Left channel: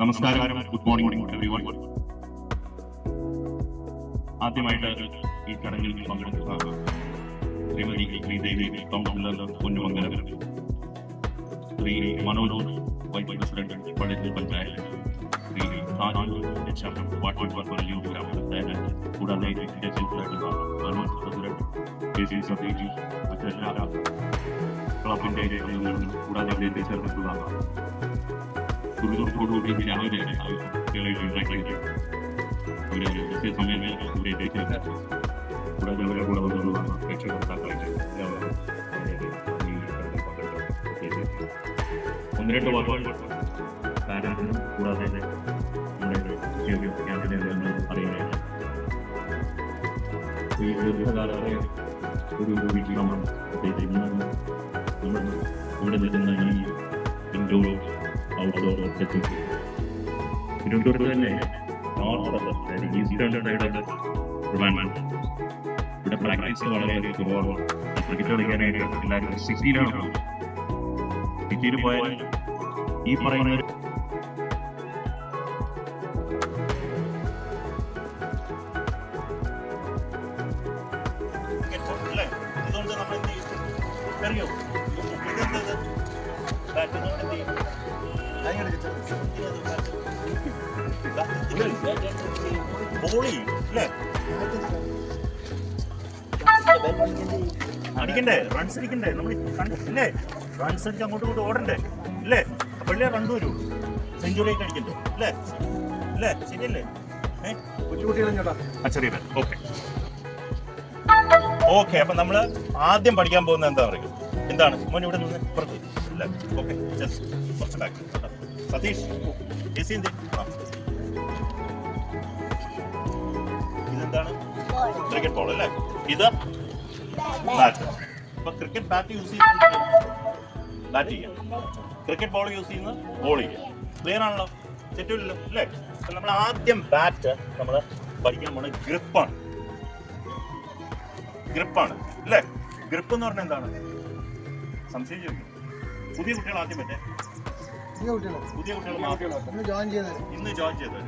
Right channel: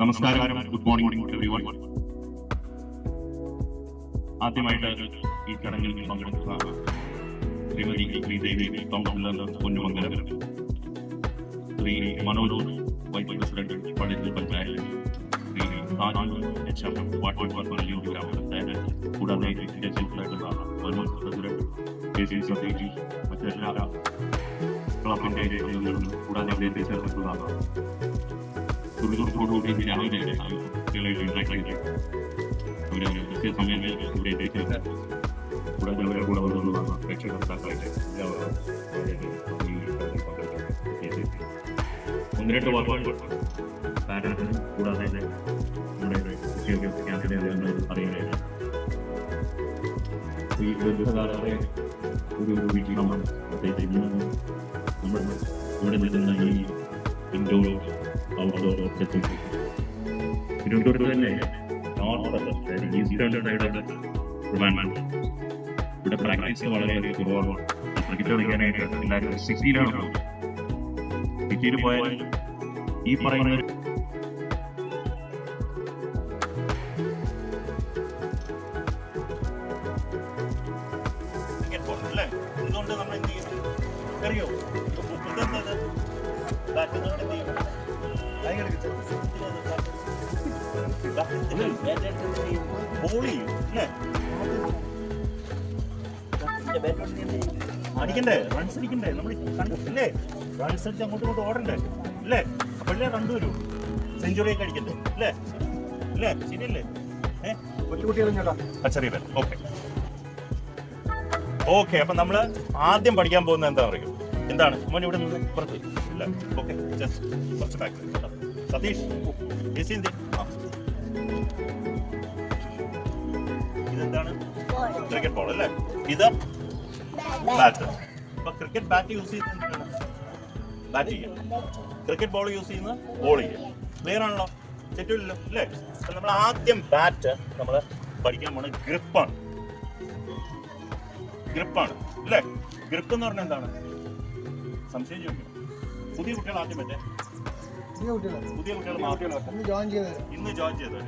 നമസ്കാരം, good morning everyone. ആദ്യമായിട്ട് ഈ ചടങ്ങിൽ പങ്കെടുക്കുന്ന Shrimati Sreedevi councillor Ponnumangalam, Shri Manoj vice president Pallikkal panchayat, Shri Saju H M water Palliyoor ഗ്രാമപഞ്ചായത്ത്, കൂടാതെ പ്രസിഡന്റ് കെ സി സതീഷ്, മറ്റെല്ലാ ക്ലബിന്റെ അംഗങ്ങളും കൂടാതെ അദ്ദേഹത്തെ ചേർന്നിട്ടുള്ള ദുരിതത്തോടുകൂടി രാവിലെ കുട്ടികളെ ഉണ്ടാക്കിയിട്ട് അവരെ കൃത്യസമയം ഇവിടെ എത്തിച്ചേർന്ന് കൂടാതെ അവരെ കൂടെ വന്നുള്ള രക്ഷകർത്താക്കളായിട്ട് എല്ലാവരും ഒന്ന് രണ്ട് വാക്കുകൾ പാരന്റിനും കൂടാതെ നമ്മുടെ വിദ്യാഭ്യാസ ക്യാമ്പിനെ അറിയാനായിട്ട് ഈ ദീർഘകാലത്തെ ഒരു വീക്ഷണം പ്രത്യേകിച്ച് ഇന്ന് നമ്മൾ ഇവിടെ നിൽക്കുന്ന ഈ ഇൻഡോർ ഔട്ട്ഡോർ തിരുവനന്തപുരത്ത് തന്നെ ഈസ്റ്റേൺ സൈഡ് ട്രിവാൻഡ്രം ഇവിടെ പ്രാക്ടീസ് വളരെ കുറവാണ്. ക്രിക്കറ്റ് കളിക്കാനായിട്ട് എല്ലാവരും സിറ്റിയിലാണ് പോകുന്നത്. സിറ്റിയിൽ പോയാൽ ഈ പറയുന്ന ഇതുകൊണ്ട് നമ്മൾ എന്ത് ചെയ്യും അറിയോ? അടിക്കണ്ടേ, റൺസ് അടിക്കണ്ടേ, നമ്മൾ കണ്ടില്ലേ? റൺസ് അടിച്ച് അങ്ങോട്ടും ഇങ്ങോട്ടും ഓടണ്ടേ അല്ലേ? അപ്പോഴേ റൺ വരൂ, സെഞ്ചുറി ഒക്കെ അടിക്കണ്ടേ അല്ലേ? അല്ലേ, ശരിയല്ലേ? ഓക്കെ. അപ്പൊ നമ്മള് ആദ്യം പഠിക്കാൻ പോകുന്നത് എന്താ പറയുക? എന്താണ് മോൻ ഇവിടെ നിന്ന് പുറത്ത് ഇല്ല? ഓക്കെ, കുറച്ച് ബാക്ക്. സതീഷ്, ഇതെന്താണ്? ക്രിക്കറ്റ് ബോൾ അല്ലേ? ഇത് ബാറ്റ്. അപ്പൊ ക്രിക്കറ്റ് ബാറ്റ് യൂസ് ചെയ്യുന്നത് ബാറ്റ് ചെയ്യാം, ക്രിക്കറ്റ് ബോൾ യൂസ് ചെയ്യുന്നത് ബോൾ ചെയ്യാം. ക്ലിയർ ആണല്ലോ? തെറ്റില്ലല്ലോ അല്ലേ? അപ്പൊ നമ്മൾ ആദ്യം ബാറ്റ് നമ്മൾ പഠിക്കാൻ പോണ ഗ്രിപ്പാണ്. അല്ലേ? ഗ്രിപ്പ് എന്ന് പറഞ്ഞാൽ എന്താണ്? സംശയം ചോദിക്കണം. പുതിയ കുട്ടികൾ ആദ്യം പറ്റേ പുതിയ കുട്ടികൾ മാത്രം ഇന്ന് ജോയിൻ ചെയ്തത്.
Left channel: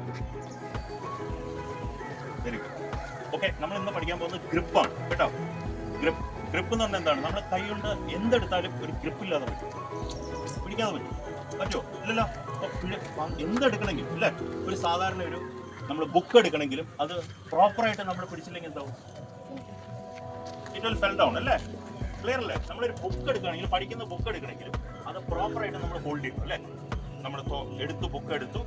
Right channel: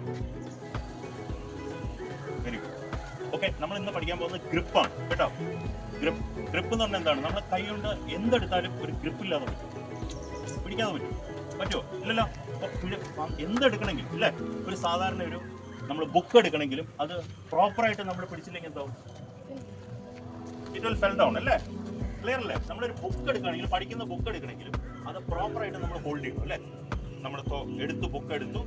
Very good. ഓക്കെ, നമ്മൾ ഇന്ന് പഠിക്കാൻ പോകുന്നത് ഗ്രിപ്പാണ് കേട്ടോ. ഗ്രിപ്പ് എന്ന് പറഞ്ഞാൽ എന്താണ്? നമ്മുടെ കൈ കൊണ്ട് എന്തെടുത്താലും ഒരു ഗ്രിപ്പില്ലാതെ പറ്റും, പിടിക്കാതെ പറ്റുമോ? ഇല്ലല്ലോ. അപ്പൊ എന്തെടുക്കണമെങ്കിലും അല്ലേ, ഒരു സാധാരണ ഒരു നമ്മൾ ബുക്ക് എടുക്കണമെങ്കിലും അത് പ്രോപ്പറായിട്ട് നമ്മൾ പിടിച്ചില്ലെങ്കിൽ എന്താവും? ഇറ്റ് വിൽ ഫെൽ ഡൗൺ അല്ലേ? ക്ലിയർ അല്ലേ? നമ്മളൊരു ബുക്ക് എടുക്കുകയാണെങ്കിലും, പഠിക്കുന്ന ബുക്ക് എടുക്കണമെങ്കിലും അത് പ്രോപ്പറായിട്ട് നമ്മൾ ഹോൾഡ് ചെയ്യണം അല്ലേ? നമ്മൾ എടുത്തു, ബുക്ക് എടുത്തു,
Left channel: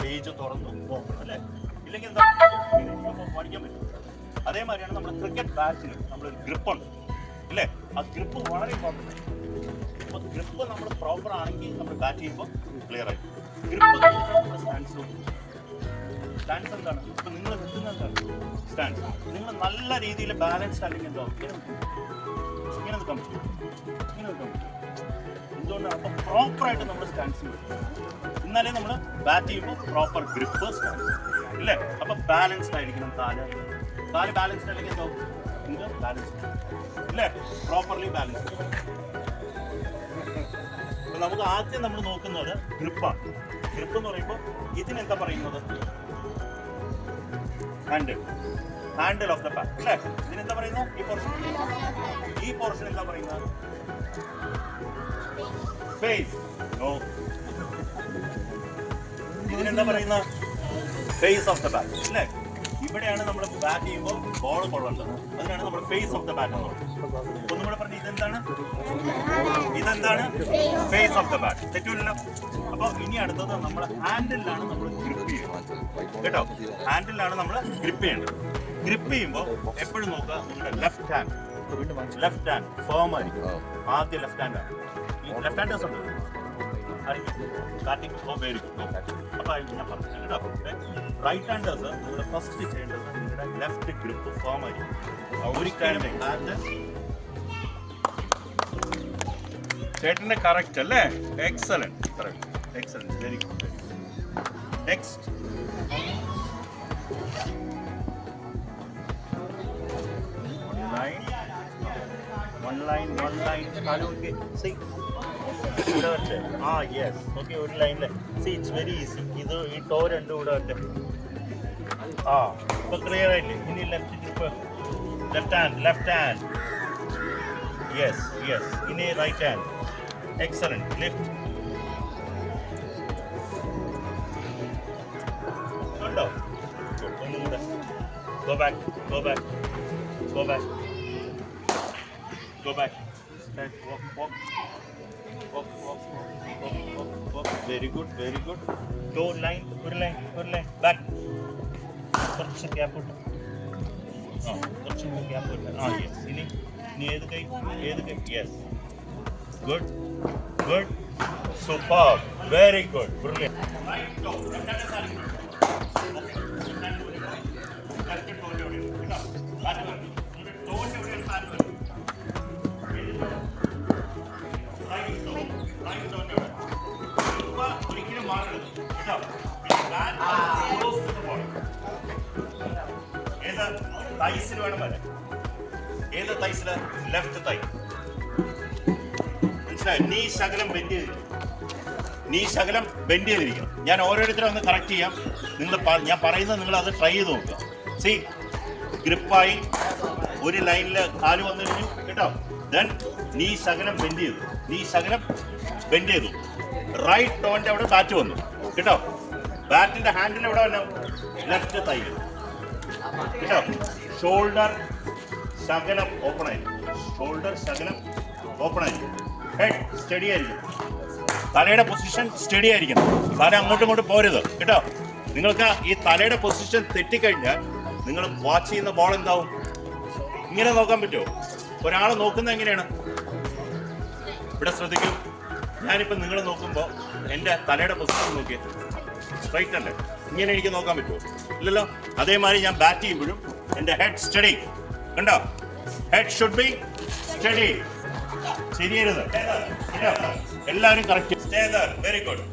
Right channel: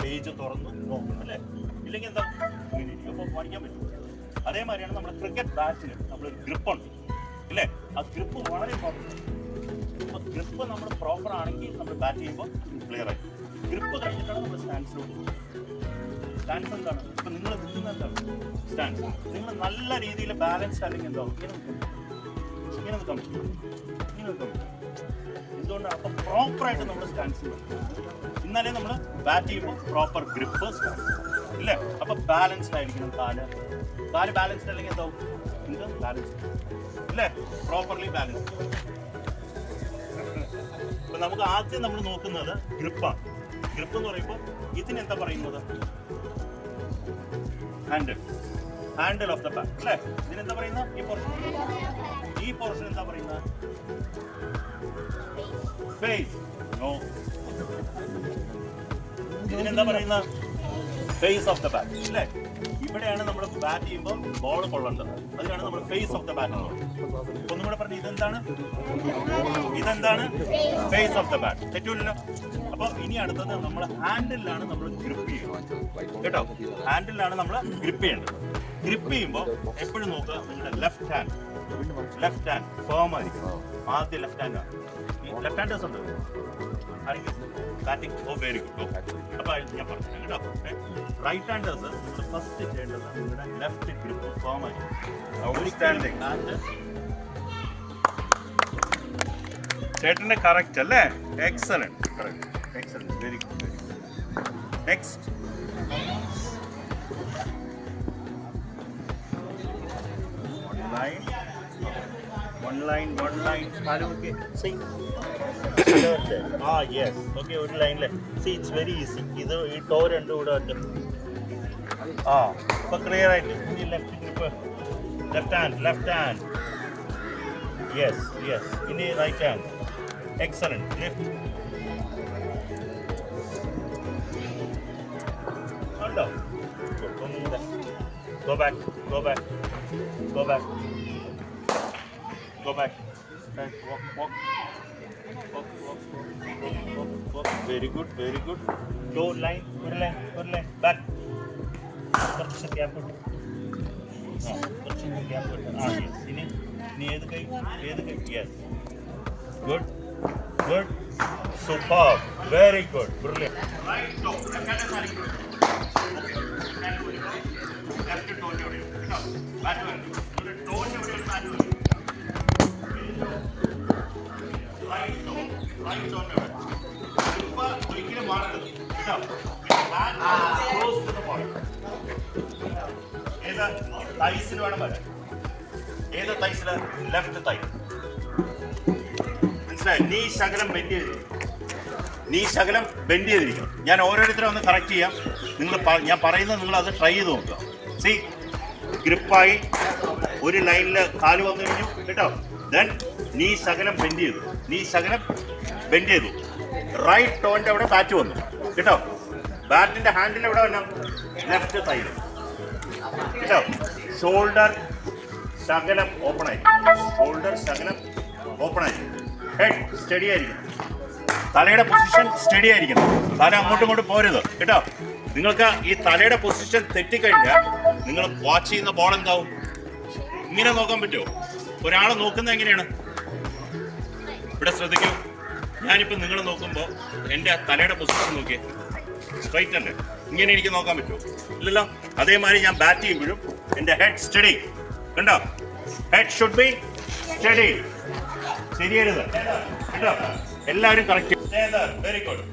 പേജ് തുറന്നു നോക്കണം അല്ലേ? ഇല്ലെങ്കിൽ എന്താ അപ്പോൾ പഠിക്കാൻ പറ്റും. അതേമാതിരിയാണ് നമ്മുടെ ക്രിക്കറ്റ് ബാറ്റിന് നമ്മളൊരു ഗ്രിപ്പുണ്ട് ഇല്ലേ? ആ ഗ്രിപ്പ് വളരെ ഇമ്പോർട്ടൻ്റ് ആണ്. അപ്പോൾ ഗ്രിപ്പ് നമ്മൾ പ്രോപ്പർ ആണെങ്കിൽ നമ്മൾ ബാറ്റ് ചെയ്യുമ്പോൾ ക്ലിയർ ആയി. ഗ്രിപ്പ് കഴിഞ്ഞിട്ടാണ് നമ്മൾ സ്റ്റാൻസ് എന്താണ്? ഇപ്പം നിങ്ങൾ നിൽക്കുന്നത് എന്താണ്? സ്റ്റാൻസ്. നിങ്ങൾ നല്ല രീതിയിൽ ബാലൻസ്ഡ് അല്ലെങ്കിൽ എന്താവും? ഇങ്ങനെ നിൽക്കാൻ പറ്റും. എന്തുകൊണ്ടാണ്? അപ്പം പ്രോപ്പറായിട്ട് നമ്മൾ സ്റ്റാൻസ് പറ്റും. എന്നാലേ നമ്മൾ ബാറ്റ് ചെയ്യുമ്പോൾ പ്രോപ്പർ ഗ്രിപ്പ് സ്റ്റാൻസ് ഇല്ലേ? അപ്പം ബാലൻസ്ഡ് ആയിരിക്കണം കാല് ബാലൻസ്ഡ് അല്ലെങ്കിൽ എന്താവും? ഇത് ബാലൻസ്ഡ് ഇല്ലേ? Properly balanced. അപ്പം നമുക്ക് ആദ്യം നമ്മൾ നോക്കുന്നത് ഗ്രിപ്പാണ്. ഗ്രിപ്പ് എന്ന് പറയുമ്പോൾ ഇതിനെന്താ പറയുന്നത്? ഹാൻഡിൽ ഓഫ് ദ ബാറ്റ് അല്ലേ? ഇതിനെന്താ പറയുന്നത്? ഈ പോർഷൻ എന്താ പറയുന്നത്? ഫേസ്. നോ, ഇതിനെന്താ പറയുന്നത്? ഫേസ് ഓഫ് ദ ബാറ്റ് അല്ലേ? ഇവിടെയാണ് നമ്മൾ ബാറ്റ് ചെയ്യുമ്പോൾ ബോൾ കൊള്ളേണ്ടത്. അതിനാണ് നമ്മൾ ഫേസ് ഓഫ് ദ ബാറ്റ് എന്ന് പറയുന്നത്. ഒന്നും കൂടെ പറഞ്ഞു, ഇതെന്താണ്? Face of the bat. തെറ്റില്ലല്ലോ? അപ്പൊ ഇനി അടുത്തത് നമ്മൾ ഹാൻഡിലാണ് നമ്മൾ ഗ്രിപ്പ് ചെയ്യുന്നത് കേട്ടോ. ഹാൻഡിലാണ് നമ്മൾ ഗ്രിപ്പ് ചെയ്യേണ്ടത്. ഗ്രിപ്പ് ചെയ്യുമ്പോൾ എപ്പോഴും നോക്കുക, നിങ്ങളുടെ ലെഫ്റ്റ് ഹാൻഡ് ഫേം ആയിരിക്കും. ആദ്യം ലെഫ്റ്റ് ഹാൻഡാണ്. ഈ ലെഫ്റ്റ് ഹാൻഡേഴ്സ് ഉണ്ട് ബാറ്റിംഗ്. ഓ, വെരി ഗുഡ്. അപ്പൊ ഞാൻ പറഞ്ഞു കേട്ടോ. റൈറ്റ് ഹാൻഡേഴ്സ് നിങ്ങൾ ഫസ്റ്റ് ചെയ്യേണ്ടത് നിങ്ങളുടെ ലെഫ്റ്റ് ഗ്രിപ്പ് ഫേം ആയിരിക്കും. ചേട്ടന്റെ കറക്റ്റ് അല്ലേ? Excellent, very good. Next one line. Follow. See. ആ യെസ് ഓക്കെ ഒരു ലൈനിലെ സി ഇറ്റ്സ് വെരി ഈസി ഇത് ഈ ടോ രണ്ടും കൂടെ ഒറ്റ ആ ഇപ്പൊ ക്ലിയർ ആയില്ലേ ഇനി left grip left hand yes yes ഇനി റൈറ്റ് ഹാൻഡ് എക്സലന്റ് ലിഫ്റ്റ് ഉണ്ടോ ഒന്നും കൂടെ go back stand walk very good toe line ഒരു line back കുറച്ച് ഗ്യാപ്പ് ഇട്ട് കുറച്ച് ഗ്യാപ്പ് ഇട്ട് യെസ് ഇനി ഏത് കൈ yes good super very good brilliant right toe left hand side left toe ഇവിടെ കേട്ടോ ബാക്ക് വരും ഒരു ടോന്റെ ഇവിടെ ബാക്ക് വരും റൈറ്റ് ടോന്റെ ഇവിടെ ഇപ്പോ ഒരിക്കലും മാറരുത് കേട്ടോ back close to the body ഏതാ തൈസിൽ വേണം വരാൻ ഏതാ തൈസില ലെഫ്റ്റ് തൈ മനസ്സിലായി നീ ശകലം ബെൻഡ് ചെയ്തിരിക്കണം ഞാൻ ഓരോരുത്തരും ഒന്ന് കറക്റ്റ് ചെയ്യാം ഞാൻ പറയുന്നത് നിങ്ങൾ അത് ട്രൈ ചെയ്ത് നോക്കുക സി ഗ്രിപ്പായി ഒരു ലൈനിൽ കാല് വന്നു കഴിഞ്ഞു കേട്ടോ ദെൻ നീ ശകലം ബെൻഡ് ചെയ്തു റൈറ്റ് ടോന്റെ അവിടെ ബാറ്റ് വന്നു കേട്ടോ ബാറ്റിന്റെ ഹാൻഡിൽ എവിടെ വന്നു ലെഫ്റ്റ് തൈ കേട്ടോ ഷോൾഡർ ശകലം ഓപ്പൺ ആയി ഹെഡ് സ്റ്റഡി ആയിരിക്കും തലയുടെ പൊസിഷൻ സ്റ്റഡി ആയിരിക്കണം തല അങ്ങോട്ടും പോരുത് കേട്ടോ നിങ്ങൾക്ക് ഈ തലയുടെ പൊസിഷൻ തെറ്റിക്കഴിഞ്ഞാൽ നിങ്ങൾ വാച്ച് ചെയ്യുന്ന ബോൾ എന്താവും ഇങ്ങനെ നോക്കാൻ പറ്റുമോ ഒരാൾ നോക്കുന്നത് എങ്ങനെയാണ് ഇവിടെ ശ്രദ്ധിക്കൂ ഞാനിപ്പോൾ നിങ്ങൾ നോക്കുമ്പോൾ എൻ്റെ തലയുടെ പൊസിഷൻ നോക്കിയേ സ്ട്രൈറ്റ് അല്ലേ ഇങ്ങനെ എനിക്ക് നോക്കാൻ പറ്റുമോ ഇല്ലല്ലോ അതേമാതിരി ഞാൻ ബാറ്റ് ചെയ്യുമ്പോഴും എൻ്റെ ഹെഡ് സ്റ്റഡി കണ്ടോ ഹെഡ് ഷുഡ് ബി സ്റ്റഡി ശരിയരുത് കേട്ടോ എല്ലാവരും correct very good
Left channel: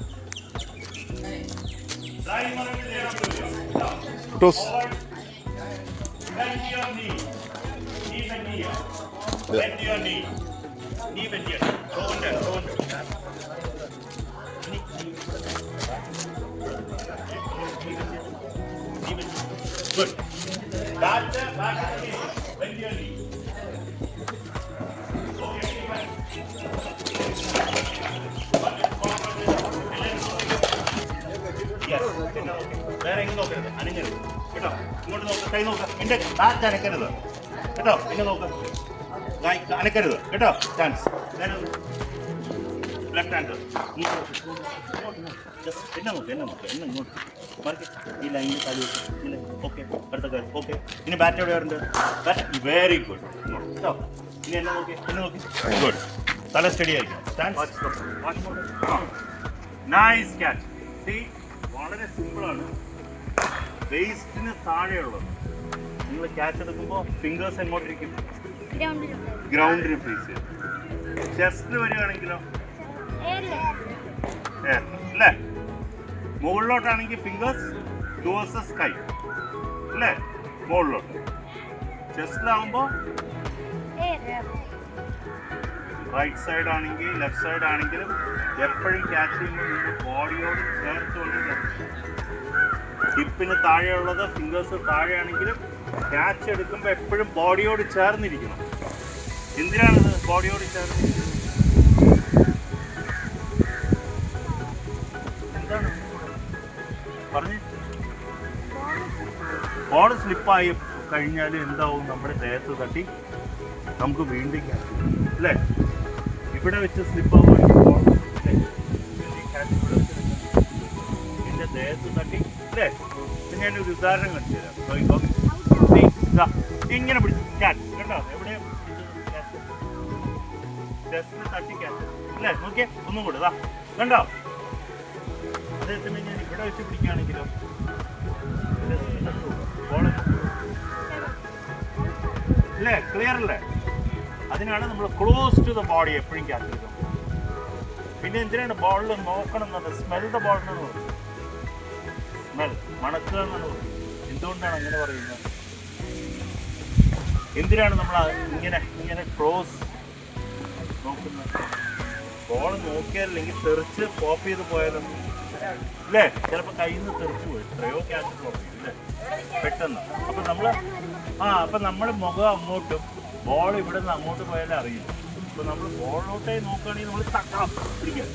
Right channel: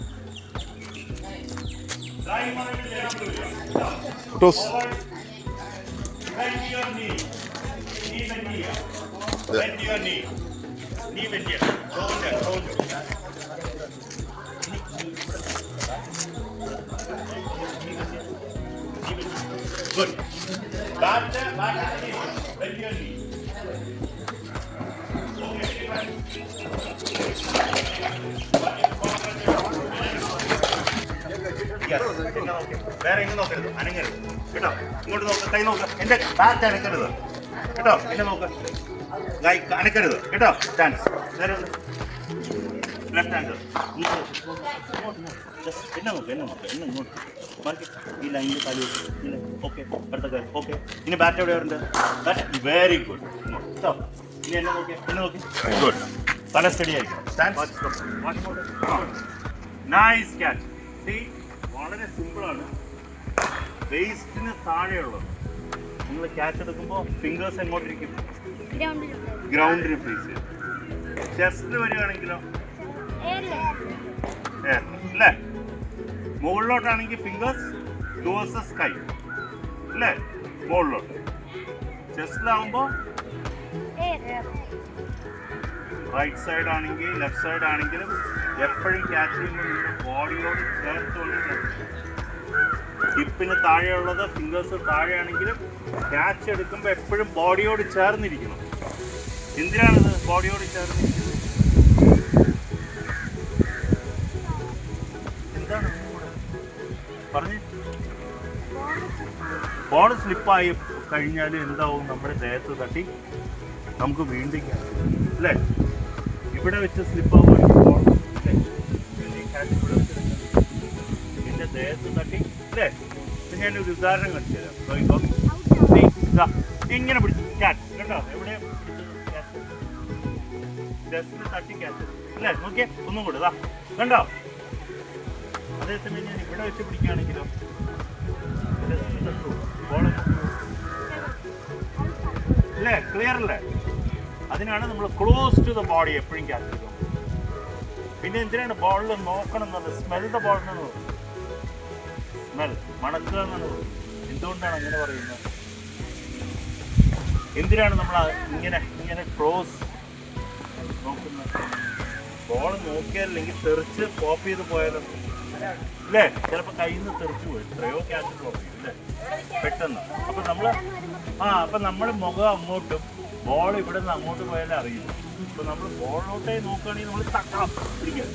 Good. Back bend your knee. വേറെ ഇങ്ങനെ നോക്കരുത് അനങ്ങരുത് കേട്ടോ ഇങ്ങോട്ട് നോക്ക് കൈ നോക്ക് എൻ്റെ ബാറ്റ് അനക്കരുത് കേട്ടോ എന്നെ നോക്ക് അനക്കരുത് കേട്ടോ സ്റ്റാൻസ് ലെഫ്റ്റ് ഹാൻഡ് എന്നെ നോക്ക് ഇങ്ങോട്ട് മാർക്ക് ഈ ലൈനിൽ കാല് വെച്ച് ഓക്കെ അടുത്ത കാര്യം ഓക്കെ ഇനി ബാറ്റ് എവിടെ ഉണ്ട് ബാറ്റ് വെരി ഗുഡ് കേട്ടോ ഇനി എന്നെ നോക്കി ഗുഡ് തല സ്റ്റഡി ആയിരിക്കും നൈസ് ക്യാച്ച് സീ വളരെ സിമ്പിളാണ് വേസ്റ്റിന് താഴെയുള്ളത് നിങ്ങൾ ക്യാച്ച് എടുക്കുമ്പോൾ ഫിംഗേഴ്സ് എങ്ങോട്ടിരിക്കും ഗ്രൗണ്ടിൽ ഫേസ് ചെയ്യും ചെസ്റ്റ് വരികയാണെങ്കിലോ അല്ലേ മുകളിലോട്ടാണെങ്കിൽ ഫിംഗേഴ്സ് ടൂവേഴ്സ് സ്കൈ അല്ലേ മുകളിലോട്ട് ചെസ്റ്റിലാവുമ്പോൾ റൈറ്റ് സൈഡ് ആണെങ്കിൽ ലെഫ്റ്റ് സൈഡ് ആണെങ്കിലും എപ്പോഴും ക്യാച്ച് ചെയ്യുമ്പോൾ നിങ്ങൾ ബോഡിയോട് ചേർത്തുകൊണ്ട് ഹിപ്പിന് താഴെയുള്ളത് ഫിംഗേഴ്സ് താഴെയാണെങ്കിലും ക്യാച്ച് എടുക്കുമ്പോൾ എപ്പോഴും ബോഡിയോട് ചേർന്നിരിക്കണം എന്തിനാണിത് ബോഡിയോട് ചേർന്നിരിക്കുന്നത് എന്താണ് പറഞ്ഞു ബോൾ സ്ലിപ്പായി കഴിഞ്ഞാൽ എന്താവും നമ്മുടെ ദേഹത്ത് തട്ടി നമുക്ക് വീണ്ടും ക്യാച്ച് അല്ലേ ഇവിടെ വെച്ച് സ്ലിപ്പാവുകയാണെങ്കിൽ ബോൾ ക്യാച്ച് ഇവിടെ വെച്ച് എൻ്റെ ദേഹത്ത് തട്ടി അല്ലേ ഇത് ഞാനൊരു ഉദാഹരണം കാണിച്ചു തരാം ഇങ്ങനെ പിടിച്ചു ക്യാച്ച് കണ്ടോ എവിടെ ക്യാച്ച് ജസ്റ്റിന് തട്ടി ക്യാച്ച് അല്ലേ നോക്കിയേ ഒന്നും കൂടെ ഇതാ കണ്ടോ അതേസമയം ഞാൻ ഇവിടെ വെച്ച് പിടിക്കുകയാണെങ്കിലോ അല്ലേ ക്ലിയർ അല്ലേ അതിനാണ് നമ്മൾ ക്ലോസ് ടു ദ ബോഡി എപ്പോഴും ക്യാച്ച് എടുക്കാൻ പിന്നെ എന്തിനാണ് ബോളിൽ നോക്കണം എന്നുള്ളത് സ്മെൽ ദ ബോൾ എന്നാണ് പറയുന്നത് സ്മെൽ മണക്കുക എന്നാണ് പറയുന്നത് എന്തുകൊണ്ടാണ് അങ്ങനെ പറയുന്നത് എന്തിനാണ് നമ്മൾ ഇങ്ങനെ ക്ലോസ് നോക്കുന്നത് ബോൾ നോക്കിയാലില്ലെങ്കിൽ തെറിച്ച് പോപ്പ് ചെയ്ത് പോയാലും അല്ലേ, ചിലപ്പോൾ കയ്യിൽ നിന്ന് തെറിച്ച് പോയി എത്രയോ ക്യാച്ച് ഡ്രോപ്പ് ചെയ്യും അല്ലേ പെട്ടെന്ന്. അപ്പം നമ്മൾ മുഖം അങ്ങോട്ടും ബോൾ ഇവിടെ നിന്ന് അങ്ങോട്ട് പോയാലേ അറിയില്ല. അപ്പം നമ്മൾ ബോളിലോട്ടേ നോക്കുകയാണെങ്കിൽ നമ്മൾ തട്ടാം പിടിക്കുക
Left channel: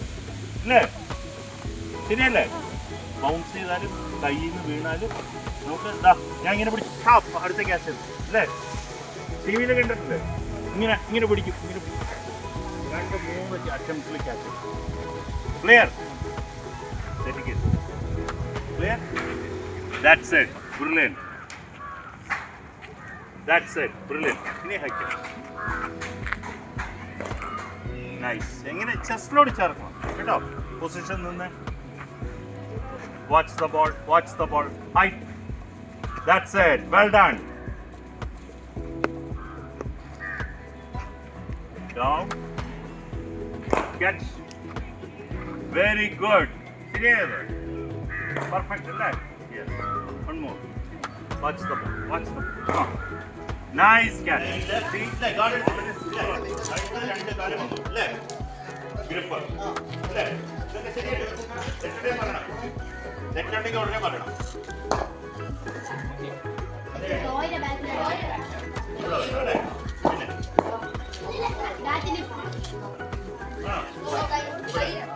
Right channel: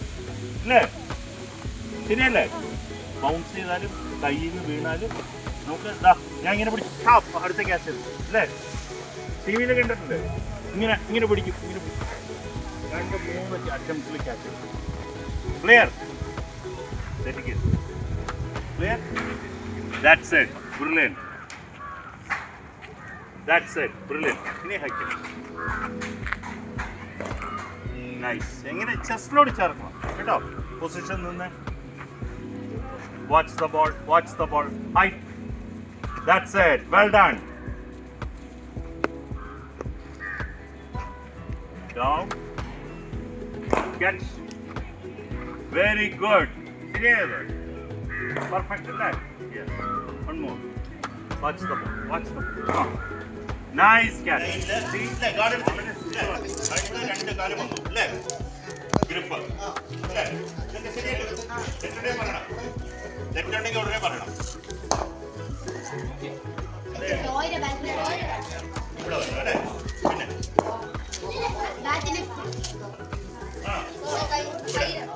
അല്ലേ, ശരിയല്ലേ? ബൗൺസ് ചെയ്താലും കയ്യിൽ നിന്ന് വീണാലും നമുക്ക് ഇതാ ഞാൻ ഇങ്ങനെ പിടിച്ച് അടുത്ത ക്യാച്ച് അല്ലേ, ടി വിയിൽ കണ്ടിട്ടില്ലേ? ഇങ്ങനെ ഇങ്ങനെ പിടിക്കും, ഇങ്ങനെ പിടിക്കും. 2-3 അറ്റംപ്റ്റിൽ catch. Clear? Clear? That's it. Brilliant. That's it. Brilliant. ഇനി ഹൈക്ക്. നൈസ്. എങ്ങനെ ചെസ്റ്റിലോട് ചേർക്കണം കേട്ടോ. പൊസിഷൻ നിന്ന് watch the ball, watch the ball. High. That's it. Well done. Down. Catch. Very good. ശരിയായത്. Perfect, right? Yes. One more. Watch the ball. Watch the ball. Nice catch. അടുത്ത 2 കാലം വന്നു അല്ലേ? ഗ്രിപ്പ് അല്ലേ? ഇതൊക്കെ ശരിയല്ലേ? തെറ്റുണ്ടെങ്കിൽ പറയണം. തെറ്റുണ്ടെങ്കിൽ ഉടനെ പറയണം.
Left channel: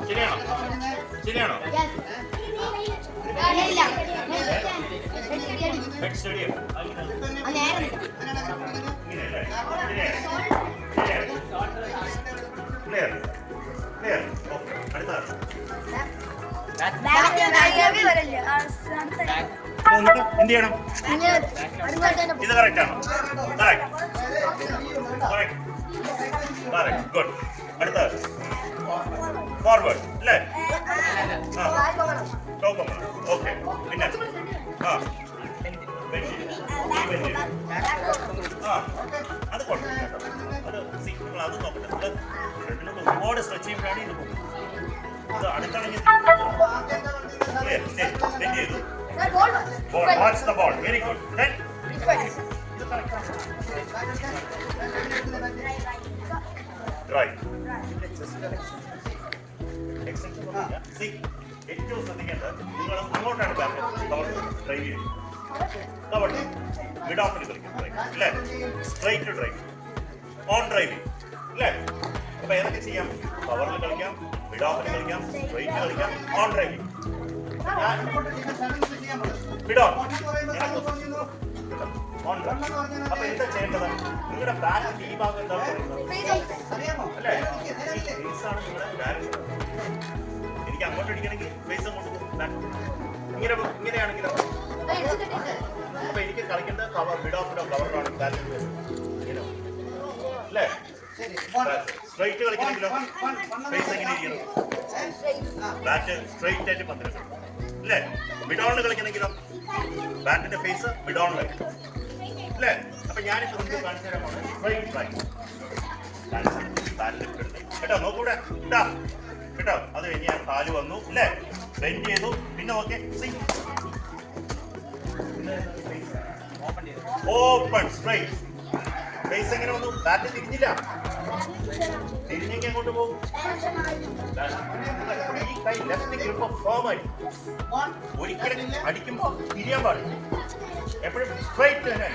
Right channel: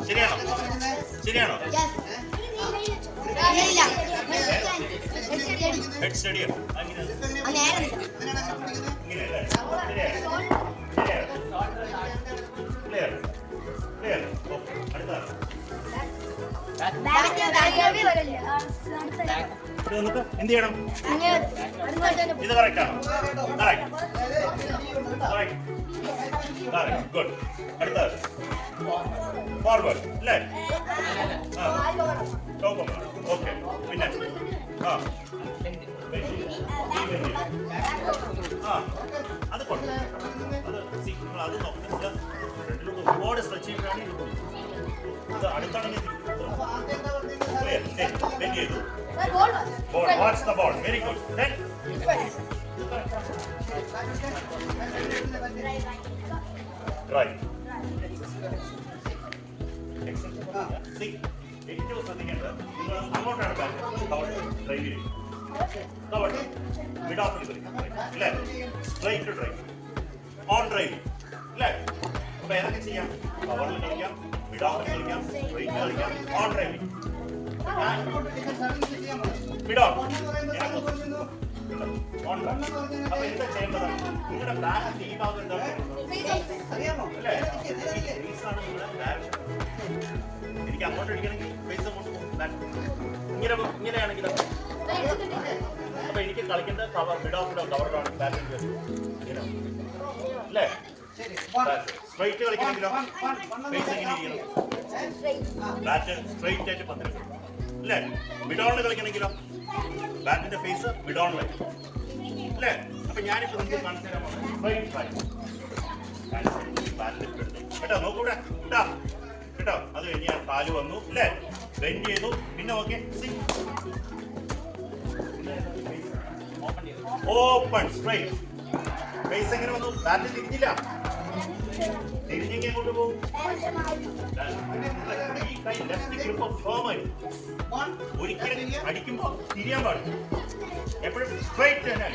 ശരിയാണോ? ശരിയാണോ? ഹെഡ് സ്റ്റഡിയം ക്ലിയർ ക്ലിയർ. ഓക്കെ, അടുത്ത എന്ത് ചെയ്യണം? ഇത് കറക്റ്റ് ആണോ? Correct good. അടുത്ത ഫോർവേഡ് അല്ലേ? ഓക്കെ, പിന്നെ അത് കുഴപ്പമില്ല. അത് നോക്കുന്നത് ഒരുപാട് സ്ട്രെച്ച് ചെയ്യുമ്പോഴാണ് ഇത് പോകുന്നത്. ഇത് അടുത്താണെങ്കിൽ ചെയ്തു. Watch the ball. Very good. Right. ഏറ്റവും ശ്രദ്ധിക്കേണ്ടത് നിങ്ങൾ അങ്ങോട്ടാണ് കവർ ഡ്രൈവ് ചെയ്യുന്നത്. കവർ മിഡ് ഓഫിൽ കളിക്കും അല്ലേ? സ്ട്രൈറ്റ് ഡ്രൈവ്, ഓൺ ഡ്രൈവ് അല്ലേ? അപ്പൊ ഏതൊക്കെ ചെയ്യാം? കവറിൽ കളിക്കാം, മിഡ് ഓഫിൽ കളിക്കാം, സ്ട്രൈറ്റ് കളിക്കാം, on drive. Mid on on drive. അപ്പൊ എന്താ ചെയ്യേണ്ടത്? നിങ്ങളുടെ ബാക്കിന്റെ ഈ ഭാഗം എന്താണ് അല്ലേ? എനിക്ക് അങ്ങോട്ട് അടിക്കണമെങ്കിൽ ഫേസ് അങ്ങോട്ട് പോകും. ഇങ്ങനെയാണെങ്കിലോ? അപ്പൊ എനിക്ക് കളിക്കേണ്ട കവർ മിഡ് ഓഫിലോ കവറിലോ ബാറ്റിംഗ് അല്ലേ? സ്ട്രൈറ്റ് കളിക്കണമെങ്കിലോ ഫേസ് എങ്ങനെ ഇരിക്കണം? ബാറ്റ് സ്ട്രൈറ്റ് ആയിട്ട് പന്തിരണം അല്ലേ? മിഡ് ഓണിൽ കളിക്കണമെങ്കിലോ ബാറ്റിന്റെ ഫേസ് മിഡ് ഓണിലായിരിക്കും അല്ലേ? അപ്പൊ ഞാനിപ്പോ നിങ്ങൾക്ക് കാണിച്ചു തരാൻ പോകുന്നത് സ്ട്രൈറ്റ് ബാറ്റ് കേട്ടോ. നോക്കൂടെ കേട്ടോ കേട്ടോ. അത് കഴിഞ്ഞ് ഞാൻ കാല് വന്നു അല്ലേ? ബെൻഡ് ചെയ്തു. പിന്നെ ഓക്കെ ഓപ്പൺ സ്ട്രൈറ്റ്. ഫേസ് എങ്ങനെ വന്നു? ബാറ്റ് തിരിഞ്ഞില്ല. തിരിഞ്ഞെങ്കിൽ അങ്ങോട്ട് പോകും. ഈ കൈ ലെഫ്റ്റ് ഗ്രിപ്പ് ഫേം ആയി. ഒരിക്കലും അടിക്കുമ്പോൾ തിരിയാൻ പാടില്ല. എപ്പോഴും സ്ട്രൈറ്റ് തന്നെ.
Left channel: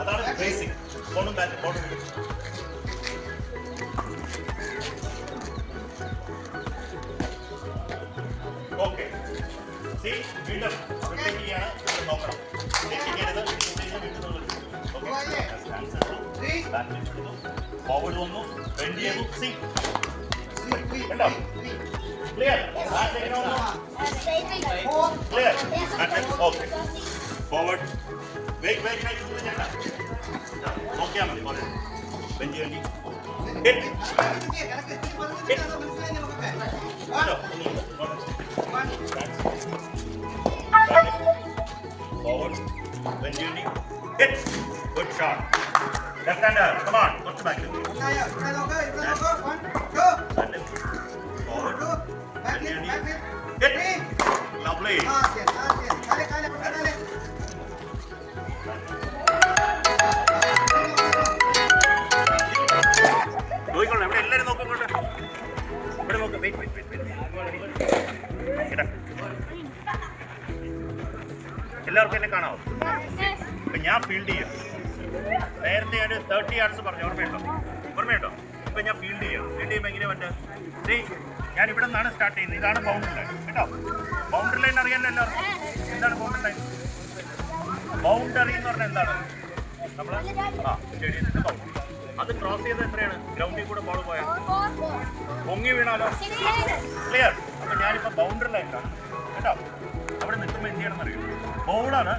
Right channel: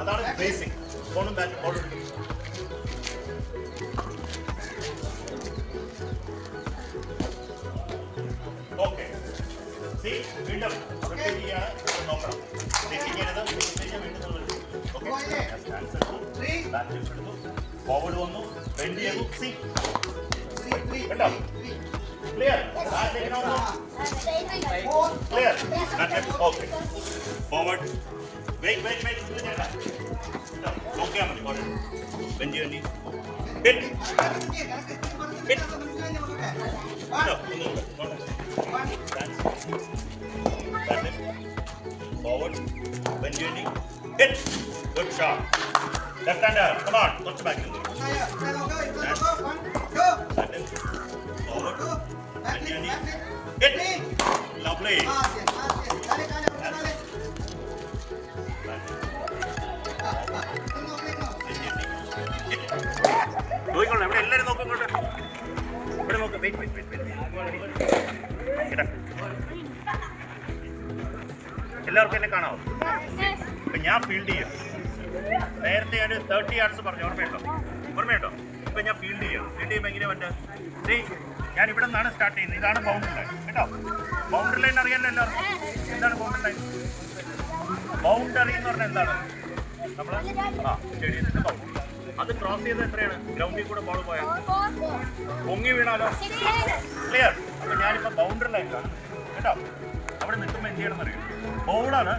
അതാണ് ബേസിക്. ഫോണും ബാറ്റ് ബോളും ഓക്കെ. വീണ്ടും നോക്കണം. ഫോർവേഡ് വന്നു, ബെൻഡ് ചെയ്തു. കണ്ടോ? ക്ലിയർ? ക്ലിയർ? ഓക്കെ. ഫോർവേഡ് നോക്കിയാൽ മതി. ബെൻഡ് വേണ്ടി forward, bend your knee, hit, good shot. Left hander, come on, go to back. Forward, bend your knee, hit, lovely. നോക്കിക്കോളൂ, ഇവിടെ എല്ലാവരും നോക്കിക്കോട്ടെ. ഫീൽഡ് ചെയ്യാം. നേരത്തെ ഞാൻ 30 യാർഡ്സ് പറഞ്ഞു, ഓർമ്മയുണ്ടോ? ഇപ്പൊ ഞാൻ ഫീൽഡ് ചെയ്യുമ്പോൾ എങ്ങനെ പറ്റും? ഞാൻ ഇവിടെ നിന്നാണ് സ്റ്റാർട്ട് ചെയ്യുന്നത്. ഇതാണ് ബൗണ്ടറി ലൈൻ കേട്ടോ. ബൗണ്ടറി ലൈൻ അറിയാമല്ലോ എല്ലാവർക്കും. എന്താണ് ബൗണ്ടറി ലൈൻ? ബൗണ്ടറി എന്ന് പറഞ്ഞാൽ എന്താണ്? നമ്മൾ സ്റ്റേഡിയത്തിന്റെ ബൗണ്ടറി. അത് ക്രോസ് ചെയ്ത് എത്രയാണ്? ഗ്രൗണ്ടിൽ കൂടെ ബോൾ പോയാൽ പൊങ്ങി വീണാലോ? ക്ലിയർ. അപ്പൊ ഞാനിപ്പോ ബൗണ്ടറി ലൈനിലാണ് കേട്ടോ. അവിടെ നിൽക്കുമ്പോൾ എന്ത് ചെയ്യണം എന്നറിയും? ബോളാണ്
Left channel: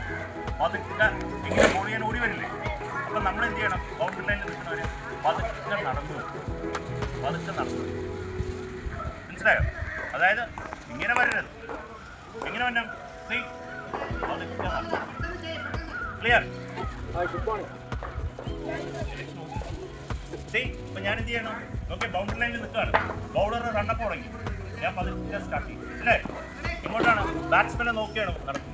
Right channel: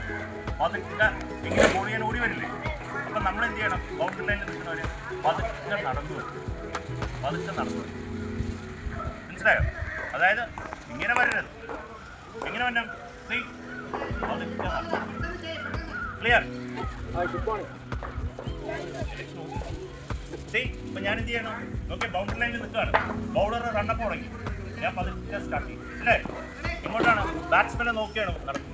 പതുക്കെ ഇങ്ങനെ ബോൾ ചെയ്യാൻ ഓടി വരില്ലേ? അപ്പൊ നമ്മൾ എന്ത് ചെയ്യണം? ബൗണ്ടറി ലൈനിൽ നിൽക്കുന്നവര് പതുക്കെ നടന്നു വരും. മനസ്സിലായോ? അതായത് ഇങ്ങനെ വരരുത്. എങ്ങനെ വരണം? ക്ലിയർ. ഇപ്പൊ ഞാൻ എന്ത് ചെയ്യണം? ഓക്കെ, ബൗണ്ടറി ലൈനിൽ നിൽക്കുകയാണ്. ബൗളർ റണ്ണപ്പ് തുടങ്ങി. ഞാൻ പതുക്കെ സ്റ്റാർട്ട് ചെയ്യും അല്ലേ? ഇങ്ങോട്ടാണ് ബാറ്റ്സ്മാനെ നോക്കിയാണ് നടക്കുന്നത്.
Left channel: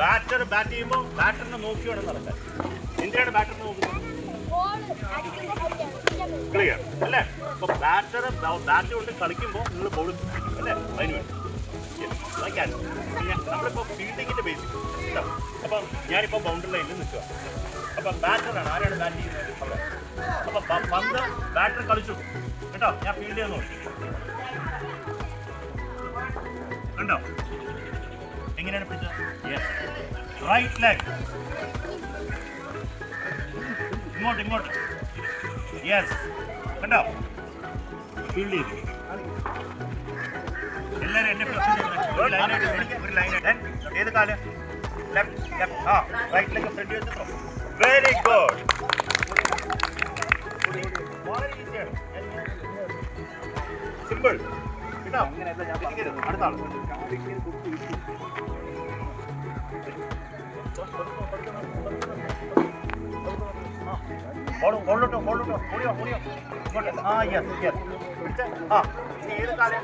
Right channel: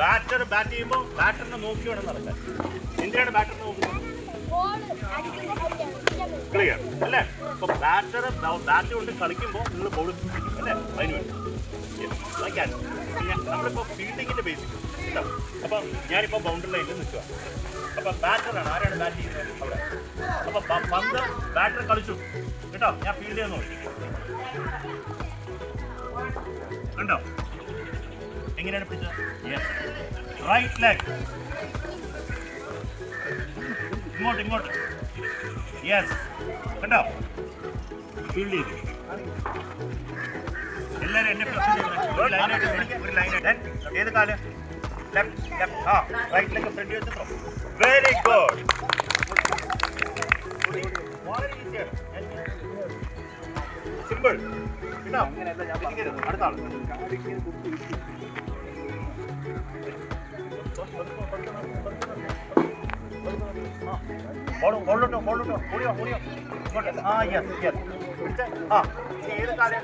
ബാറ്റർ ബാറ്റ് ചെയ്യുമ്പോൾ ബാറ്ററിനെ നോക്കിയാണ് നടക്കാൻ. എന്തിനാണ് ബാറ്ററിനെ നോക്കുന്നത്? ക്ലിയർ അല്ലേ? അപ്പൊ ബാറ്റ് കൊണ്ട് കളിക്കുമ്പോൾ നിങ്ങൾ ബോൾ പിടിക്കും അല്ലേ? അതിന് വേണ്ടി നമ്മളിപ്പോൾ ഫീൽഡിങ്ങിന്റെ ബേസിക് കേട്ടോ. അപ്പൊ ഞാനിപ്പോൾ ബൗണ്ടറി ലൈനിൽ നിൽക്കുക. അപ്പൊ ബാറ്ററാണ്. ആരാണ് ബാറ്റ് ചെയ്യുന്നത്? അവിടെ. അപ്പൊ പന്ത് ബാറ്റർ കളിച്ചു കേട്ടോ. ഞാൻ ഫീൽഡ് ചെയ്യാൻ നോക്കി. കണ്ടോ എങ്ങനെയാണ് പിടിച്ചത്? റൈറ്റ് ലെഗ് ഇങ്ങോട്ട്. യെസ്, കണ്ടോ? ഫീൽഡ് ചെയ്തു. എല്ലാവരും എന്നെ ഒരു ലൈനായിട്ട്. ഏത് കാല്? ലെഫ്റ്റ്. റൈറ്റ് ലെഗ് ഫ്രണ്ട് വെച്ചോ. Very good. വളരെ ഈസിയാണ്. സിമ്പിൾ കേട്ടോ. അടുത്ത ആൾ. ബോളോട്ടോ ഓടിയോ ഇങ്ങോട്ട്. യെസ് പിടിച്ചേ. ഏത് കാല്?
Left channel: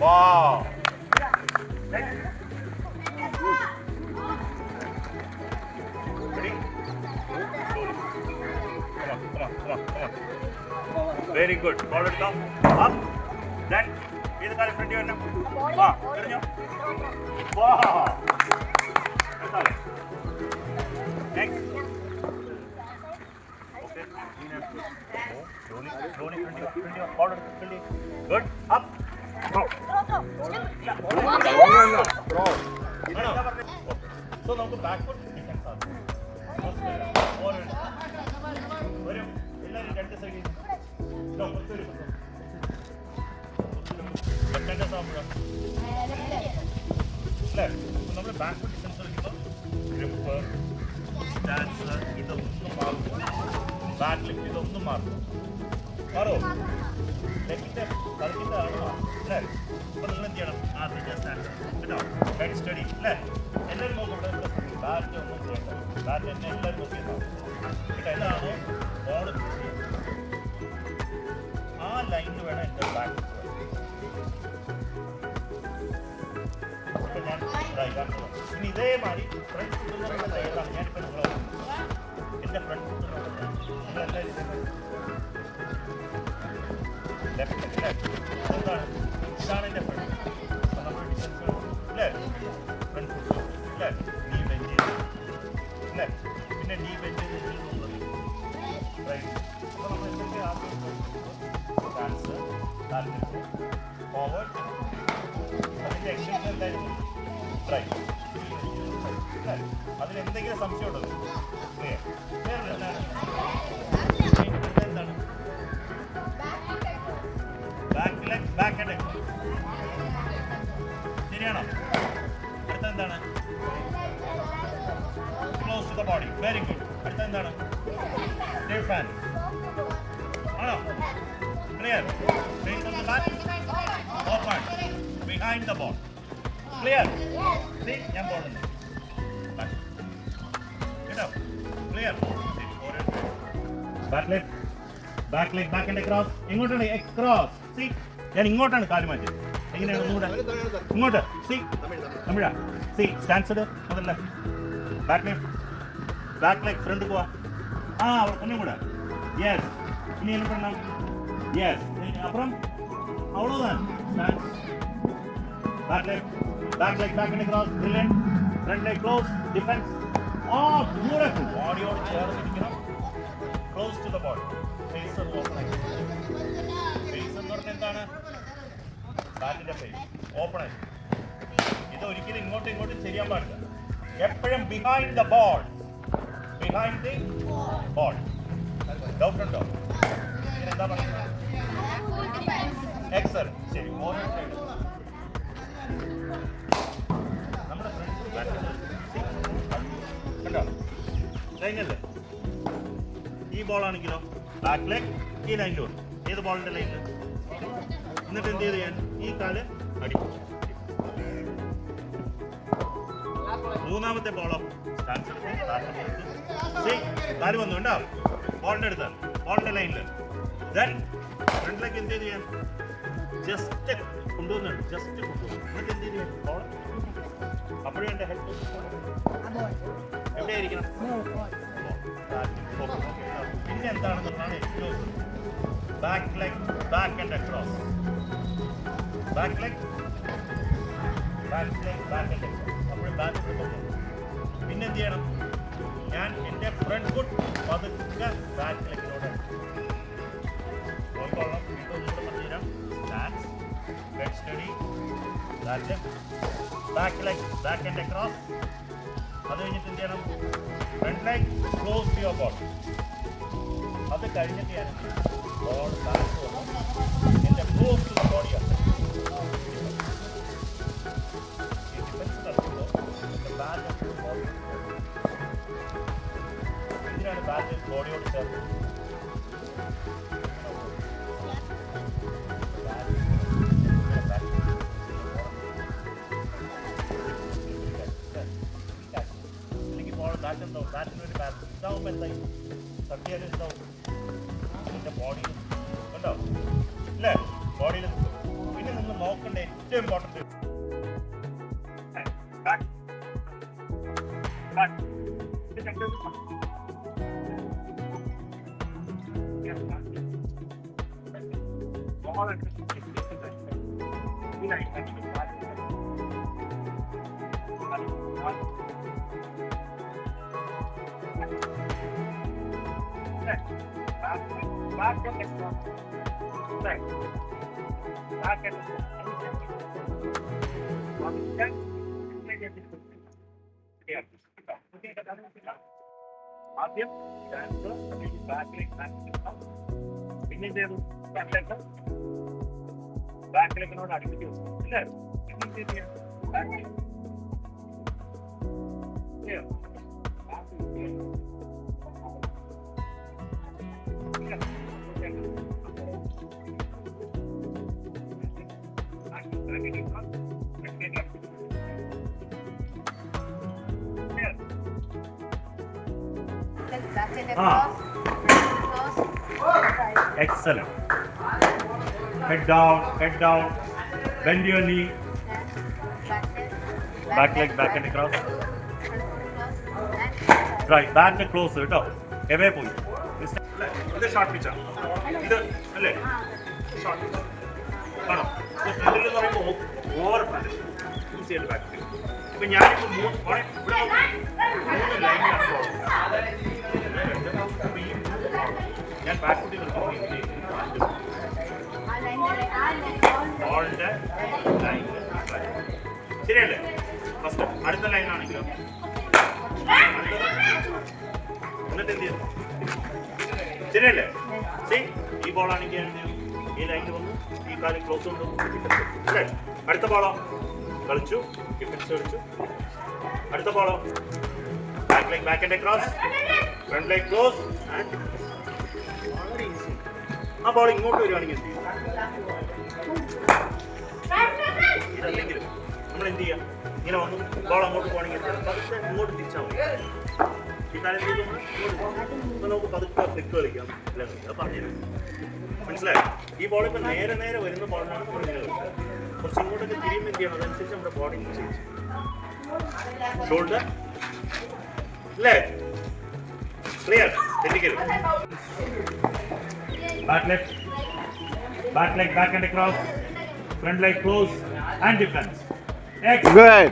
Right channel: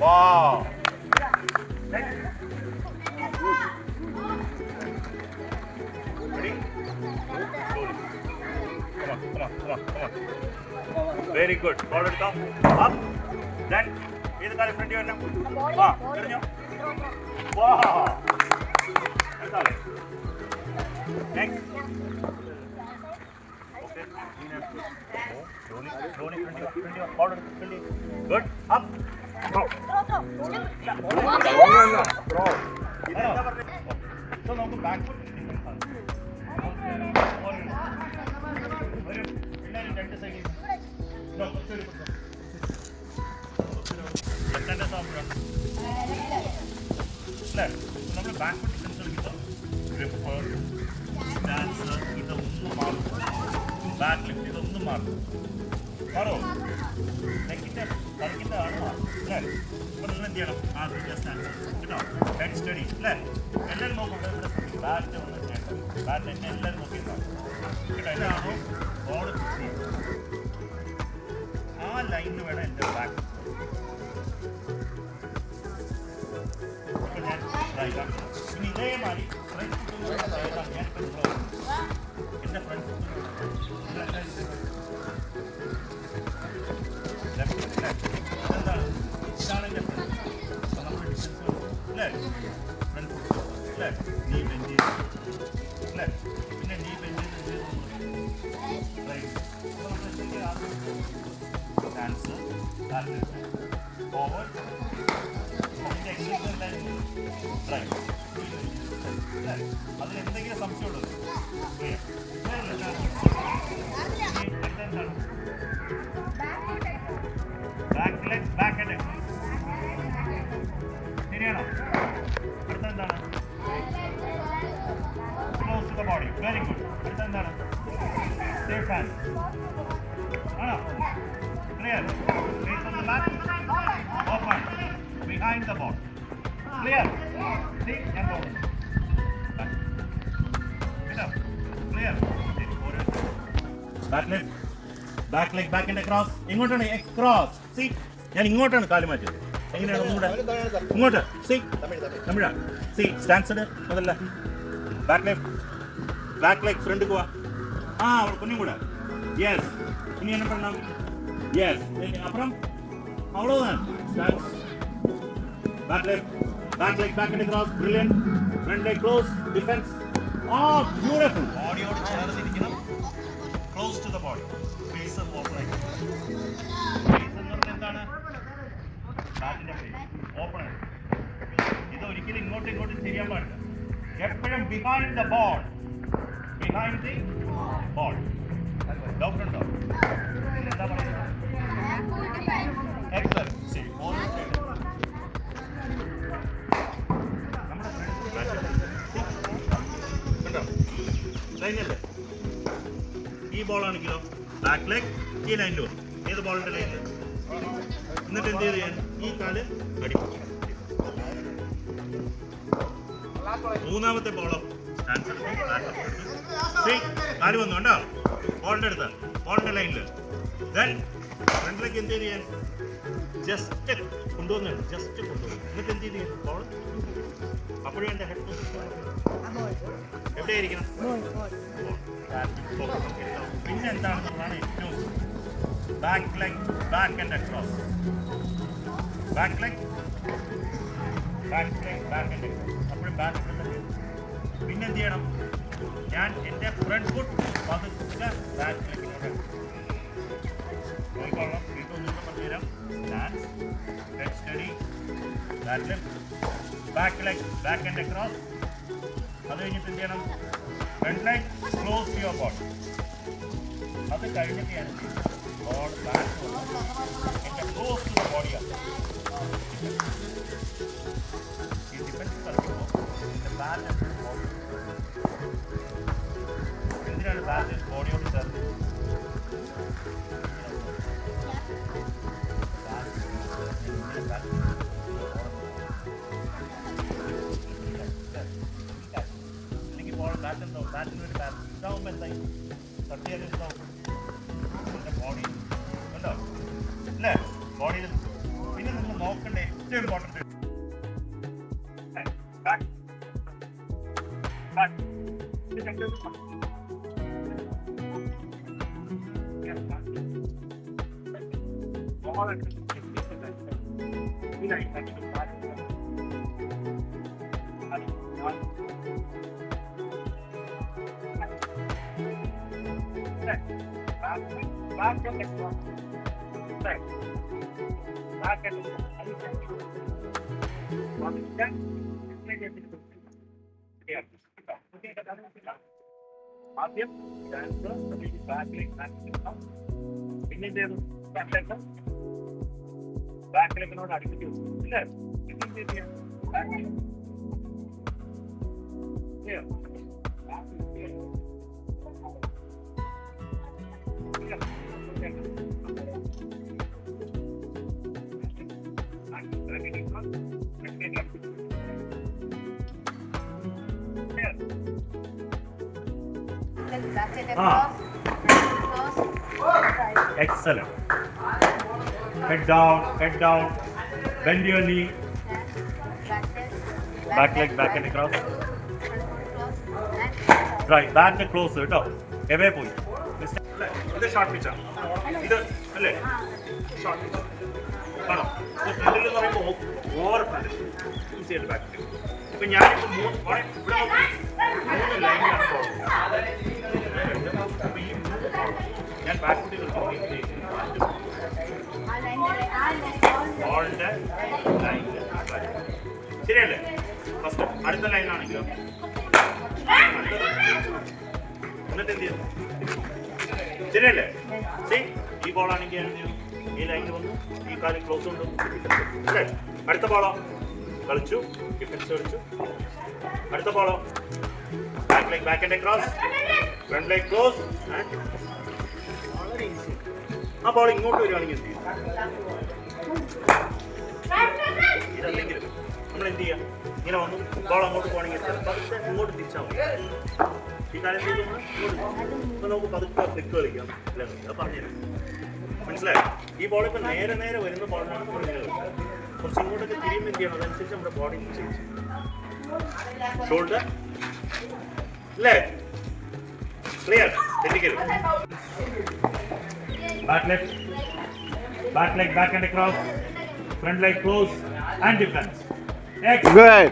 Wow. Next. Ready? Slowly. Come on. Very good. Ball it down. Up. Then. This guy in front of you. Wow. Wow. That's all. Next. Okay. Slowly. Ball it. Good. Up. Throw. So now the backward defense are. No, നമ്മൾ backward defence കളിക്കുമ്പോൾ grip, stance ഇതൊന്നും മാറും. Back lift ഇതൊന്നും മാറും. മാറോ? Technical കളിക്കുന്നതാണ് മാറും അല്ലേ? അപ്പോൾ നിങ്ങൾ എന്ത് ചെയ്യണം? ആദ്യം സ്റ്റാൻഡ് കേട്ടോ. ഹെഡ് സ്റ്റഡി അല്ലേ? എല്ലാവരും നോക്കും. ബാറ്റ് ഒന്നും ചെയ്യണ്ട. ബാറ്റ് തന്നെ എല്ലാവരും നോക്കിയിട്ടുണ്ടാവും കേട്ടോ. എന്താണോ ബോൾ ആ ലൈനിൽ വേണം എൻ്റെ ബാക്ക്. ഇനി ഇതേമാതിരി ഫ്രണ്ട് ഫുട്ട് ഏതാണ്? ഞാനിപ്പോൾ എൻ്റെ ഫ്രണ്ട് ഫുട്ട് എന്താണ്? ഇതാണ് എൻ്റെ ഫ്രണ്ട്. നമ്മുടെ ഡിഫൻസ് അല്ലേ? ഫ്രണ്ട് ഫുട്ട് അല്ലേ? നീ ബെഞ്ച് അല്ലേ? പിന്നെ നീ ബെഞ്ച് റൈറ്റ്. അപ്പോൾ നമ്മൾ എന്തൊക്കെ ആദ്യം ഡാൻസ് ഫോർവേഡ്. അതിൻ്റെ എക്സസൈസ് എന്തായിരുന്നു? റൈറ്റ്. അതിലെന്തെങ്കിലും സംശയമുണ്ടോ? എന്താണ്? Back leg, back head. ശരിയാണോ? അടുത്ത എന്താണ്? Close to the body. Very good. അടുത്ത എന്താണ്? Safe hand. ആണോ? Clear. Legs on the mat. Open. Behind the ball. Clear. See, ഞാൻ പോകുന്നു. കേട്ടോ? Clear. Back leg. Back leg, back and across. ഇങ്ങോട്ടാണ് across. See, ഞാൻ ഇങ്ങോട്ടാണ് കാല് മാറ്റി. എങ്ങനെയാണ് ഇങ്ങോട്ട്? See, തമിഴാ. See, stance ഇട്. അതല്ല. Back leg. Back leg front പോവാ. അവിടെ കുഞ്ഞും കൂടെ. Yes. ഇനി என்ன பண்ணலாம்? Yes. அப்புறம் அவ்வளவுதான். Stance. Back leg, back and across. Brilliant. Front leg close. Defense. Oh, beautiful. ബോഡിയോട് ചേർന്നിരിക്കണം. Close to the body. Face open ആയി. Face എന്ന് പറഞ്ഞാൽ എന്താണ്? ബാക്കിന്റെ face. Open ആയി. ഇത് ഒരിക്കലും ഇങ്ങോട്ടും ചെയ്യാൻ പാടില്ല. എപ്പോഴും behind the ball. Behind the ball. Down front down. എന്താ പറയുന്നത്? Excellent. ശരി. ഓരോ സൈഡ്. നമ്മുടെ ഫ്രണ്ട് കണ്ടോ? ലൈനല്ലേ? ഈ ബോൾ ആണെങ്കിലോ ബാക്ക് ലെഗ് ഈ ലൈനിൽ വന്നു. ഏത് ബോളിന്റെ ലൈനിൽ? എന്നിട്ട് എന്ത് ചെയ്ത് ഞാൻ ഈ കാല് അടിക്കും. മൂന്നാമത്തെ ബോളോ സ്റ്റാൻസ് എടുക്കും. കാല് വന്നു കണ്ടോ? ബോളിന്റെ അടുത്ത് ബോളിന്റെ ലൈനിൽ ഫ്രണ്ടിലേക്ക് എന്ത് ചെയ്യാൻ ജസ്റ്റ് കൊണ്ടുവന്നുണ്ട്. ജസ്റ്റ് കൊണ്ടുവന്നു. എന്നിട്ട് എന്ത് ചെയ്യാൻ ബോൾ അപ്പോഴും എൻ്റെ ഹെഡ് എവിടെയായിരിക്കണം? പിന്നെ എന്താണെന്നുള്ളതാണ് ഏറ്റവും back leg back and across. Back leg back leg back and across. അപ്പോഴും ബാക്ക് ഫ്രണ്ട്. പിന്നെ എന്ത് ചെയ്യണം? ഞാൻ എൻ്റെ ഫ്രണ്ട് ഫുട്ട് പതുക്കെ ബാക്ക് ലെഗിനോട് പോയിക്കൊള്ളണം. വീണ്ടും ഒന്നുകൂടെ പറഞ്ഞുതരാം. Stand, head steady, back leg back leg back and across. അത് കഴിഞ്ഞിട്ട് എന്ത് ചെയ്യണം? Front leg close your body. അത് കഴിഞ്ഞിട്ട് ഞാൻ ബോൾ ബാക്ക് വന്നു എൻ്റെ ക്ലോസ് ടു ദ ബോഡിയാണ്. ഈ ഡിഫൻസ് കളിക്കുമ്പോൾ എൻ്റെ ബാറ്റ് എപ്പോഴും ബോഡിയോട് ചേർന്ന്. എന്തിനാണ് ബാറ്റ് ബോഡിയോട് ചേർന്ന്? ബാറ്റിന് ഒരു ഇതാവുമ്പോൾ എന്തായി? തട്ടിയാലും ഇതാവും. എൻ്റെ ബോഡി ഉണ്ടോ അല്ലേ? ബോഡിയിൽ പിന്നെ നിങ്ങൾ നോക്കേണ്ട ഏറ്റവും important back and across. Right. Back and across. ആദ്യം പിന്നെ ബാക്കിലേക്കിനോട് അടുപ്പിച്ച് ഇല്ലേ? Excellent. Head down. Bend your knee. Back leg, back and across. Right, back leg closer. Away പോയി. ഇത് ഷോർട്ട് പിച്ചാ. ഇത് അല്ലേ? Short pitch. ആണോ? ഫ്രണ്ടിൽ എന്ന് പറയുമ്പോൾ ഓവർ ഫ്രണ്ട്. ഈ സൈഡ് ബാക്ക്. ഇപ്പൊ ഞാനിപ്പോ ഇവിടെ മൂന്ന് ലൈനിലാണ് പോകുന്നത്. ഞാൻ ബാക്ക് ഫുട്ടിൽ ബോളിന്റെ ലൈനിൽ ശരിയല്ലേ? ഫസ്റ്റ് അടുത്ത ലൈനാണെങ്കിലോ എന്നിട്ട് എന്ത് ചെയ്യുന്നു? ശരിയല്ലേ? ഈ ബോളാണെങ്കിൽ എന്ത് ചെയ്യും? ഈ ലൈനിൽ വന്നു ഈ കാര്യം ക്ലോസ് കൊണ്ടുവന്നു അല്ലേ? അടുത്ത ബോളോ കളിച്ചു, ഡിഫൻസ് കളിച്ചു. അടുത്ത ബോളോ back leg back and across, front leg close and വളരെ ഈസി. ആ ബോൾ ഇങ്ങോട്ട് വരികയാണെങ്കിൽ എന്ത് ചെയ്യും? ഇതല്ലെങ്കിലും നമ്മൾ എന്ത് ചെയ്യാം? ഇങ്ങനെ വന്നു ബോൾ അങ്ങോട്ട് പോകണമെങ്കിൽ പതുക്കെ ഇങ്ങോട്ട് തിരിച്ചാൽ മതി. ഈ കാര്യം ചെയ്ത് നമ്മൾ ഇങ്ങോട്ട് നമുക്ക് പതുക്കെ ഫ്ലിക്ക് കളിക്കാം. അത് പറഞ്ഞുതരാം, മനസ്സിലായി? ഈ ബോൾ ഇപ്പം നേരെ നേരെ വരുന്ന ബോളിനാണ് നമ്മൾ ഇങ്ങനെ കളിക്കുക. കുറച്ച് ഇങ്ങോട്ടൊക്കെ തിരിയുമ്പോൾ എന്ത് ചെയ്യണം? അതനുസരിച്ച് നമ്മുടെ ബോഡി ചേഞ്ച് ചെയ്യും. ഷോൾഡർ അല്ലേ? Clear? തെറ്റിക്കരുത്. Back leg, back and across, front leg close and defense. Excellent. Good.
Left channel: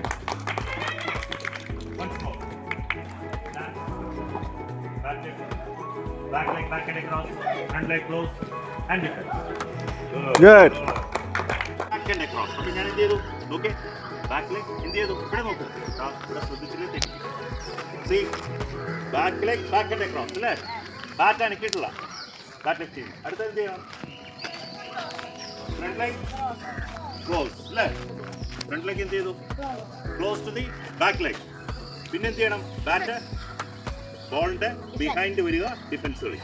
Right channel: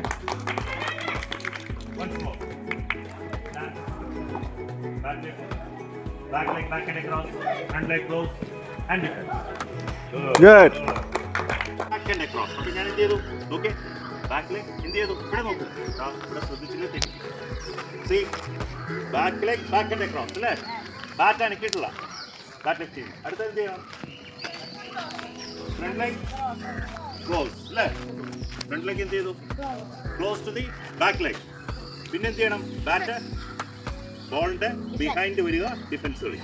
Once more. Back leg, back and across, front leg close and defense. Good. Back and across. അപ്പോൾ ഞാൻ എന്ത് ചെയ്തു? Okay, back leg എന്ത് ചെയ്തു? ഇവിടെ നോക്ക്, ഇവിടെ ശ്രദ്ധിച്ചില്ലേ തെറ്റി. See, back leg, back and across അല്ലേ? ബാക്ക് അനക്കിയിട്ടില്ല. ബാക്ക് ലെഗ് ചെയ്യും. അടുത്ത എന്ത് ചെയ്യണം? ഫ്രണ്ട് ലെഗ് ക്ലോസ് അല്ലേ? ഫ്രണ്ട് ലെഗ് എന്ത് ചെയ്തു? Close to the back leg. പിന്നെ എന്ത് ചെയ്യണം? ബാറ്റ് ബോളിന്റെ ബിഹൈൻഡ് വരിക, ഡിഫൻസ് കളി.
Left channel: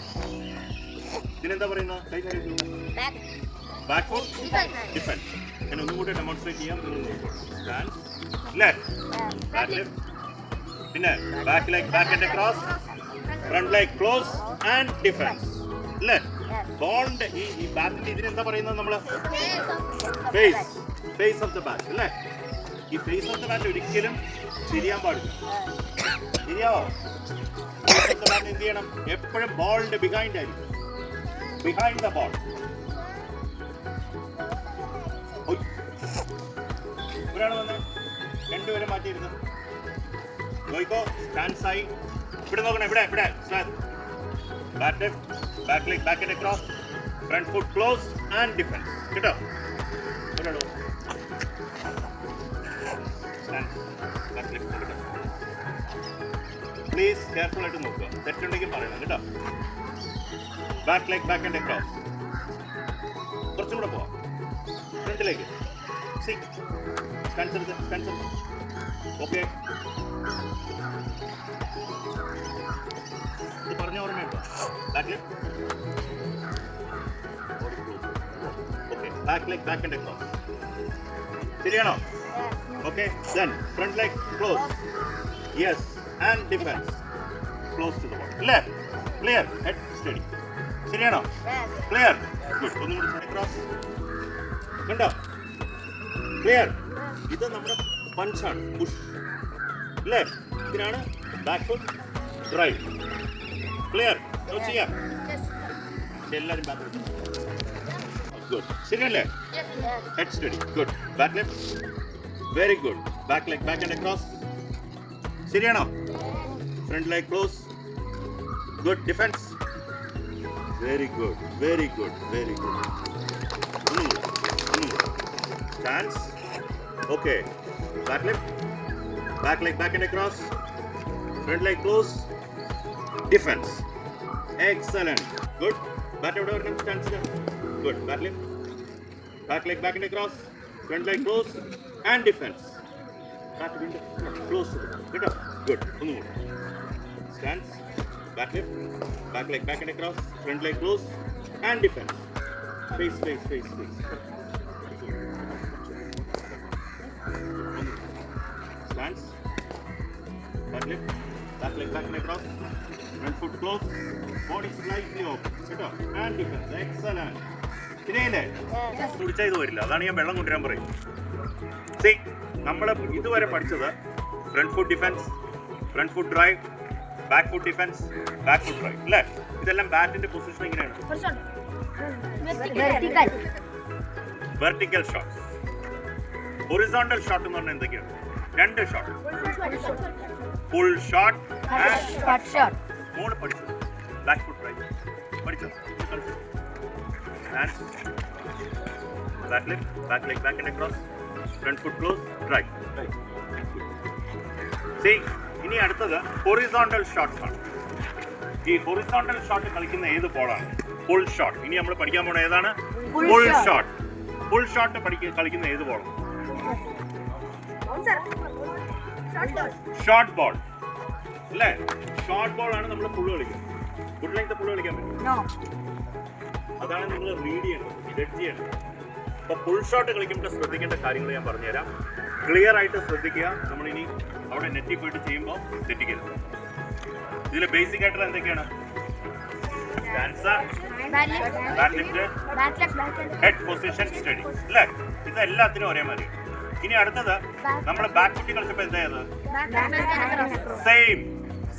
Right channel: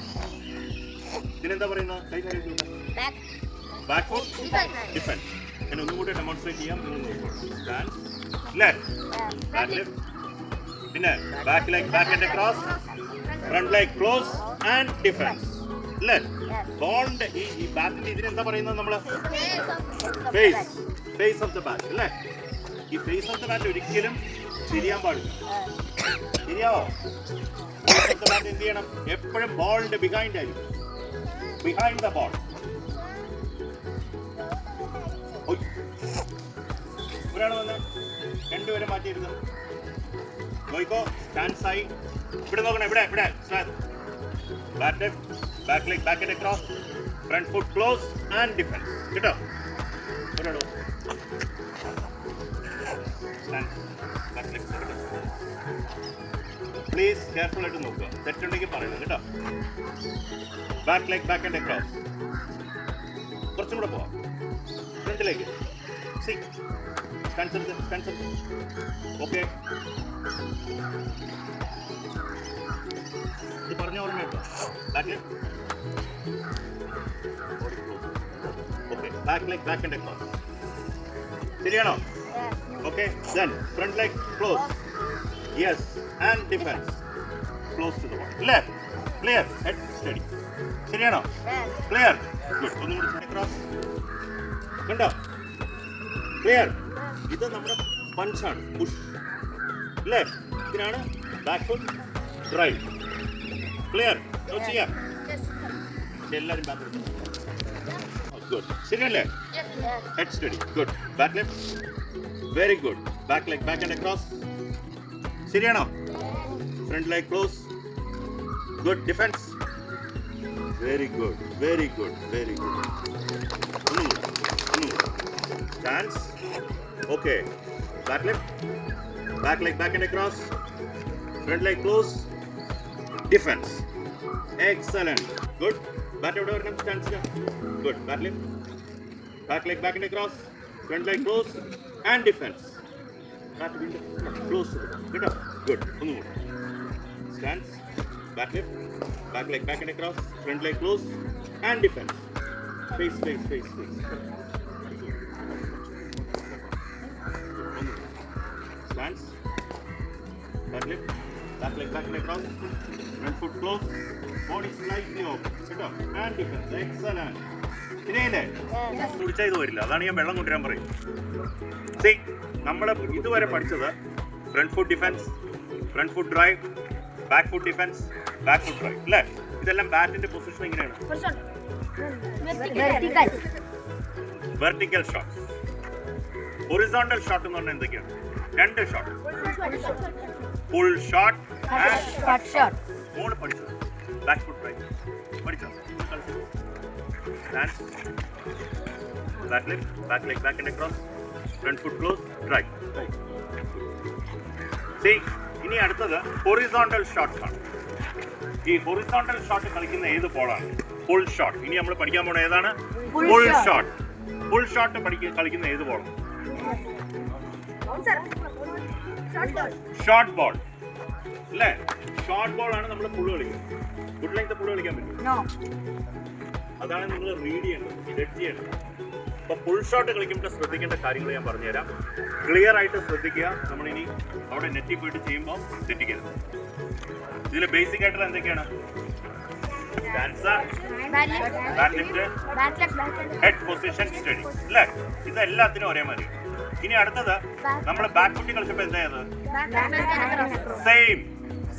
പിന്നെന്താ പറയുന്നത്? കൈ കാര്യം ബാക്ക് ഫോർ ഡിഫൻസ്. ഞാൻ ഒന്നും കൂടി ഡെമോൺസ്ട്രേറ്റ് ചെയ്യാം. സ്റ്റാൻഡ് അല്ലേ? ബാക്ക് ലെഗ്, പിന്നെ back leg, back and cross, front leg close and defence അല്ലേ? ബോളിന്റെ ഈ ബാറ്റിന്റെ ഇതിനെന്താ പറയുന്നത്? നമ്മള് ഫേസ് ഓഫ് ദ ബാറ്റ് അല്ലേ? ഈ ഫേസ് ഓഫ് ദ ബാറ്റ് ഒരിക്കലും തിരിയാൻ പാടില്ല. ശരിയാവോ? ഫേസ് ഓഫ് ദ ബാറ്റ് എന്ത് ചെയ്യണം? എപ്പോഴും ബോളിന്റെ ബിഹൈൻഡ് ആയിരിക്കും. Behind the ball. ഒരാൾ വന്ന് രണ്ടുപേരും മാറ്റിയിരുന്നു. നോയിക്കോ, സ്റ്റാൻഡ്സ് ആയി. ഇവിടെ നോക്കണം, ഇവിടെ ഇവിടെ back leg, back and across, front foot close and defence. കേട്ടോ? ഒരാളോ പ്ലീസ് കെയർഫുൾ ആയിട്ട് നോക്കുക. തെറ്റുണ്ടെങ്കിൽ പറയണം കേട്ടോ. Back leg, back and across. കുറച്ചും കൂടെ പോവാം. ഫ്രണ്ടിലേക്ക് ഓക്കെ. ഇത് പറഞ്ഞ ഓർമ്മ കേട്ടോ. Back leg okay, back leg, back and across. ശരിയാണോ? Okay. Then front leg close, yes, and defence close to the ball അല്ലേ? ക്ലിയർ? Head steady. ശരിയാണോ? ക്ലിയർ? ഗുഡ്. ഒന്നും കൂടി ക്രോസ്. കണ്ടോ? ക്ലിയർ? ഇത് നമ്മുടെ പഞ്ചാണ്, പുഷ് അല്ലേ? ഇതിനാണ് ബാക്ക് ഫുട്ട് ഡ്രൈവ്. ക്ലിയർ? ചെയ്യാം. എല്ലാവരും ബാക്ക് ഗുഡ്. ശരിയല്ലേ? Head steady. Good. Back leg, very good. Back leg, back and across. ശരിയാണോ? Front leg close. Good. Defence. Very good, very good, very good. ഒന്നും കൂടെ. Stance. Okay. Back leg, back and across. Front leg close. Defense. Excellent. Good. Back over and stance. Good. Back leg, back and across. Front leg close and defense. Back window close. Good. Good. Stance. Back leg, back and across. Front leg close and defense. Face. Stance. Back leg, back and across. Front foot close. Body slightly open. Sit up. And defense. Excellent. ശരിയല്ലേ? കുടിച്ചാൽ ഇത് വരില്ല. അതാണ് ഞാൻ വെള്ളം കൊണ്ടുവരാൻ പറയും. C, നമ്മൾ ഇതുവരെ പഠിച്ചത് front foot defence, front foot drive, back foot defence, back foot drive അല്ലേ? ഇതെല്ലാം ബാറ്റിന്റെ പൊസിഷൻ എങ്ങനെയാണ്? വെർട്ടിക്കൽ ഷോട്ട്, ഹൊറിസോണ്ടൽ ഷോട്ട് എന്ന് പറഞ്ഞാൽ എന്തൊക്കെയാണ്? രണ്ട് ഷോട്ട്, ഫുൾ ഷോട്ട്, മൂന്ന് പഠിച്ചു. ബാക്ക് ഫുട്ട് ഡ്രൈവ് പഠിച്ചോ? Stance, back leg, back and across, front foot close, drive. See, ഇനി അടുത്തത് ഹൊറിസോണ്ടൽ ഷോട്ട്സ് ആണ്. ഈ ഹൊറിസോണ്ടൽ ഷോട്ട് കളിക്കുന്ന ഏത് ബോളാണ്? Full shot. ഇനി നമ്മൾ പഠിക്കാൻ പോണ ഏതാണ്? Full shot. ഫുൾ ഷോട്ട് കളിക്കുന്ന ഏത് ബോളാണ്? ഷോർട്ട് ബോൾ അല്ലേ? ഷോർട്ട് ബോൾ ആണ് നമ്മൾ ഫുൾ കളിക്കുന്നത്. ഫുൾ ലെങ്ത് ഫുൾ കളിക്കാൻ പറ്റും? അതാണ് നിങ്ങൾ റീഡ് ചെയ്യേണ്ടത്, ജഡ്ജ് ചെയ്യേണ്ടത്. അപ്പോൾ ഫുൾ ഷോട്ട് കളിക്കുമ്പോൾ ശ്രദ്ധിക്കേണ്ട കാര്യങ്ങൾ ഞാൻ പറഞ്ഞുതരാം. ക്ലിയർ ആയിട്ട് ശ്രദ്ധിക്കുക. നമ്മളിനി അവിടെ നെറ്റിൽ പോയിട്ട് ചെയ്യുമ്പോൾ തെറ്റിക്കരുത്. ഇതിൽ ബേസിക് ആയിട്ടുള്ള എന്തൊക്കെയാണ്? ഹെഡ് പൊസിഷൻ സ്റ്റഡി അല്ലേ? ഇത് എല്ലാത്തിനും ഒരേ മാതിരി. ഇനി അടുത്തത് നമ്മൾ ബാക്ക് ഫുട്ടി കളിച്ചപ്പോൾ എന്തായത്?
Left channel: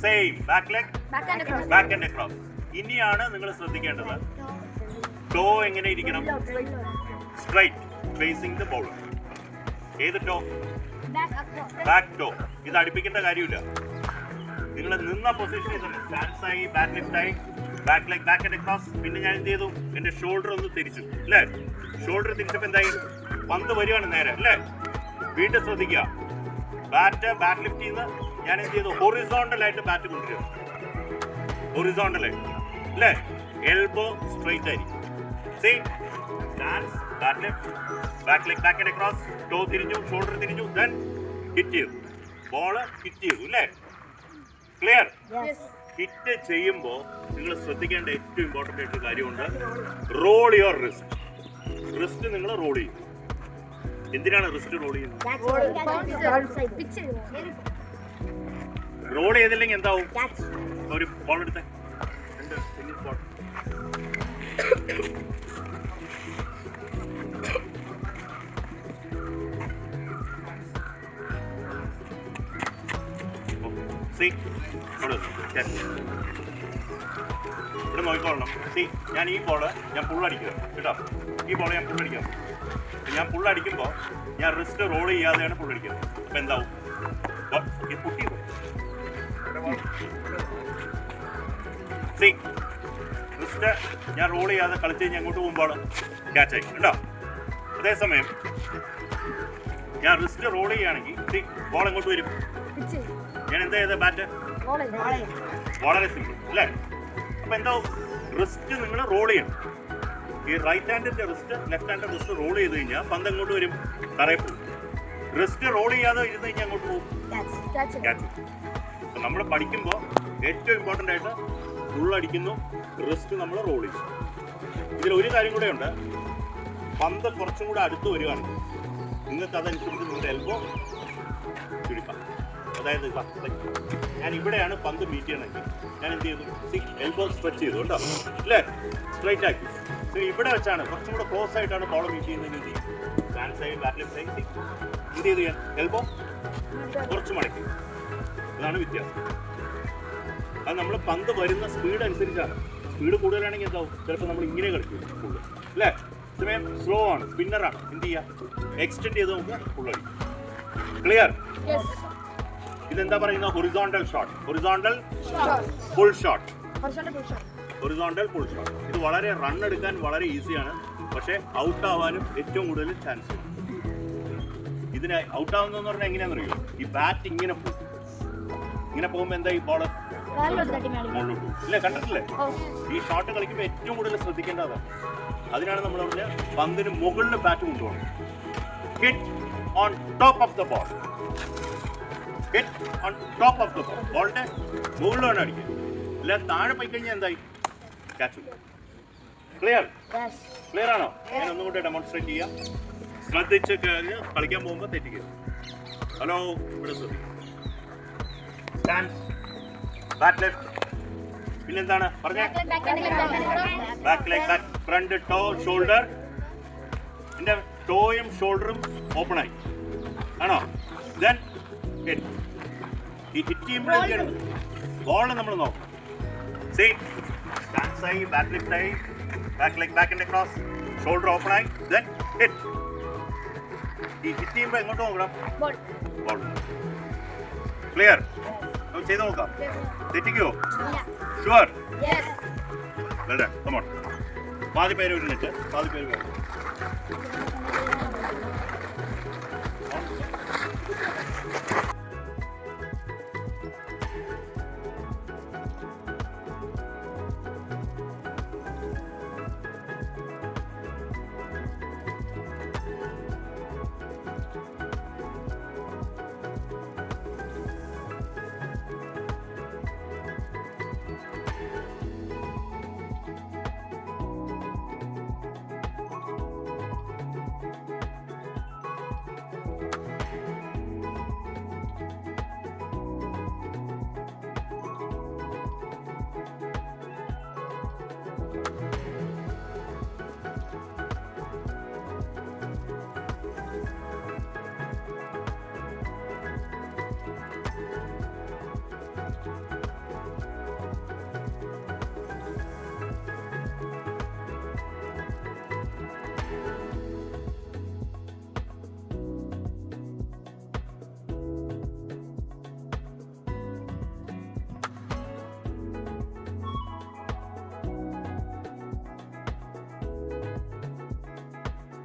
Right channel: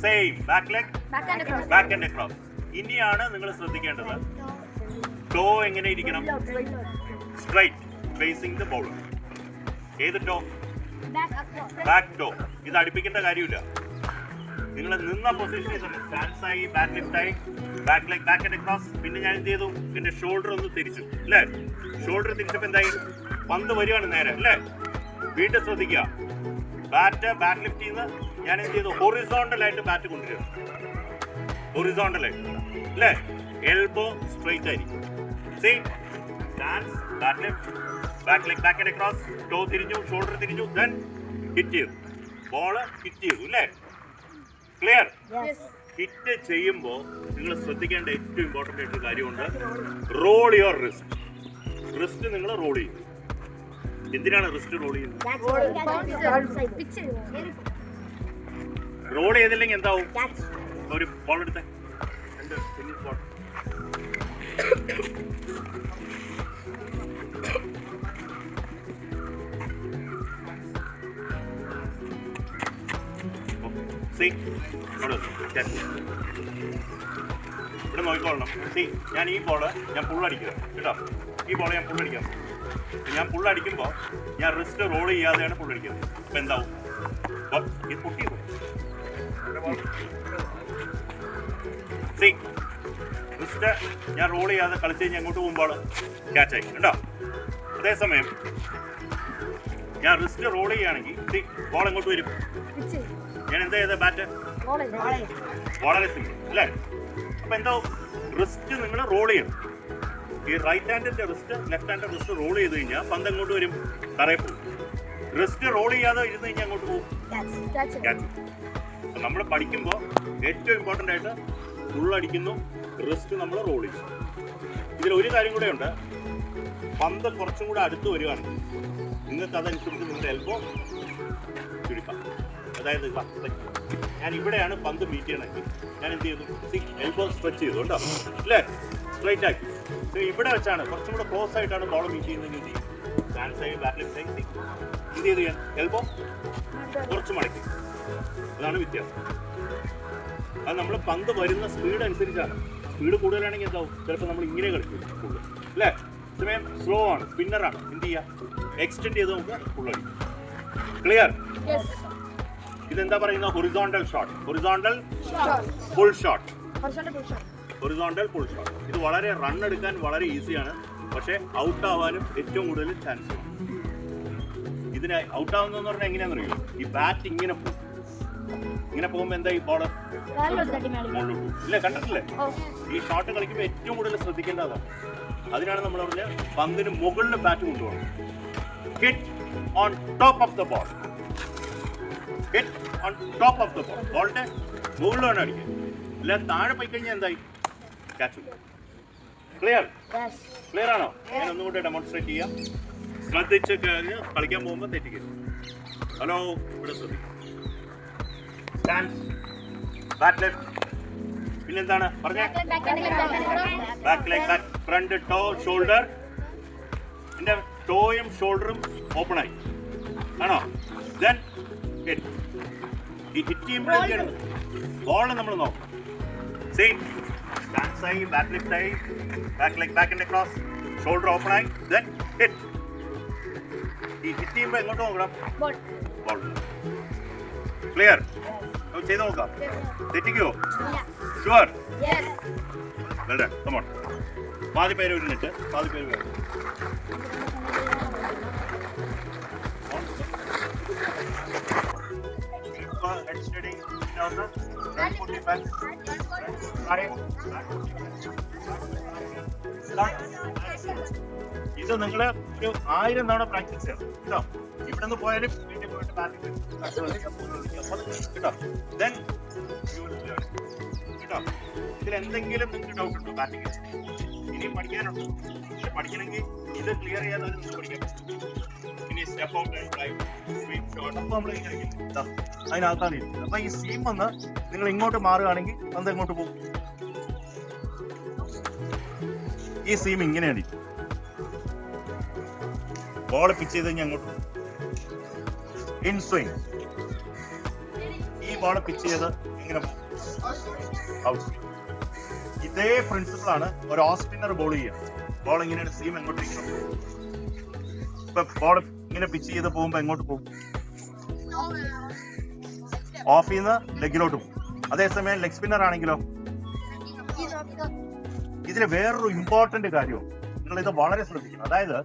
Same back leg back and across. ഇനിയാണ് നിങ്ങൾ ശ്രദ്ധിക്കേണ്ടത് ടോ എങ്ങനെ ഇരിക്കണം? Straight facing the ball. ഏത് ടോ? Back toe. ഇത് അടുപ്പിക്കേണ്ട കാര്യമില്ല. നിങ്ങൾ നിന്ന പൊസിഷനിൽ തന്നെ സ്റ്റാൻസ് ആയി, ബാക്ക് ലെഫ്റ്റ് ആയി, back leg back and across. പിന്നെ ഞാൻ എന്ത് ചെയ്തു? എന്റെ ഷോൾഡർ ഒന്ന് തിരിച്ചു അല്ലേ? ഷോൾഡർ തിരിച്ചപ്പോൾ എന്തായി? പന്ത് വരികയാണ് നേരെ അല്ലേ? വീണ്ടും ശ്രദ്ധിക്കുക. ബാറ്റ് ലിഫ്റ്റ് ചെയ്യുന്ന ഞാൻ എന്ത് ചെയ്തു? ഹൊറിസോണ്ടൽ ആയിട്ട് ബാറ്റ് കൊണ്ടുവരിക. ഹൊറിസോണ്ടൽ ആയിട്ട് അല്ലേ? എൽബോ സ്ട്രൈറ്റ് ആയിരിക്കും. See stance, bat lift, back leg back and across, toe തിരിഞ്ഞു, ഷോൾഡർ തിരിഞ്ഞു, ദെൻ ഹിറ്റ് ചെയ്തു. ബോള് ഹിറ്റ് ചെയ്തു അല്ലേ? ക്ലിയർ? ഹിറ്റ് ചെയ്യുമ്പോൾ നിങ്ങൾ ശ്രദ്ധിക്കേണ്ട ഏറ്റവും ഇമ്പോർട്ടൻ്റ് ആയിട്ടൊരു കാര്യമുണ്ട്. റോൾ യുവർ റിസ്റ്റ് നിങ്ങൾ റോൾ ചെയ്യും. എന്തിനാണ് റിസ്റ്റ് റോൾ ചെയ്യുന്നത്? റോൾ ചെയ്തില്ലെങ്കിൽ എന്താവും? ഒരു ബോൾ എടുത്തേ, ടെന്നീസ് ബോൾ. ഇവിടെ നോക്കിക്കോളണം. ഞാൻ ഈ ബോള് ഞാൻ പുള്ളടിക്കുക കേട്ടോ. ഈ ബോള് ഞാൻ പുള്ളടിക്കാം. ഞാൻ പുള്ളടിക്കുമ്പോൾ ഞാൻ റിസ്റ്റ് റോൾ ചെയ്യാതെയാണ് പുള്ളടിക്കുന്നത്. അപ്പം എന്താവും? ഇത് പൊട്ടി റിസ്റ്റ് ഞാൻ റോൾ ചെയ്യാതെ കളിച്ച് കഴിഞ്ഞാൽ അങ്ങോട്ട് പോകുമ്പോൾ ക്യാച്ചായി കേട്ടോ. അതേസമയം ഞാൻ റിസ്റ്റ് റോൾ ചെയ്യുകയാണെങ്കിൽ ബോൾ എങ്ങോട്ട് വരും? ഞാൻ എന്താ ചെയ്ത? ബാറ്റ് വളരെ സിമ്പിൾ അല്ലേ? അപ്പം എന്താവും? റിസ്റ്റ് നിങ്ങൾ റോൾ ചെയ്യണം. ഈ റൈറ്റ് ഹാൻഡിന്റെ റിസ്റ്റ് ലെഫ്റ്റ് ഹാൻഡിന്റെ റിസ്റ്റ് റോൾ ചെയ്ത് കഴിഞ്ഞാൽ പന്ത് എങ്ങോട്ട് വരും? തറയിൽ പോകും. റിസ്റ്റ് റോൾ ചെയ്യാതെ ഇരുന്ന് കഴിഞ്ഞാൽ അങ്ങോട്ട് പോകും, ക്യാച്ച്. അപ്പം നമ്മൾ പഠിക്കുമ്പോൾ ഏറ്റവും ഇമ്പോർട്ടൻ്റ് ആയിട്ട് ഫുള്ളടിക്കുന്നു, റിസ്റ്റ് നമ്മൾ റോൾ ചെയ്യും. ഇതിലൊരു കാര്യം കൂടെ ഉണ്ട്. പന്ത് കുറച്ചും കൂടെ അടുത്ത് വരികയാണെങ്കിൽ നിങ്ങൾക്ക് അതനുസരിച്ച് നിങ്ങളുടെ എൽബോ ചുരുക്കാം. അതായത് ഞാൻ ഇവിടെയാണ് പന്ത് മീറ്റ് ചെയ്യണമെങ്കിൽ ഞാൻ എന്ത് ചെയ്തു? എൽബോ സ്ട്രെച്ച് ചെയ്തു കേട്ടോ അല്ലേ? സ്ട്രൈറ്റ് ആക്കി. ഇവിടെ വെച്ചാണ് കുറച്ചും കൂടെ ക്ലോസ് ആയിട്ടാണ് ബോൾ മീറ്റ് ചെയ്യുന്നതെങ്കിൽ എന്ത് ചെയ്യും? Stand side back left side എന്ത് ചെയ്തു? ഞാൻ എൽബോ കുറച്ച് മടക്കി. അതാണ് വ്യത്യാസം. അത് നമ്മൾ പന്ത് വരുന്ന സ്പീഡ് അനുസരിച്ചാണ്. സ്പീഡ് കൂടുതലാണെങ്കിൽ എന്താവും? ചിലപ്പോൾ നമ്മൾ ഇങ്ങനെ കളിക്കും ഫുള്ള് അല്ലേ? സമയം സ്ലോ ആണ്, സ്പിന്നറാണ്, എന്ത് ചെയ്യുക? എക്സ്റ്റെൻഡ് ചെയ്ത് നമുക്ക് ഫുള്ളടിക്കും. ക്ലിയർ? ഇതെന്താ പറയുന്നത്? Horizontal shot, horizontal full shot, horizontal full shot. ഇത് വളരെ റൺ എടുക്കാൻ വളരെ ഈസിയാണ്, പക്ഷേ ഔട്ട് ആവാനും ഏറ്റവും കൂടുതൽ ചാൻസ് ഉണ്ട്. ഇതിന് ഔട്ട് ആവുന്നതെന്ന് പറഞ്ഞാൽ എങ്ങനെയാണെന്ന് അറിയോ? ഈ ബാറ്റ് ഇങ്ങനെ പോകും. ഇങ്ങനെ പോകുമ്പോൾ എന്താ? ഈ ബോള് മുകളിലോട്ട് പോകും ഇല്ലേ? കണ്ടിട്ടില്ലേ? ഈ ഷോട്ട് കളിക്കുമ്പോൾ ഏറ്റവും കൂടുതൽ ശ്രദ്ധിക്കേണ്ടതാണ്. അതിനാണ് നമ്മൾ പറഞ്ഞ പന്തിന് മുകളിൽ ബാറ്റ് കൊണ്ടുപോകണം. Hit on top of the ball, hit on top of the ball. ബോളിന്റെ മുകളിൽ വേണം അടിക്കാൻ. അല്ല താഴെ പോയി കഴിഞ്ഞാൽ എന്തായി? ക്യാച്ച്. ക്ലിയർ? ക്ലിയർ ആണോ? ഞാൻ ഒന്നും കൂടെ ഡെമോൺസ്ട്രേറ്റ് ചെയ്യാം. ശ്രദ്ധിച്ച് കഴിഞ്ഞ് കളിക്കാൻ പോകുമ്പോൾ തെറ്റിക്കരുത്. ഹലോ, ഇവിടെ ശ്രദ്ധിക്കും. സ്റ്റാൻഡ്, ബാക്ക് ലെഫ്റ്റ്, പിന്നെന്താണ് പറഞ്ഞേ? Back leg, back front, toe, shoulder. എൻ്റെ ടോയും ഷോൾഡറും ഓപ്പൺ ആയി ആണോ? Then hit. ഈ ഹിറ്റ് ചെയ്യുമ്പോഴേക്കാണ് ബോൾ നമ്മൾ നോക്കണം. സെയിം സ്റ്റാൻസ് ആയി, ബാക്ക് ലെഫ്റ്റ് ആയി, back leg back and cross, shoulder open ആയി, ദെൻ ഹിറ്റ്. ഈ ഹിറ്റ് ചെയ്യുമ്പോൾ എങ്ങോട്ട് നോക്കണം? ബോൾ. ക്ലിയർ? ചെയ്ത് നോക്കാം. തെറ്റിക്കോ? Sure? Well done. Come on. പാതി പേര് ഒരു മിനിറ്റ്, പാതി പേര് വേണം. ഇത് നിങ്ങൾ ഒരു 1000 തവണ പ്രാക്ടീസ് ചെയ്യണം കേട്ടോ. ഇവിടെ നിന്ന് പോയാലും ഇതിലെന്തെങ്കിലും നിങ്ങൾക്ക് ഡൗട്ട് ഉണ്ടോ? ബാറ്റിംഗ് ഇനി പഠിക്കാനുണ്ട്. പഠിക്കണമെങ്കിൽ ഇത് ക്ലിയർ ചെയ്യാൻ പഠിക്കാം. ഇനി സ്റ്റെപ്പ് ഔട്ട് അതിനകത്താണ്. അപ്പൊ ഈ സീം വന്ന് നിങ്ങൾ ഇങ്ങോട്ട് മാറുകയാണെങ്കിൽ അത് എങ്ങോട്ട് പോകും? ഈ സീം ഇങ്ങനെയാണ്. ബോൾ പിച്ച് ചെയ്ത് ഞങ്ങൾ ഇൻ സ്വിംഗ്. ഈ ബോൾ പിച്ച് ചെയ്ത് ഇങ്ങനെ ഔട്ട്. ഇതേ പ്രിൻസിപ്പിൾ ആണ് ഒരു ഓഫ് സ്പിന്നർ ബോൾ ചെയ്യുന്നത്. ബോൾ ഇങ്ങനെയാണ്, സീം എങ്ങോട്ട് ഇപ്പൊ ബോൾ ഇങ്ങനെ പിച്ച് ചെയ്ത് പോകുമ്പോ എങ്ങോട്ട് പോകും? ഓഫ് ചെയ്യുന്ന ലെഗിലോട്ട് പോകും. അതേസമയം ലെഗ് സ്പിന്നർ ആണെങ്കിലോ ഇതിന് വേറൊരു ഇമ്പോർട്ടന്റ് കാര്യവും നിങ്ങൾ ഇത് വളരെ ശ്രദ്ധിക്കണം. അതായത്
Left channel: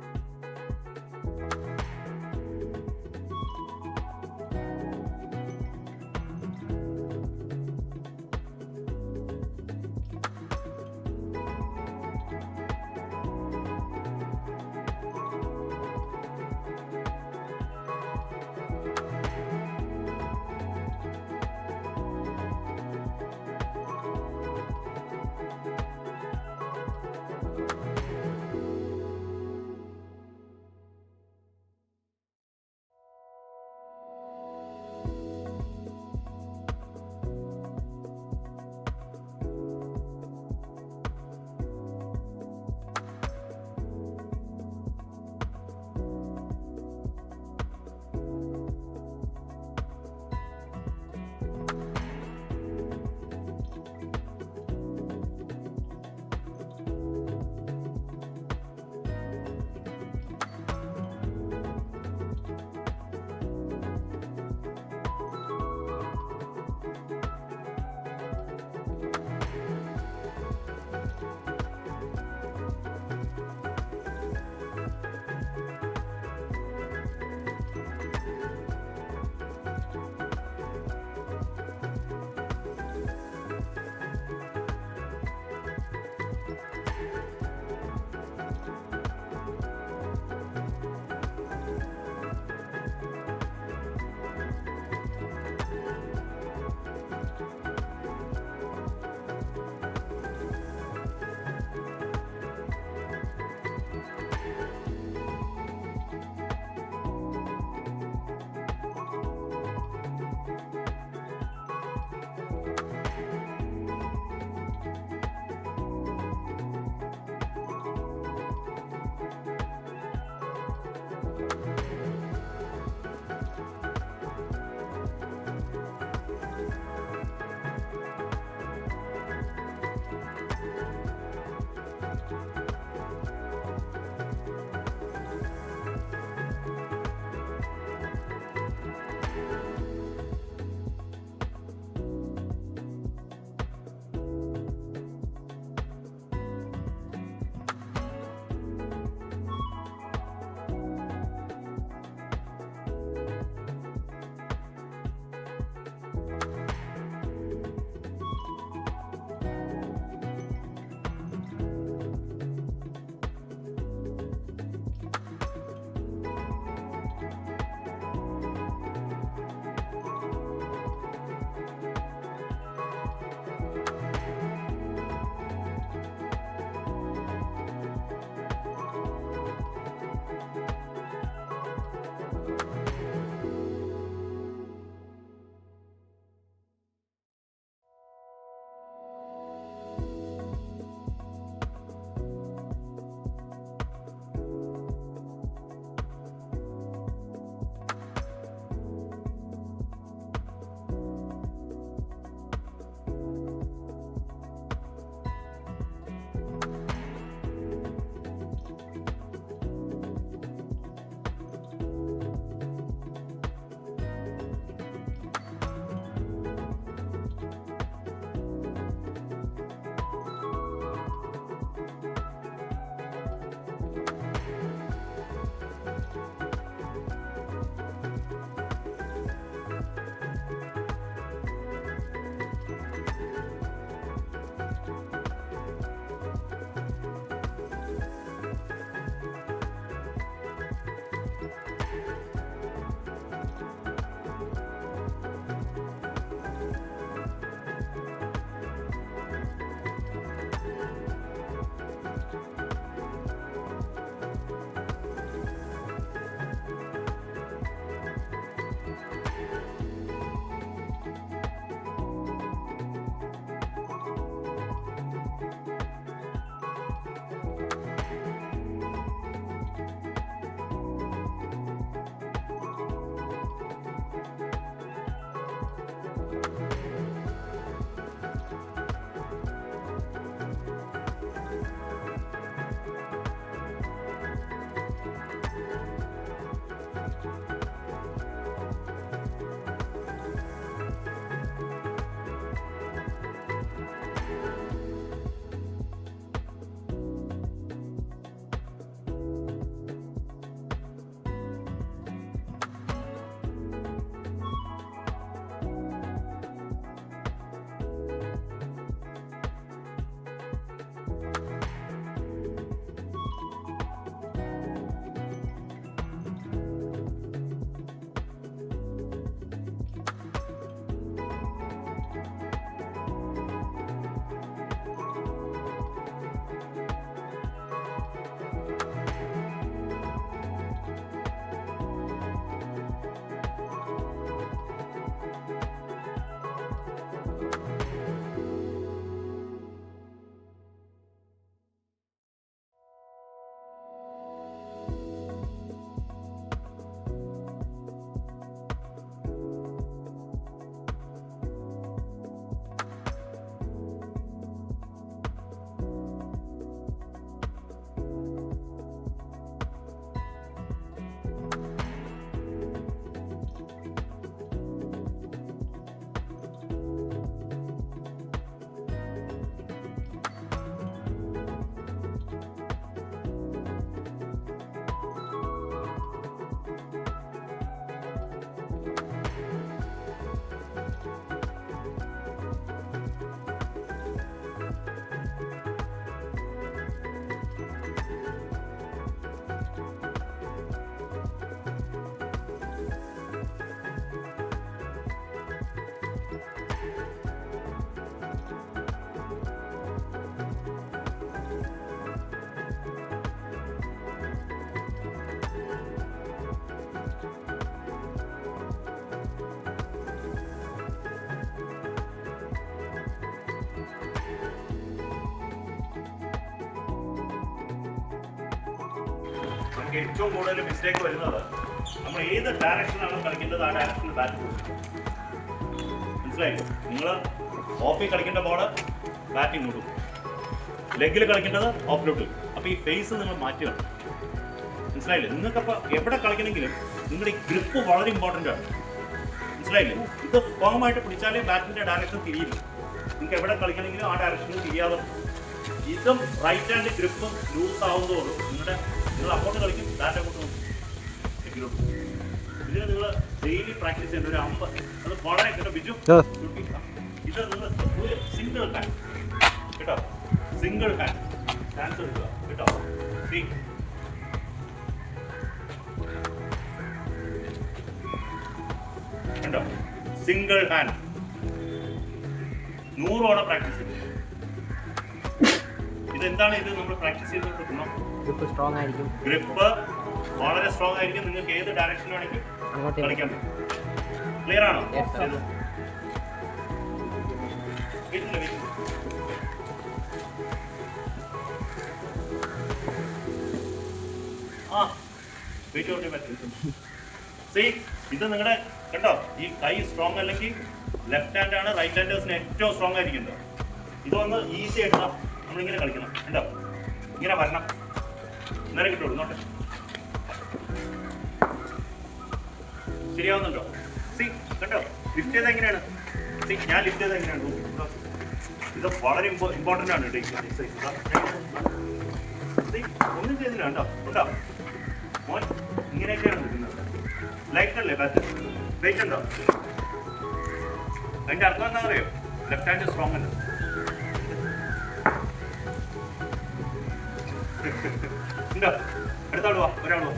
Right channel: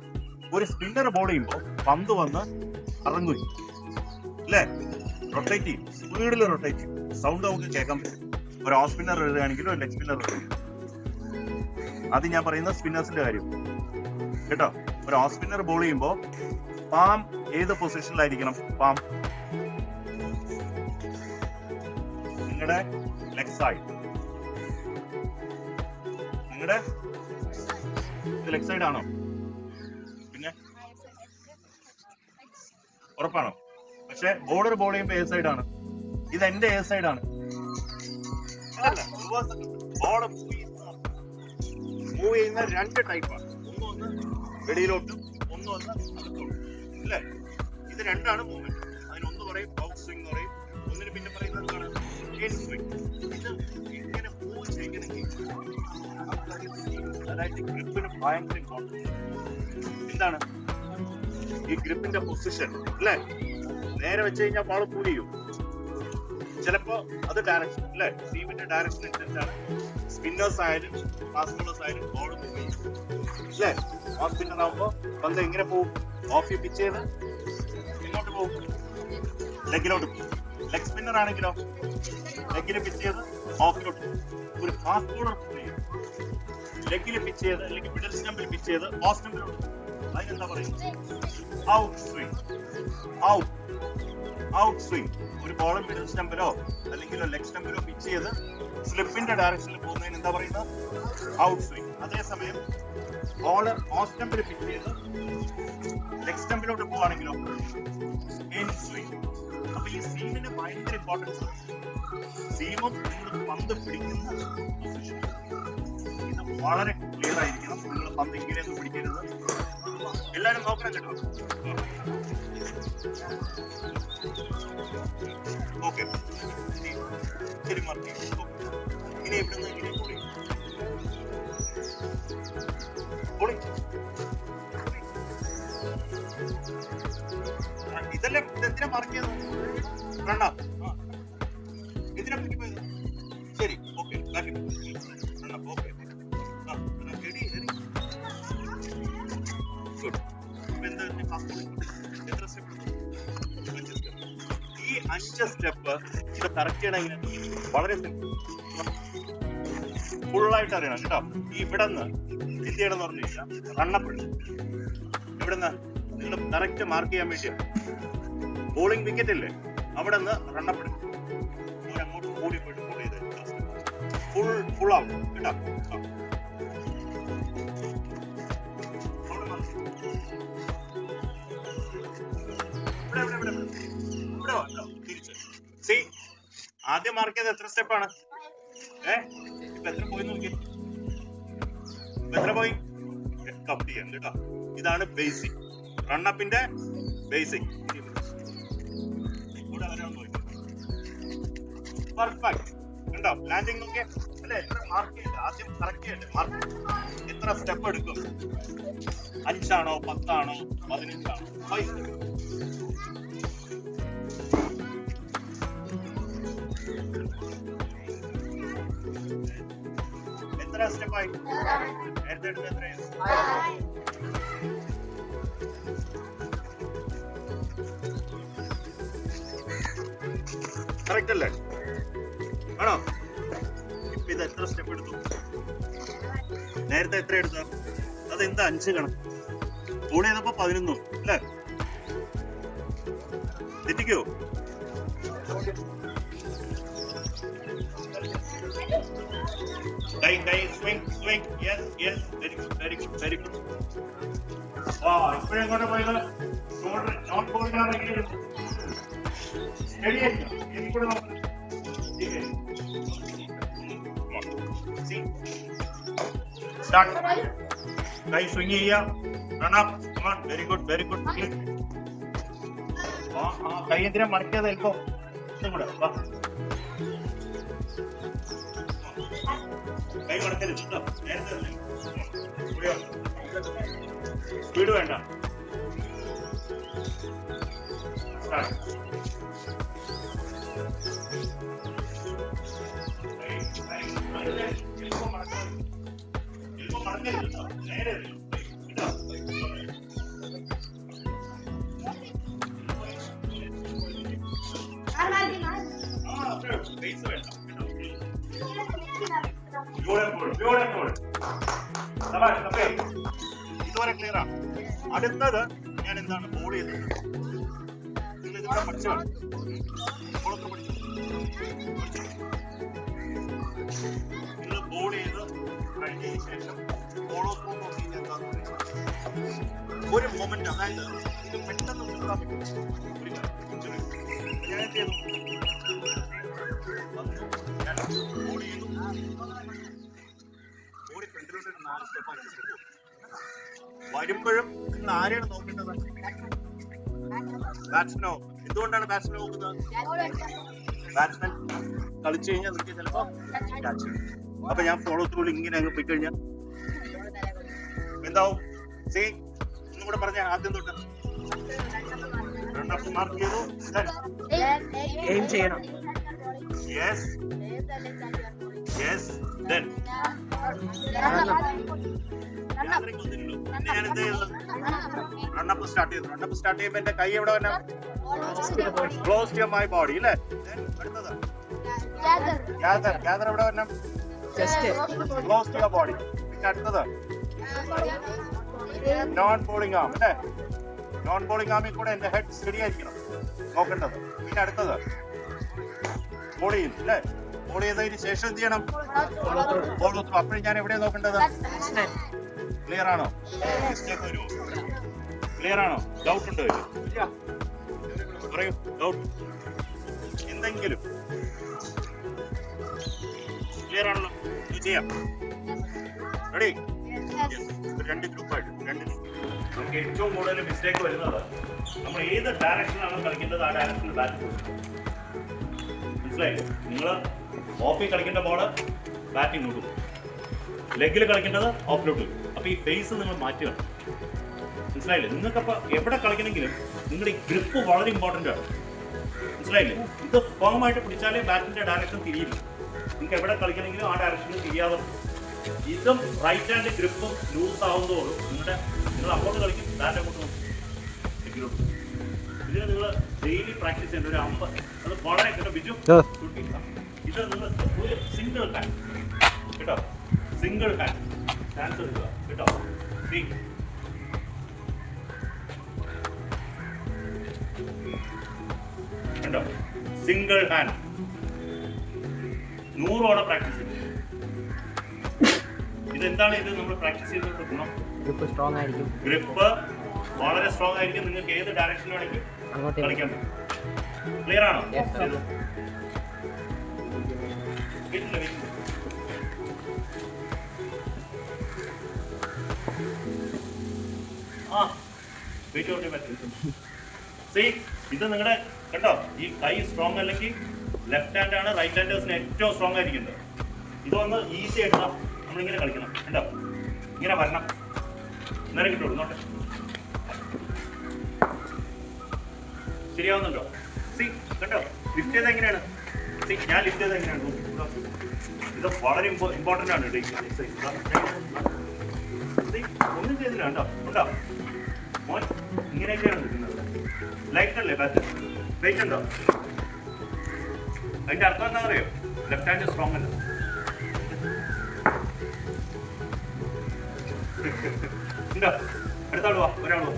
ഒരു സ്പിന്നർ ബോൾ ചെയ്യുമ്പോൾ പന്ത് വന്ന് ഇറങ്ങും അല്ലേ, റൊട്ടേറ്റ് ചെയ്യും, സ്പീഡിൽ റൊട്ടേറ്റ് ചെയ്യും. സൗണ്ട് നമുക്ക് കേൾക്കാൻ പറ്റും. ഒരു ഓഫ് സ്പിന്നർ എഴുതുകയാണെങ്കിലും ഒരു ലെഗ് സ്പിന്നർ എഴുതുകയും. അത് ഞാൻ പറയുന്ന സ്പിന്നേഴ്സിന്റെ കാര്യം കേട്ടോ. ഒരു ഓഫ് സ്പിന്നർ ബോൾ ചെയ്യുമ്പോൾ പാം ഏത് പൊസിഷനിലായിരിക്കണം? പാം നിങ്ങളുടെ ലെഗ് സൈഡ്. നിങ്ങളുടെ ലെഗ് സൈഡ് ആണോ? പിന്നെ ഉറപ്പാണോ? പക്ഷെ ബോർഡർ ബോൾ ചെയ്യുമ്പോൾ ഏത് സൈഡാണ്? ഇത് എന്റെ ഏത് സൈഡാണ്? ബോൾ മൂവ് ചെയ്യുന്ന രണ്ട് ടൈപ്പാണ്. ഒന്ന് വെളിയിലോട്ട്, ഒന്ന് അല്ലേ? ഇത് രണ്ടാണ് മൂവ്മെന്റ്. അതിനൊന്ന് പറയും ഔട്ട് സ്വിംഗ് എന്ന് പറയും, ഒന്നിന് പിന്നെ പറയുന്നത് ഇൻ സ്വിംഗ്. ഇത് ഇങ്ങനെ മൂവ് ചെയ്യണമെങ്കിൽ അതായത് ഗ്രിപ്പിന് ഭയങ്കര ഇമ്പോർട്ടൻസ്. എന്താണ് ഈ ഗ്രിപ്പിന്റെ പൊസിഷൻ അല്ലേ? നേരെ വെച്ച് കഴിഞ്ഞാൽ ബോൾ മൂവ് ചെയ്യും. ചിലപ്പോ അത് ഡയറക്ഷൻ അല്ലേ, സീമിന്റെ ഡയറക്ഷൻ അനുസരിച്ചാണ്. സ്പിന്നേഴ്സ് ആയാലും ഫാസ്റ്റ് ബോളേഴ്സ് ആയാലും ബോൾ മൂവ് ചെയ്യും അല്ലേ? ഓഫ് സ്പിന്നർ ആകുമ്പോ പന്ത് എങ്ങനെ പോകും? ഓഫ് പിച്ച് ചെയ്ത് ഇങ്ങോട്ട് പോകും, ലെഗിലോട്ട് പോകും. ലെഗ് സ്പിന്നർ ആണെങ്കിലോ ലെഗിൽ പിച്ച് ചെയ്ത് ഓഫിലോട്ട് പോകും. ഒരു ഫാസ്റ്റ് ബോളർ ലെഗിൽ പിച്ച് ചെയ്ത് അല്ലെങ്കിൽ മിഡിൽ സ്റ്റംപിൽ പിച്ച് ചെയ്ത് ഓഫ് സ്റ്റംപിലോട്ട് പോകും. അതിനെന്താ പറയുന്നത്? Out swing. Out swing. ഒരു ബോൾ മിഡിൽ സ്റ്റംപിലോ അല്ലെങ്കിൽ ലെഗ് സ്റ്റംപിലോ പിച്ച് ചെയ്ത് സ്ലിപ്പിന്റെ ഡയറക്ഷനിൽ പോകുന്നതിന് എന്താ പറയുന്നത്? Out swing. അതേസമയം ബോൾ ഓഫ് സ്റ്റംപിൽ പിച്ച് ചെയ്ത് ലെഗ് സ്റ്റംപിലോട്ട് പോവാണെങ്കിലോ ഇൻ സ്വിംഗ്. അപ്പൊ ഈ സീമിന് ഭയങ്കര ഇമ്പോർട്ടൻസ്. സീമും പന്ത് പിടിക്കുന്ന ഇത് വളരെ ക്ലിയർ ആയിരിക്കണം. നിങ്ങൾ പന്ത് ഇങ്ങനെയൊന്നും പിടിക്കരുത്. എല്ലാവരും നോക്കണം കേട്ടോ. ഓക്കെ, ശരി മതി. ഇനി ഇവിടുന്ന് ഇതെല്ലാം എന്തിനാ മാർക്ക് ചെയ്തത്? റണ്ണ എന്തിനാ പറ്റി പോയത്? ശരി, ഓക്കെ, ഈ 5 സ്റ്റെപ്പ് ഇത് കറക്റ്റ് ചെയ്യണമെങ്കിൽ വളരെ സിമ്പിൾ. ഫുള്ളായിട്ട് അറിയണം കേട്ടോ. ഈ ഇവിടെ നിന്ന് എന്ത് ചെയ്യണം എന്ന് പറഞ്ഞു കഴിഞ്ഞാൽ റണ്ണപ്പിടും. ഇവിടുന്ന് നിങ്ങൾ കറക്റ്റ് മാർക്ക് ചെയ്യാൻ വേണ്ടി ബോളിംഗ് വിക്കറ്റ് ഇല്ലേ, അവിടെ നിന്ന് റണ്ണപ്പിടും. അങ്ങോട്ട് ഓടിപ്പെടും. ഫുൾ ആവും കേട്ടോ. ആദ്യം മാർക്ക് ചെയ്ത് എത്ര സ്റ്റെപ്പാണ്? ഇപ്പൊ എത്ര പോയി നോക്കി? എത്ര പോയി? കൗണ്ട് ചെയ്യാൻ കേട്ടോ. ഇതാണ് ബേസിക്, റണ്ണപ്പിന്റെ ബേസിക്. പെർഫെക്റ്റ് ഉണ്ടോ? ലാൻഡിങ് നോക്കിയേ അല്ലെ? മാർക്ക് ചെയ്ത് ആദ്യം കറക്റ്റ് ചെയ്യണ്ടേ? മാർക്ക് എത്ര സ്റ്റെപ്പ് എടുക്കും? 5 ആണോ 10 ആണോ 15 ആണോ? 5 സ്റ്റെപ്പായി നേരത്തെ എടുത്ത് എത്രയാണ്? കറക്റ്റ് അല്ലേ? ആണോ? ഇപ്പൊ ഇത് എത്ര സ്റ്റെപ്പ് എടുത്തു? നേരത്തെ എത്ര എടുത്ത? അതെന്താ 5 കണക്ക്? ബോൾ ചെയ്തപ്പോ 11 അല്ലേ? തെറ്റിക്കോ? Swing. Yes. Very ഇപ്പോഴെങ്ങോട്ട് പോയത് നോട്ട് പോയിട്ടാണെങ്കിലും ശരിയായിരിക്കും. എനിക്കൂടെ നോക്കാം. Start. കൈ സ്വിങ് ചെയ്യാം. Run up. Come on. Very good. Very good. കൈ എന്തിനാ മറിക്കാതെ എൽപ്പോ ഒന്നും കൂടെ കൈ മറക്കരുത്. സ്പീഡ് വേണ്ട. ഇതുവരെ ക്ലിയർ ആണ്. അടുത്തത് ഞാൻ എന്താണ് ബോൾ ചെയ്തത് പഠിച്ചാണ് ബോൾ ചെയ്ത് കഴിഞ്ഞതിന് ശേഷം ഒരു മൊമെന്റ്, അതായത് പെട്ടെന്ന് വരുമ്പോഴും ഇന്ന് ആരെയാണ് നോക്കേണ്ടത്? ബാറ്റ്സ്മാനോ? എന്തുകൊണ്ടാണ് ബാറ്റ്സ്മാൻ നോക്കുന്നത്? ബാറ്റ്സ്മാൻ കളിച്ചു കഴിഞ്ഞാൽ നിങ്ങൾക്ക് ചിലപ്പോ അപ്പൊ ഞാൻ ഫോളോ ത്രൂ ഇങ്ങനെ അങ്ങ് പോയി കഴിഞ്ഞാൽ എന്താവും? സീ ഒന്നും കൂടെ പറഞ്ഞ ആദ്യം തൊട്ട് മാർക്ക് ചെയ്തു yes yes then run up start ചെയ്തു. റണ്ണപ്പ് സ്റ്റാർട്ട് ചെയ്യുമ്പോൾ എന്റെ കൈ എവിടെ വരണം? ക്ലോസ് ടു മൈ ബോഡി അല്ലേ? അടുത്തത് ഗ്യാദർ. ഗ്യാദർ എവിടെ വരണം? Close to your body. പിന്നെ അടുത്തത് നോൺ ബോളിംഗ് ആം അല്ലേ? നോൺ ബോളിംഗ് ആമിൽ കൂടെ എന്റെ ഹെഡ് സ്റ്റഡി ആയിരിക്കണം നോക്കേണ്ടത്. പിന്നെ അടുത്തത് ബോൾ ചെയ്യും അല്ലേ? ബോൾ ചെയ്തതിന് ശേഷം എന്ത് ചെയ്യണം? ബോൾ നോക്കും. അപ്പോഴും ഞാൻ എവിടെയാണ് നോക്കേണ്ടത്? ക്ലിയർ ആണോ? മിസ്റ്റേക്ക് വരുമോ? ക്ലിയർ ആണോ? ഡൗട്ട് ഉണ്ടോ? പറയൂ. ഡൗട്ട് എന്തെങ്കിലും? ക്ലിയർ ആണല്ലോ? ചെയ്യാം. റെഡി? രണ്ട് ഗ്രൂപ്പായിട്ട് നമുക്ക് ഏറ്റവും കൂടുതൽ മിസ്റ്റേക്ക് വരുന്നത് നമ്മൾ ഏത് ഡയറക്ഷനാണ് കളിക്കേണ്ടത് ആ ഡയറക്ഷനിൽ ബാറ്റ് കൊടുക്കും. മനസ്സിലായില്ലേ? നിങ്ങൾ ഓഫിൽ കളിക്കേണ്ട ബോള് ബാറ്റിംഗ് കൊടുക്കും, ലെഗിൽ കളിക്കേണ്ടത് ഓഫിലോട്ട്. അപ്പൊ ഈ ഫേസ് നിങ്ങൾ മാറ്റുകയാണ്. മനസ്സിലായില്ലേ? നിങ്ങൾക്കപ്പോൾ എവിടെ കളിക്കണമെങ്കിലും നിങ്ങളുടെ ഈ ഗ്രിപ്പ് വളരെ ഇമ്പോർട്ടൻ്റ് ആണ്. മനസ്സിലായില്ലേ? ഇത് ഫേമായിട്ട് പിടിച്ചാലേ ബാറ്റിന്റെ ഡയറക്ഷൻ തിരിയില്ല. നിങ്ങൾക്ക് എവിടെ കളിക്കണമെങ്കിലും ആ ഡയറക്ഷനിൽ തിരിയാതെ ഇതും റൈറ്റ് ഹാൻഡ് ഗ്രിപ്പും ലൂസ് ആവുന്നതോടും നിങ്ങൾ അങ്ങോട്ട് കളിക്കും, ബാറ്റ് അങ്ങോട്ട് നോക്കും. ഇതിന് നിങ്ങൾ ഡെയിലി പ്രാക്ടീസ് ചെയ്യേണ്ട ഒരു 50 അത് വളരെ കേട്ടോ ബിജു. ഇത് നിങ്ങൾ ഒരു സിംഗിൾ ഹാൻഡ് കേട്ടോ, സിംഗിൾ ഹാൻഡ് ചാൻസ് എടുക്കുക കേട്ടോ. കണ്ടോ? സിംഗിൾ ഹാൻഡ് 100 തവണ പ്രാക്ടീസ് ചെയ്തു. ഇതെന്താണ് ഇത് നമ്മൾ പ്രാക്ടീസ് ചെയ്തിട്ട് ഗുണം? ഗ്രിപ്പ് സ്ട്രോങ് ആയിരിക്കും. ഗ്രിപ്പ് വളരെ സ്ട്രോങ് ആയിരിക്കും. നിങ്ങൾക്ക് ഏത് ഡയറക്ഷൻ വേണമെങ്കിലും കളിക്കാൻ പറ്റും. ക്ലിയർ ആണോ? ഇത് നിങ്ങളുടെ കണ്ടോ, ഈ കൈ സ്ട്രോങ് അല്ലെങ്കിൽ ലെഫ്റ്റ് ഹാൻഡ് ആണ് റൈറ്റ് ഹാൻഡേഴ്സിന് ഏറ്റവും സ്ട്രോങ് ആയിരിക്കുന്നത്. ഇതൊന്ന് ഈസി ആയിട്ട് നമ്മളിങ്ങനെ കളിക്കണം. കണ്ടോ, ഇങ്ങനെ വരണം, നേരെ കിട്ടുള്ളൂ. നോട്ടെ, ശരിയാവുന്നുണ്ടോ? സി കണ്ടോ, ലിഫ്റ്റ് ചെയ്ത് എങ്ങനെയാണ്? സി ഞാൻ ലിഫ്റ്റ് ചെയ്ത് എങ്ങനെയാണ്? ഇത് വളരെ ഇമ്പോർട്ടൻ്റ് ആണ് കേട്ടോ. ഒന്നും ചെയ്തില്ല. കണ്ടോ ഉണ്ടോ മോൻ, ഇങ്ങനെയൊക്കെയാണ് നിൽക്കുന്നത്. ലൈറ്റ് അല്ലേ ബാറ്റ്? വെയിറ്റ് ഉണ്ടോ? അതിന്റെ അർത്ഥം എന്താ അറിയോ? ലെഫ്റ്റ് ഹാൻഡ് സ്ട്രോങ് അല്ല. ഉണ്ടോ? അടുത്താൾ വാ, ഒരാൾ വാ.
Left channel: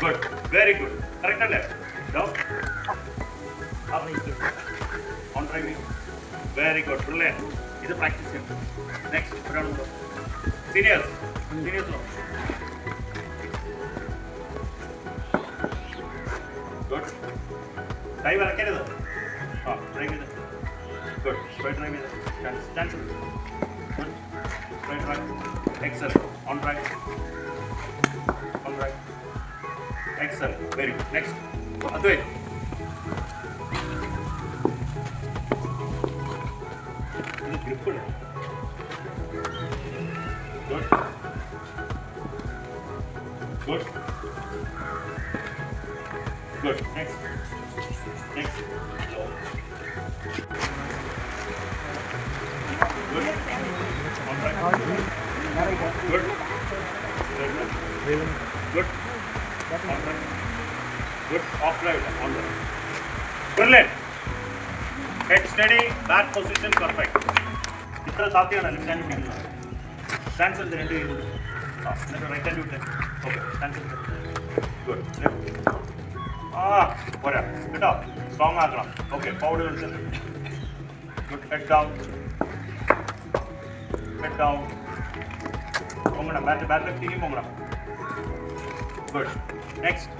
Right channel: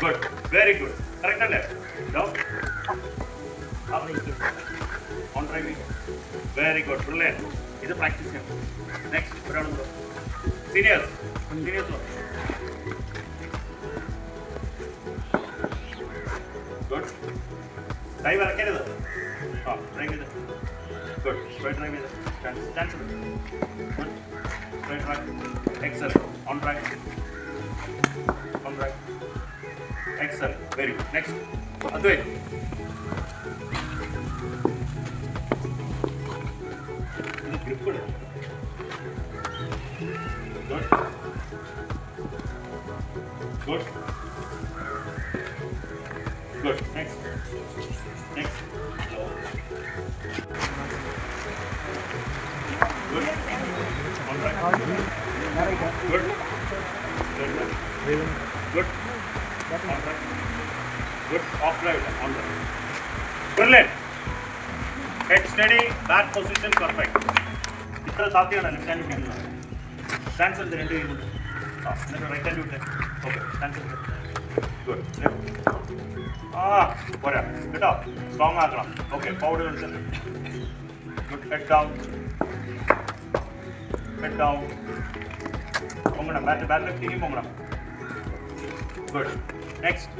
Good, very good. കറക്റ്റ് അല്ലേ? On driving very good brilliant. ഇത് പ്രാക്ടീസ് ചെയ്യണം. നെക്സ്റ്റ് ഒരാളുണ്ടോ? Seniors good. കൈ വരക്കരുത്. ആ ഡ്രൈവ് ചെയ്ത് ഗുഡ്. സ്ട്രൈറ്റ് ഡ്രൈവ് ചെയ്ത് chance good. Straight right excellent. On right on right excellent. Very good. Next Advait. ഇത് grip good. Good. Good. Next. Next. Good. On right. Good. Good. Good. On right. Good. Off right. On right. Brilliant. Head steady. Back position perfect. ഇത്ര സാധ്യമാണ് left hand പിടിക്കുന്നത്. Stance എടുത്ത് രണ്ട് കൈ കൊണ്ട് എന്നിട്ട് right hand വിട്ടെ. ഓക്കെ സ്റ്റാൻസ് എടുത്ത് ഗുഡ്. പോരാ കേട്ടോ, സ്ട്രോങ് ആക്കണം. ഓക്കെ ഫോർവേഡ് കളിച്ച് good. Head down head down. പൊങ്ങണം, ബാറ്റ് ലെഫ്റ്റിലേക്ക് പൊങ്ങണം. ഗുഡ്. നെക്സ്റ്റ്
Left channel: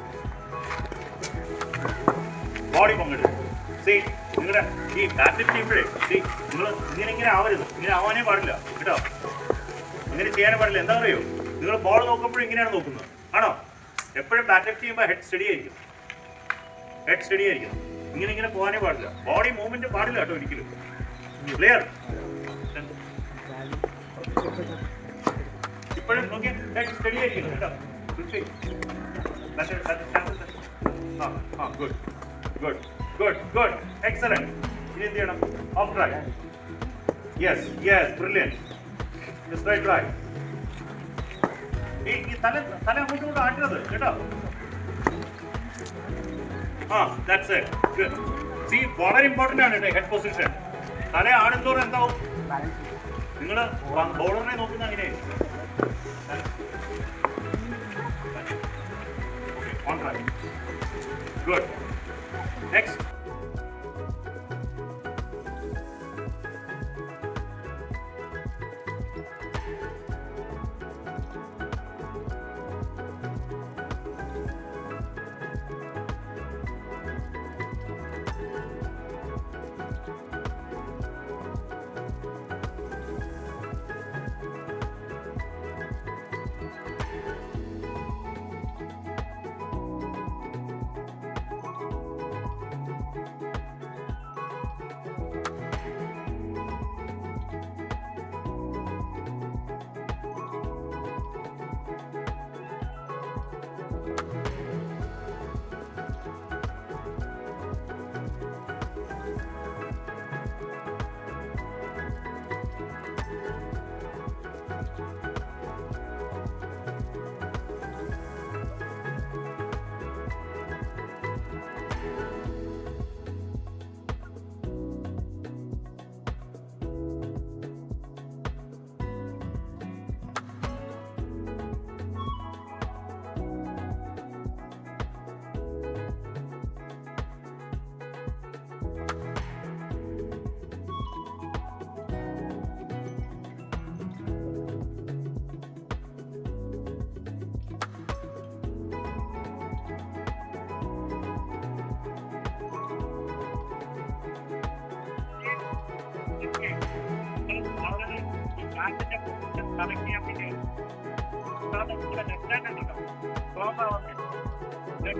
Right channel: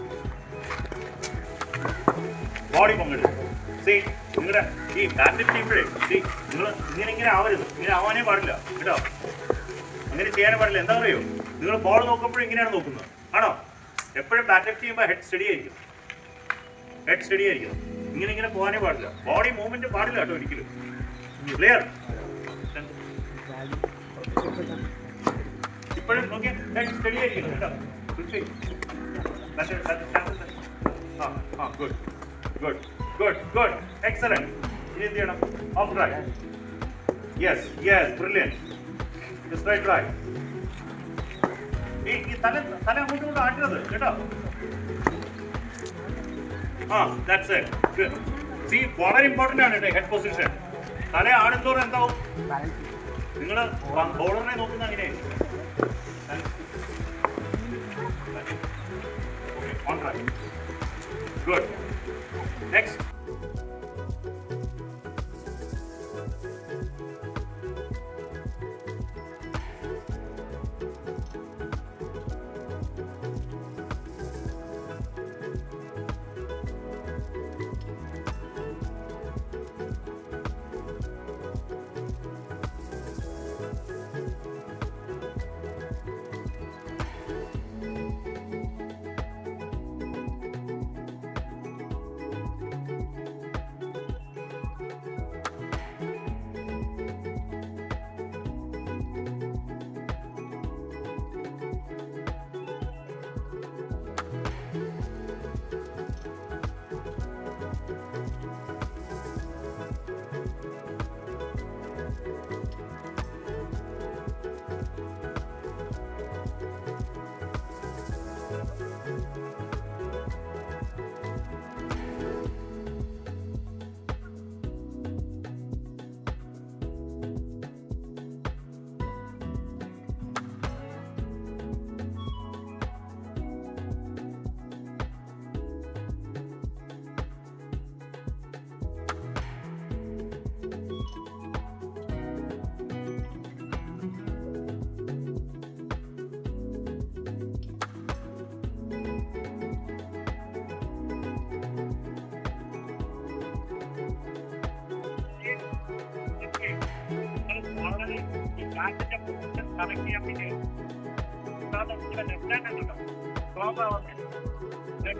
ബോഡി പൊങ്ങരുത്. സീ നിങ്ങളുടെ ഈ ബാറ്റ് ചെയ്യുമ്പോഴേ നിങ്ങൾ ഇങ്ങനെ ആവരുത്. ഇങ്ങനെ ആവാനേ പാടില്ല കേട്ടോ, അങ്ങനെ ചെയ്യാനേ പാടില്ല. എന്താ പറയുമോ, നിങ്ങൾ ബോൾ നോക്കുമ്പോഴും ഇങ്ങനെയാണ് നോക്കുന്നത് ആണോ? എപ്പോഴും ബാറ്റ് ലെഫ്റ്റ് ചെയ്യുമ്പോൾ ഹെഡ് സ്റ്റഡി ആയിരിക്കും. ഹെഡ് സ്റ്റഡി ആയിരിക്കും. ഇങ്ങനെ പോകാനേ പാടില്ല. ബോഡി മൂവ്മെന്റ് പാടില്ല കേട്ടോ ഒരിക്കലും. ക്ലിയർ? ഇപ്പോഴും നോക്കിയാൽ ഹെഡ് സ്റ്റഡി ആയിരിക്കും കേട്ടോ. Good good good good excellent. ഇനി എന്ത് ചെയ്യണം? Off right. Yes yes brilliant. Straight right. ഈ തല അങ്ങോട്ടും ഇങ്ങോട്ടും ആട്ടരുത് കേട്ടോ. That's it. ഗുഡ്. സീ വളരെ ഇമ്പോർട്ടൻ്റ് ആണ് കേട്ടോ ഹെഡ് പൊസിഷൻ. തല ആടുന്നതോറും എന്താവും? നിങ്ങൾ ബോളറിനെ നോക്കുന്ന അങ്ങനെയായിരിക്കും. On right. Good. Next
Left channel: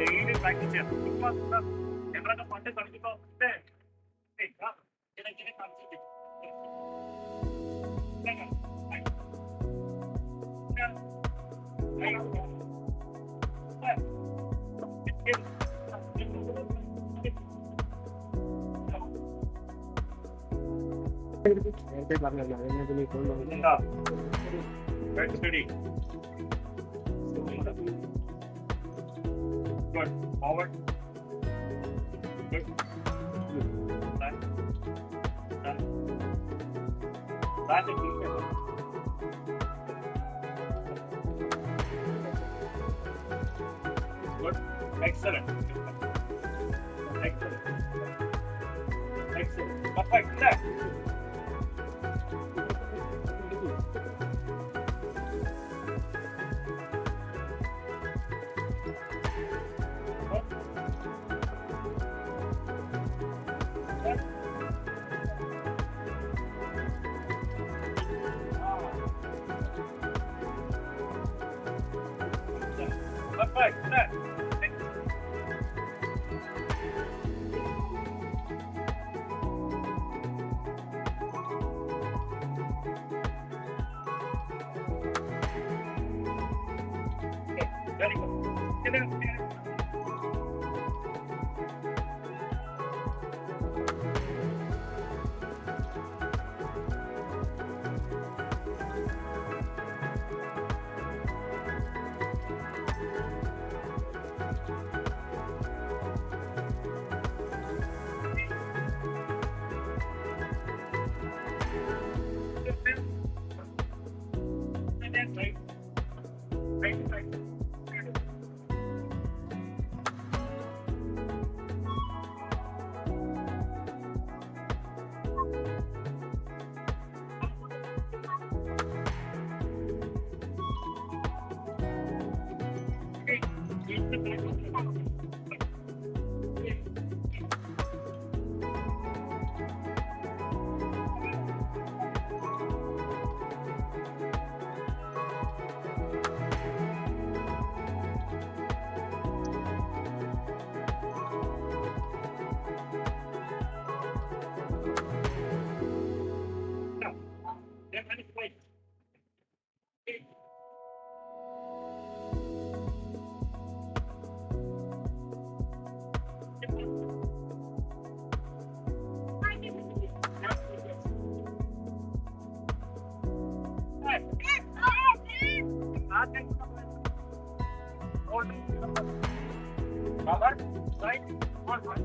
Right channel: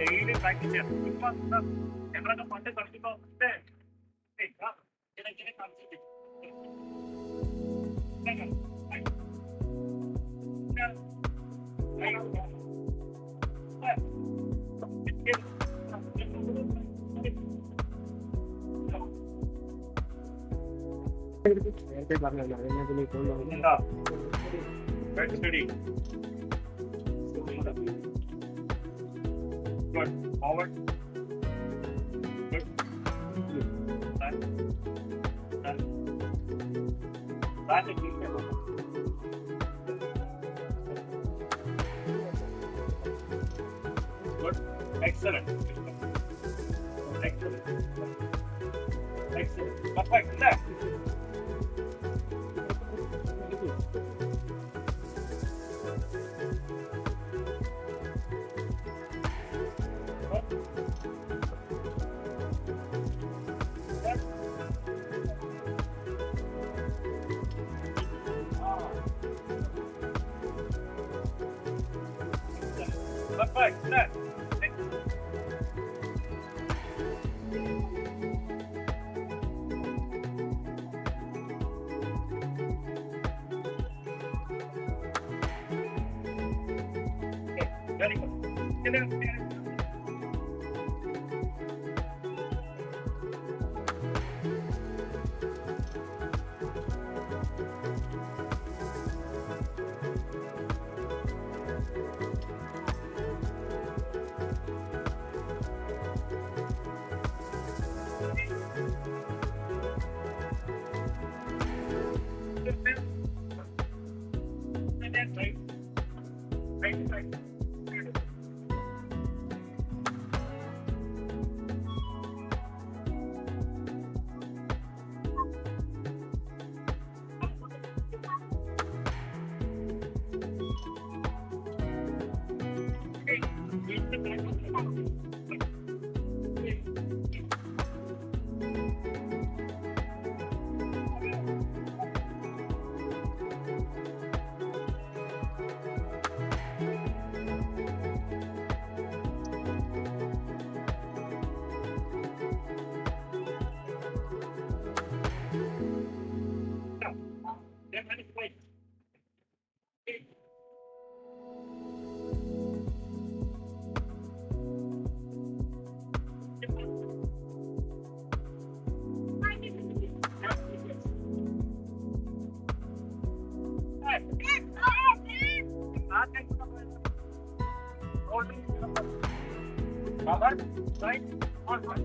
daily practice ചെയ്യാം. ഇപ്പൊ ഞങ്ങളൊക്കെ പണ്ട് കളിക്കുമ്പോ നേരത്തെ പറഞ്ഞല്ലോ steady. Good. Forward. Good. Back. Back. Back. Good. Excellent. Excellent. Excellent. Perfect. Left. Very good. Right. Robert, right? On one.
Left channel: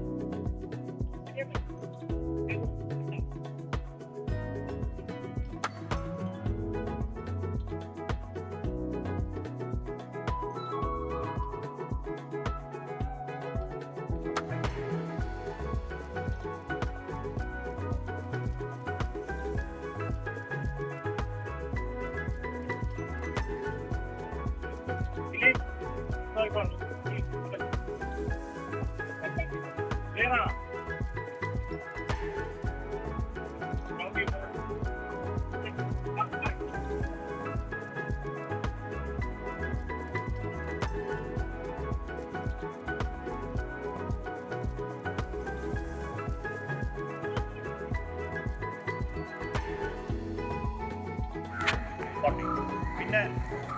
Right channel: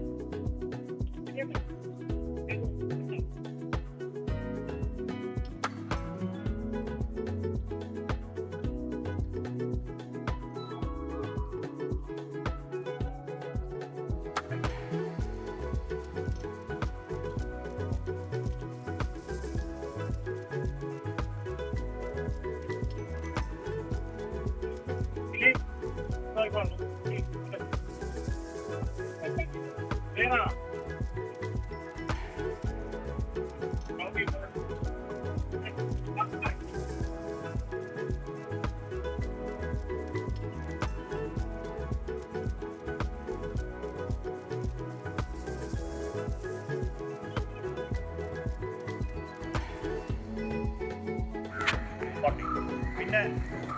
പിന്നെ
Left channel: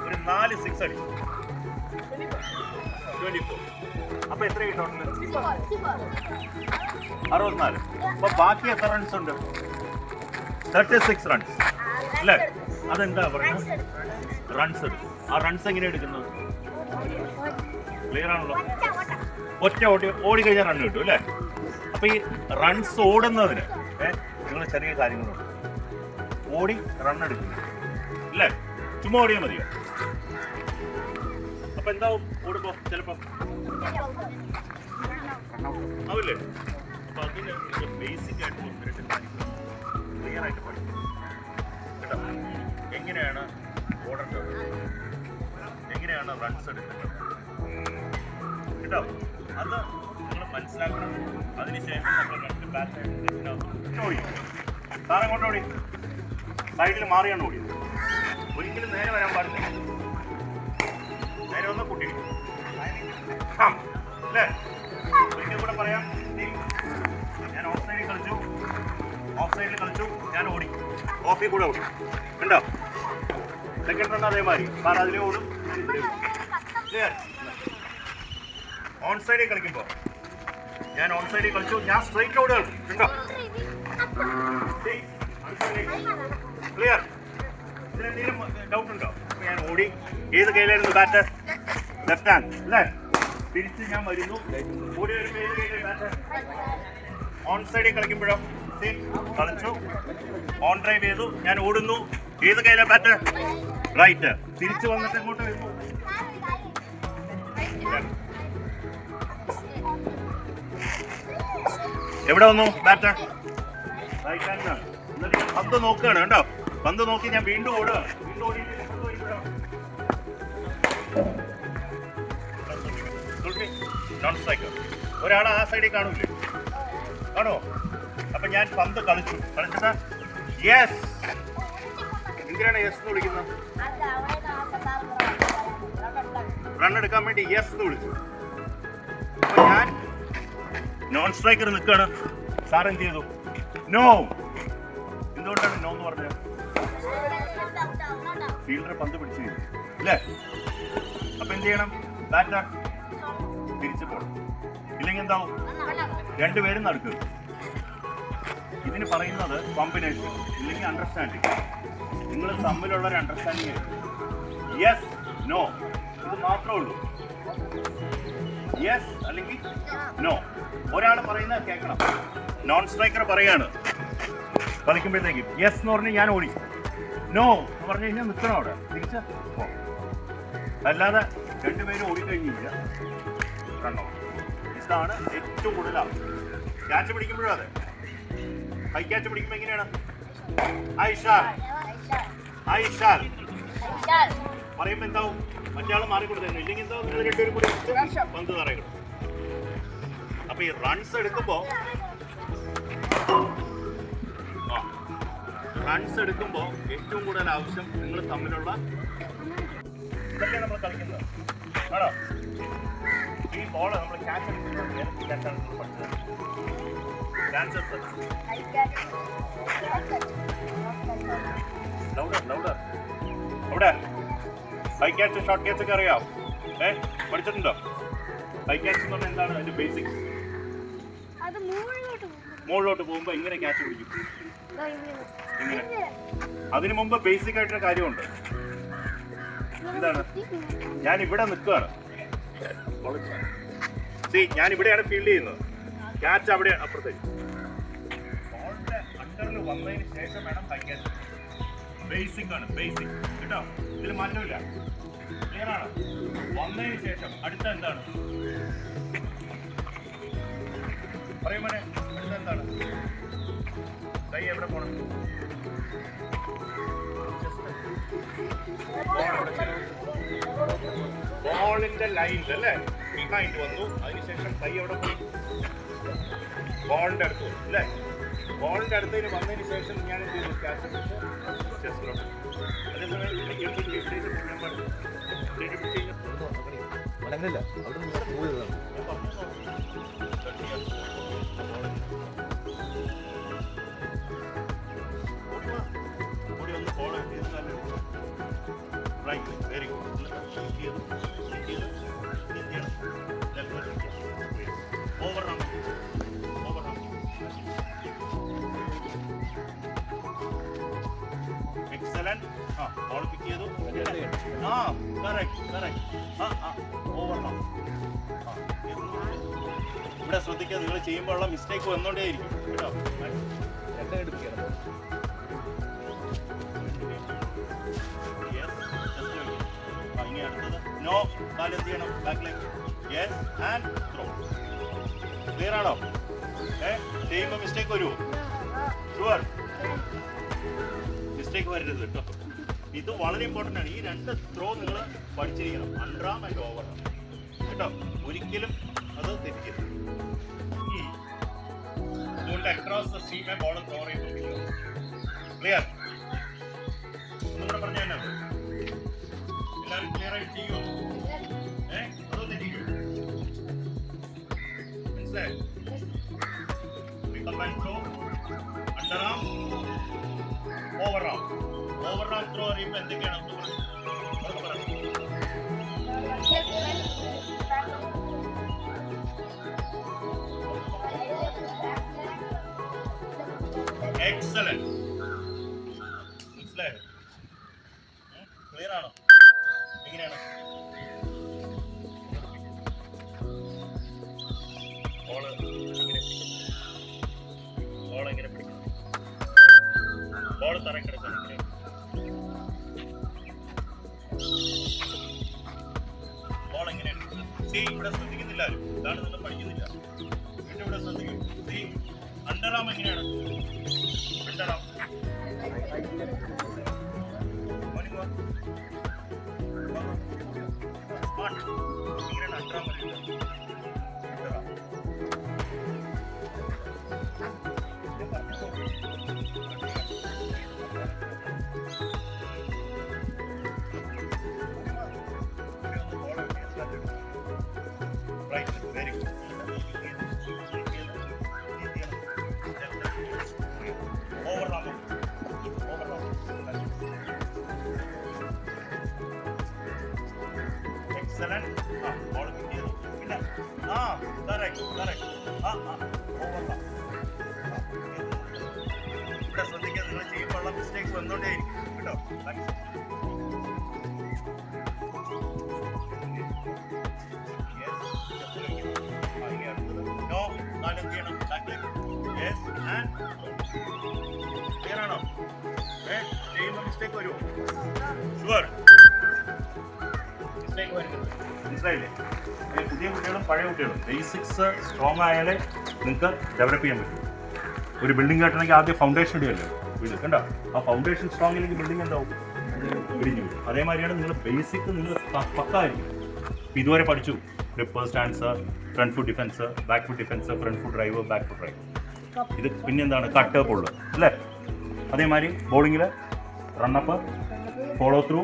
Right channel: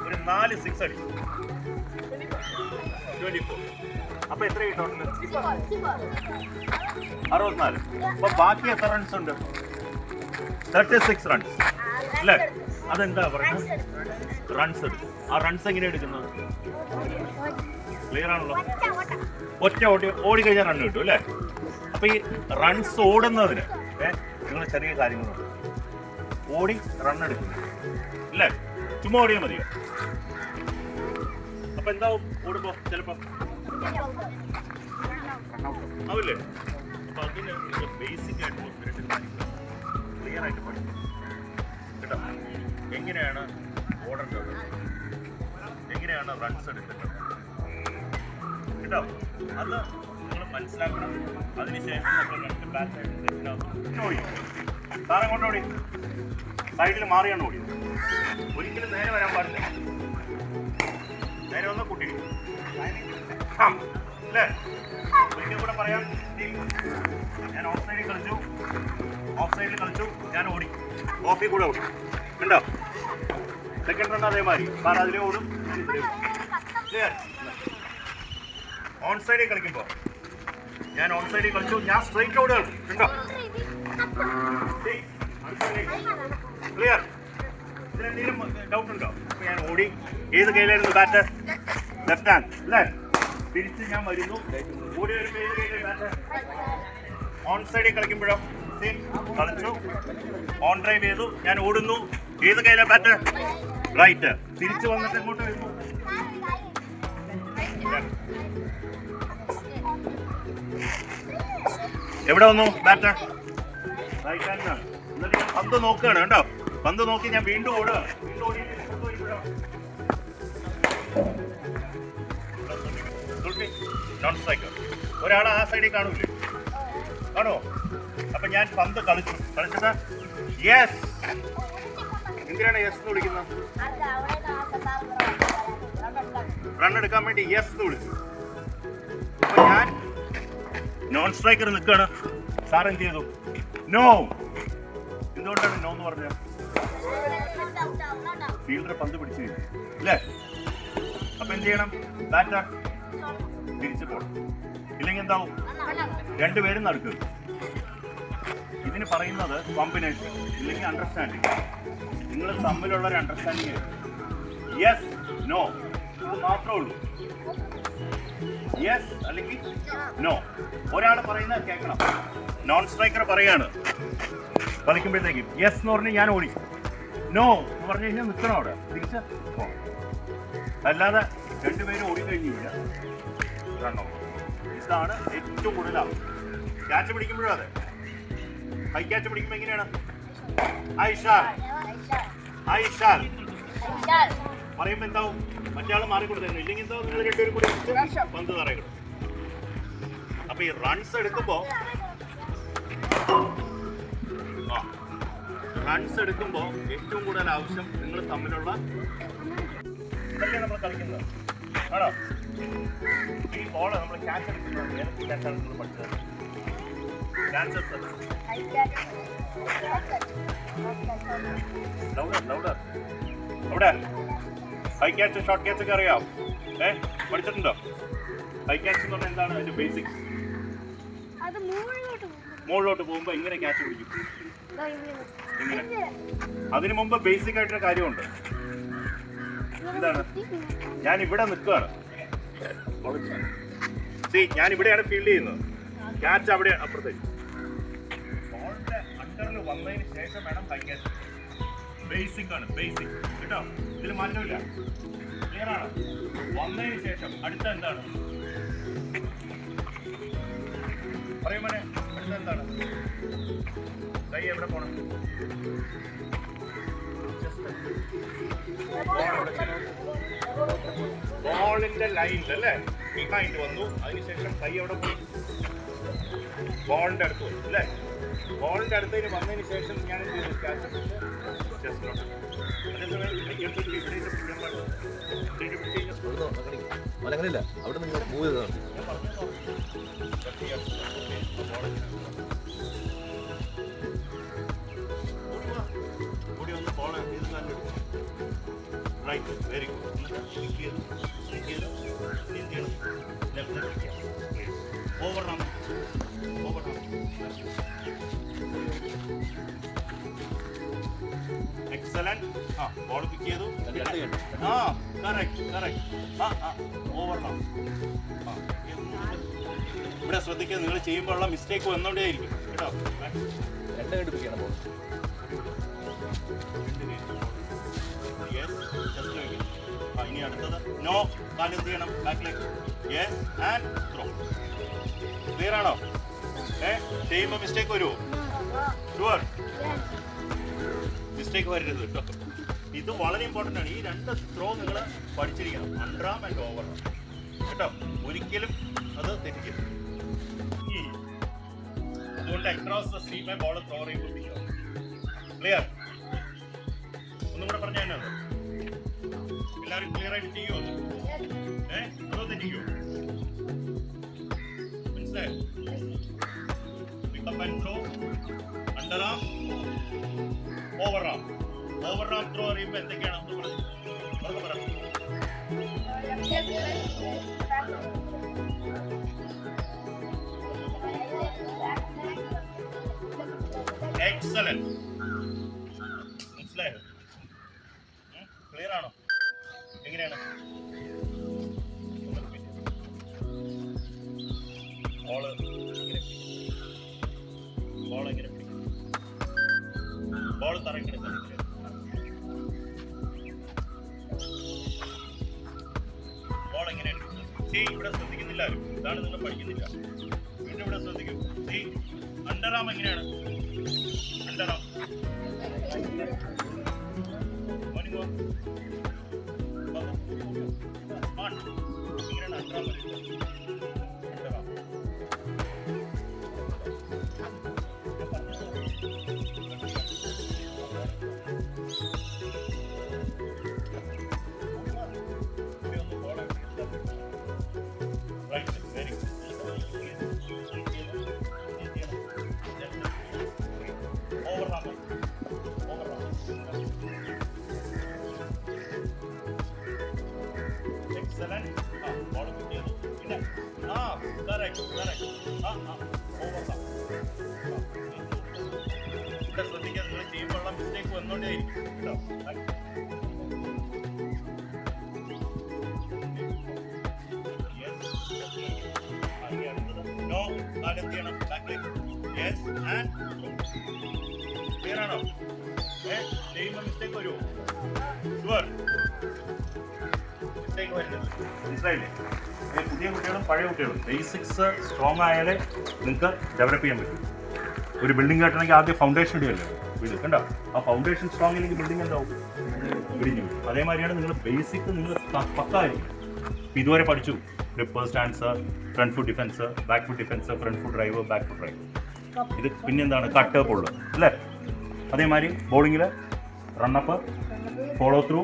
ഒരു 4 6 അടി 24. അപ്പൊ എത്ര ടോട്ടൽ? 64. അപ്പൊ ബാക്കി എത്ര റൺസ് ഉണ്ട്? 36 റൺസ് അല്ലേ? അതെന്താ പറയുന്നത്? റൺസ് എടുക്കും. ആ റൺസ് എങ്ങനെ എടുക്കുന്നത്? ക്ലിയർ ആണല്ലോ. ഒറ്റ ഓടി കഴിഞ്ഞാൽ റൺ കിട്ടും അല്ലേ? അപ്പൊ ഈ റൺസ് ഓടുന്നതിന് നിങ്ങൾ ചെറിയ കാര്യങ്ങളുണ്ട്. ഓടി റൺ എടുക്കുന്നു അല്ലേ? ചുമ്മാ ഓടിയാൽ മതിയോ? അപ്പൊ എന്താവും ഓടുമ്പോ? ചിലപ്പോ ആവില്ലേ? അപ്പൊ അതിന് ബേസിക് ആയിട്ട് ഒന്ന് കാര്യങ്ങൾ ക്ലിയർ ആയിട്ട് പഠിക്കും കേട്ടോ. എങ്ങനെയാണ് ഓടേണ്ടത്, എങ്ങനെയാണ് റൺസ് എടുക്കേണ്ടത് കേട്ടോ. അത് നിങ്ങൾ മനസ്സിലാക്കണം. അതിനുശേഷം നമ്മൾ രണ്ട് ബാറ്റായിട്ട് ഓടി സാറെ കൊണ്ടോടി സൈഡിൽ മാറിയാണ് ഓടിയത്. ഒരിക്കലും നേരെ വരാൻ പാടില്ല. നേരെ ഒന്ന് കൂട്ടി അല്ലേ? ഒരിക്കലും കൂടെ പറയാം. ഞാൻ ഓഫ് സൈഡിൽ കളിച്ചു, ഞാൻ ഓടി, ഓഫിൽ കൂടെ ഓടി ഉണ്ടോ? സെക്കൻഡ് റൺ അതേമാതിരി സാർ അതിലേ ഓടും. ഓൺ സൈഡിൽ കളിക്കുമ്പോൾ ഞാൻ ഓൺ സൈഡിൽ കളിച്ചു, ഞാൻ സ്ട്രൈറ്റ് ഓടുക ഉണ്ടോ? ക്ലിയർ? ഇതിനെന്തെങ്കിലും ഡൗട്ട് ഉണ്ടോ? ഞാൻ ഓടി, ഏത് കയ്യിലായിരുന്നു ബാറ്റ്? ലെഫ്റ്റ് ഹാൻഡ് അല്ലേ? തിരിച്ച് ഞാൻ വരുന്നു, ഓടി വരുമ്പോൾ ഏത് കയ്യിലായിരുന്നു ബാറ്റ്? ഓൺ സൈഡിൽ കളിക്കുമ്പോഴോ കളിച്ചു, ഓൺ ഡ്രൈവ് ചെയ്തു, ഞാൻ ഓടുന്നു, ഏത് കയ്യിലാണ് ബാറ്റ്? റൈറ്റ്. തിരിച്ചു വന്നിട്ട് എങ്ങോട്ട് വരുന്നു? എവിടെ വന്നു ബാറ്റ്? റൈറ്റ് ഹാൻഡിനാണ്. എന്നിട്ട് ഞാൻ പന്ത് നോക്കുകയാണ് കേട്ടോ. പന്ത് നോക്കി ഞാൻ വീണ്ടും ഓടുക. വീണ്ടും ഓടിയിട്ട് നോൺ സ്ട്രൈക്കർ. ഒരാൾ ആ സൈഡിൽ കാണൂല്ലേ? കാണോ? അപ്പൊ ഞാൻ പന്ത് കളിച്ചത് യെസ്. എന്തിനാണ് യെസ് എന്ന് വിളിക്കുന്നത്? റൺ എടുക്കാൻ വേണ്ടി യെസ് എന്ന് വിളിച്ചു. അപ്പൊ ഞാൻ നോൺ സ്ട്രൈക്കർ നിൽക്കുകയാണ്. സാർ എന്ത് ചെയ്തു? നോ. എന്തുകൊണ്ടാണ് നോ എന്ന് പറഞ്ഞത്? ഫീൽഡർ പന്ത് പിടിച്ചു കഴിഞ്ഞു അല്ലേ? അപ്പൊ എന്ത് ചെയ്യണം? ബാറ്റർ തിരിച്ചു പോകണം. ഇല്ലെങ്കിൽ എന്താവും? രണ്ടുപേരും നടക്കുക. ഇതിന് പറയുന്നത് കോമ്പിനേഷൻ ഇല്ലെങ്കിൽ അണ്ടർസ്റ്റാൻഡിങ്. നിങ്ങൾ തമ്മിലുള്ള ഒരു അണ്ടർസ്റ്റാൻഡിങ്. യെസ് നോ ഇത് മാത്രമേ ഉള്ളൂ. യെസ് അല്ലെങ്കിൽ നോ. ഒരാൾ പറയുന്നത് കേൾക്കണം. നോൺ സ്ട്രൈക്കർ പറയാണ് കളിക്കുമ്പോഴത്തേക്കും യെസ് എന്ന് പറഞ്ഞ് ഞാൻ ഓടി, നോ എന്ന് പറഞ്ഞു കഴിഞ്ഞാൽ നിൽക്കണം അവിടെ, തിരിച്ച് പോകണം. അല്ലാതെ രണ്ടുപേരും ഓടിക്കഴിഞ്ഞു കഴിഞ്ഞാൽ റണ്ണോ. ഇതാണ് ഏറ്റവും കൂടുതൽ ആവശ്യം. ക്യാച്ച് പിടിക്കുമ്പോഴും അതെ. ഹൈ ക്യാച്ച് പിടിക്കുമ്പോൾ എങ്ങനെയാണ്? ഐഷാൽ ഐഷാൽ പറയുമ്പോൾ എന്താവും? മറ്റേ മാറിക്കൊടുത്തന്നെ. ഇല്ലെങ്കിൽ എന്താവും? നിങ്ങൾ രണ്ടുപേരും കൂടി പന്ത് തറയിടും. അപ്പൊ ഈ റൺസ് എടുക്കുമ്പോ ഏറ്റവും കൂടുതൽ ആവശ്യം നിങ്ങൾ തമ്മിലുള്ള ഇതൊക്കെ നമ്മൾ കളിക്കുന്നത് ആണോ? ഈ ബോള് നമ്മൾ ക്യാച്ച് എടുക്കുന്നത് ഏതൊക്കെ ക്യാച്ചാണ് നിങ്ങൾ പഠിച്ചത്? ലൗഡർ അവിടെ ഹൈ ക്യാച്ച് ഷോർട്ട് ക്യാച്ച് ഒക്കെ അറിയാം. പഠിച്ചിട്ടുണ്ടോ? ഹൈ ക്യാച്ച് എന്ന് പറഞ്ഞാൽ എന്താണ്? അതിന്റെ ബേസിക്സ്. മുകളിലോട്ട് പോകുമ്പോ ഇങ്ങനെ ക്യാച്ച് പിടിക്കും. ഇങ്ങനെ. അതിനു മുമ്പ് ബേസിക് ആയിട്ടൊരു കാര്യമുണ്ട്. എന്താണ്? ഞാൻ ഇവിടെ നിൽക്കുകയാണ്. ഞാൻ ഇവിടെയാണ് ഫീൽഡ് ചെയ്യുന്നത്. ക്യാച്ച് അവിടെ അപ്പുറത്തേക്ക്. ബോളിന്റെ അണ്ടറിൽ വന്നതിന് ശേഷം വേണം ഹൈ ക്യാച്ച്. ബേസിക് ആണ്, ബേസിക് കേട്ടോ. ഇതിൽ മാറ്റമില്ല. ക്ലിയർ ആണ്? വന്നതിന് ശേഷം അടുത്ത എന്താണ്? പറയും മോനെ, അടുത്ത എന്താണ്? കൈ എവിടെ പോണം? ബോളിന്റെ ലൈനിൽ അല്ലേ? ബിഹൈൻഡ് വന്നു. അതിനുശേഷം കൈ എവിടെ പോയി? ബോളിന്റെ അടുത്ത് വന്നു അല്ലേ? ബോളിന്റെ അടുത്തേക്ക് വന്നതിന് ശേഷം ഞാൻ എന്ത് ചെയ്തു? ക്യാച്ച് ചെസ്റ്റിലോട്ട്. അതേസമയം അങ്ങനെയല്ല, അവിടെ നിന്ന് മൂവ് ചെയ്തതാണ്. കൂടി ഒന്ന് ball right, very good. Over run. Excellent. Ball pick ചെയ്തു. Over run. ഇവിടെ ശ്രദ്ധിക്കുക, നിങ്ങൾ ചെയ്യുമ്പോഴുള്ള മിസ്റ്റേക്ക് വന്നോണ്ടേയിരിക്കും കേട്ടോ. ഇനി അടുത്തത് നോ. കാല് എന്ത് ചെയ്യണം? ബാക്കിലേക്ക്. Yes and throw. ക്ലിയർ ആണോ? ചെയ്യുമ്പോൾ മിസ്റ്റേക്ക് വരുമോ? ഷുവർ. മിസ്റ്റേക്ക് വരരുത് കേട്ടോ. ഇത് വളരെ ഇമ്പോർട്ടൻ്റ് ആണ്. ഈ രണ്ട് ത്രോ നിങ്ങൾ പഠിച്ചിരിക്കണം. Under am and over arm കേട്ടോ. ഒരിക്കലും അത് തെറ്റിക്കരുത്. അതുകൊണ്ട് അക്രോസ് ദ സീമെ ബോൾ ത്രോ ചെയ്യുമ്പോൾ ക്ലിയർ. ഒന്നും കൂടെ പറഞ്ഞു തന്നെ എല്ലാവരും ക്ലിയർ ആയിട്ട് ചെയ്യുമോ? അതോ തെറ്റിക്കോ? മനസ്സിലായോ? Pickup and throw, under arm, over arm. Over arm throw അറിയുമ്പോൾ എന്തൊക്കെയാണ് നമുക്ക് പറഞ്ഞു? എക്സലന്റ്. മനസ്സിലായോ? ക്ലിയർ ആണോ? എങ്ങനെയാണ്? ബോൾ എങ്ങനെ പിടിക്കും? ബോൾ തറക്കിടക്കാൻ ബോൾ എങ്ങനെ എടുക്കുന്നത്? ഇവിടെ ശ്രദ്ധിക്കുന്നില്ല ആരും. ഇതാണ് നിങ്ങൾ പഠിക്കുന്നില്ല. വീണ്ടും ഇവിടെ ശ്രദ്ധിക്കും. അണ്ടറാം എങ്ങനെയാണ്? അണ്ടറാം ഇങ്ങനെയാണ് അണ്ടറാം പറയുന്നത്. അണ്ടറാം ഇവിടെ ശ്രദ്ധിക്കുക, നിങ്ങൾ ചെയ്യുമ്പോഴുള്ള മിസ്റ്റേക്ക് വന്നോണ്ടേയിരിക്കും കേട്ടോ. നോ, കാലം ചെയ്യണം. ക്ലിയർ ആണോ? ചെയ്യുമ്പോൾ മിസ്റ്റേക്ക് വരുമോ? ഷുവർ മിസ്റ്റേക്ക് വരുന്നത് മനസ്സിലായില്ലേ? പുതിയ കുട്ടികളും പഴയ കുട്ടികളും ബേസിക്സ് സ്ട്രോങ് ആയാലേ നിങ്ങൾക്ക് ഡെവലപ്പ് ചെയ്യാൻ പറ്റും. ഒരു ബിൽഡിംഗ് കെട്ടണമെങ്കിൽ ആദ്യം ഫൗണ്ടേഷൻ ഇടുകയല്ലേ വീട്, കണ്ടോ? ആ ഫൗണ്ടേഷൻ സ്ട്രോങ് ഇല്ലെങ്കിൽ ബിൽഡിംഗ് എന്താവും? ഇടിഞ്ഞു വരും. അതേമാതിരിയാണ് നിങ്ങൾ ബേസിക് നിങ്ങൾ പക്കായിരിക്കും. ഇതുവരെ പഠിച്ചു grip, stance, front foot defence, back foot defence, front foot drive, back foot drive. ഇത് പിന്നെന്താണ്? കട്ട് പുള്ള് അല്ലേ? അതേമാതിരി ബോളിങ്ങിൽ run up, follow through,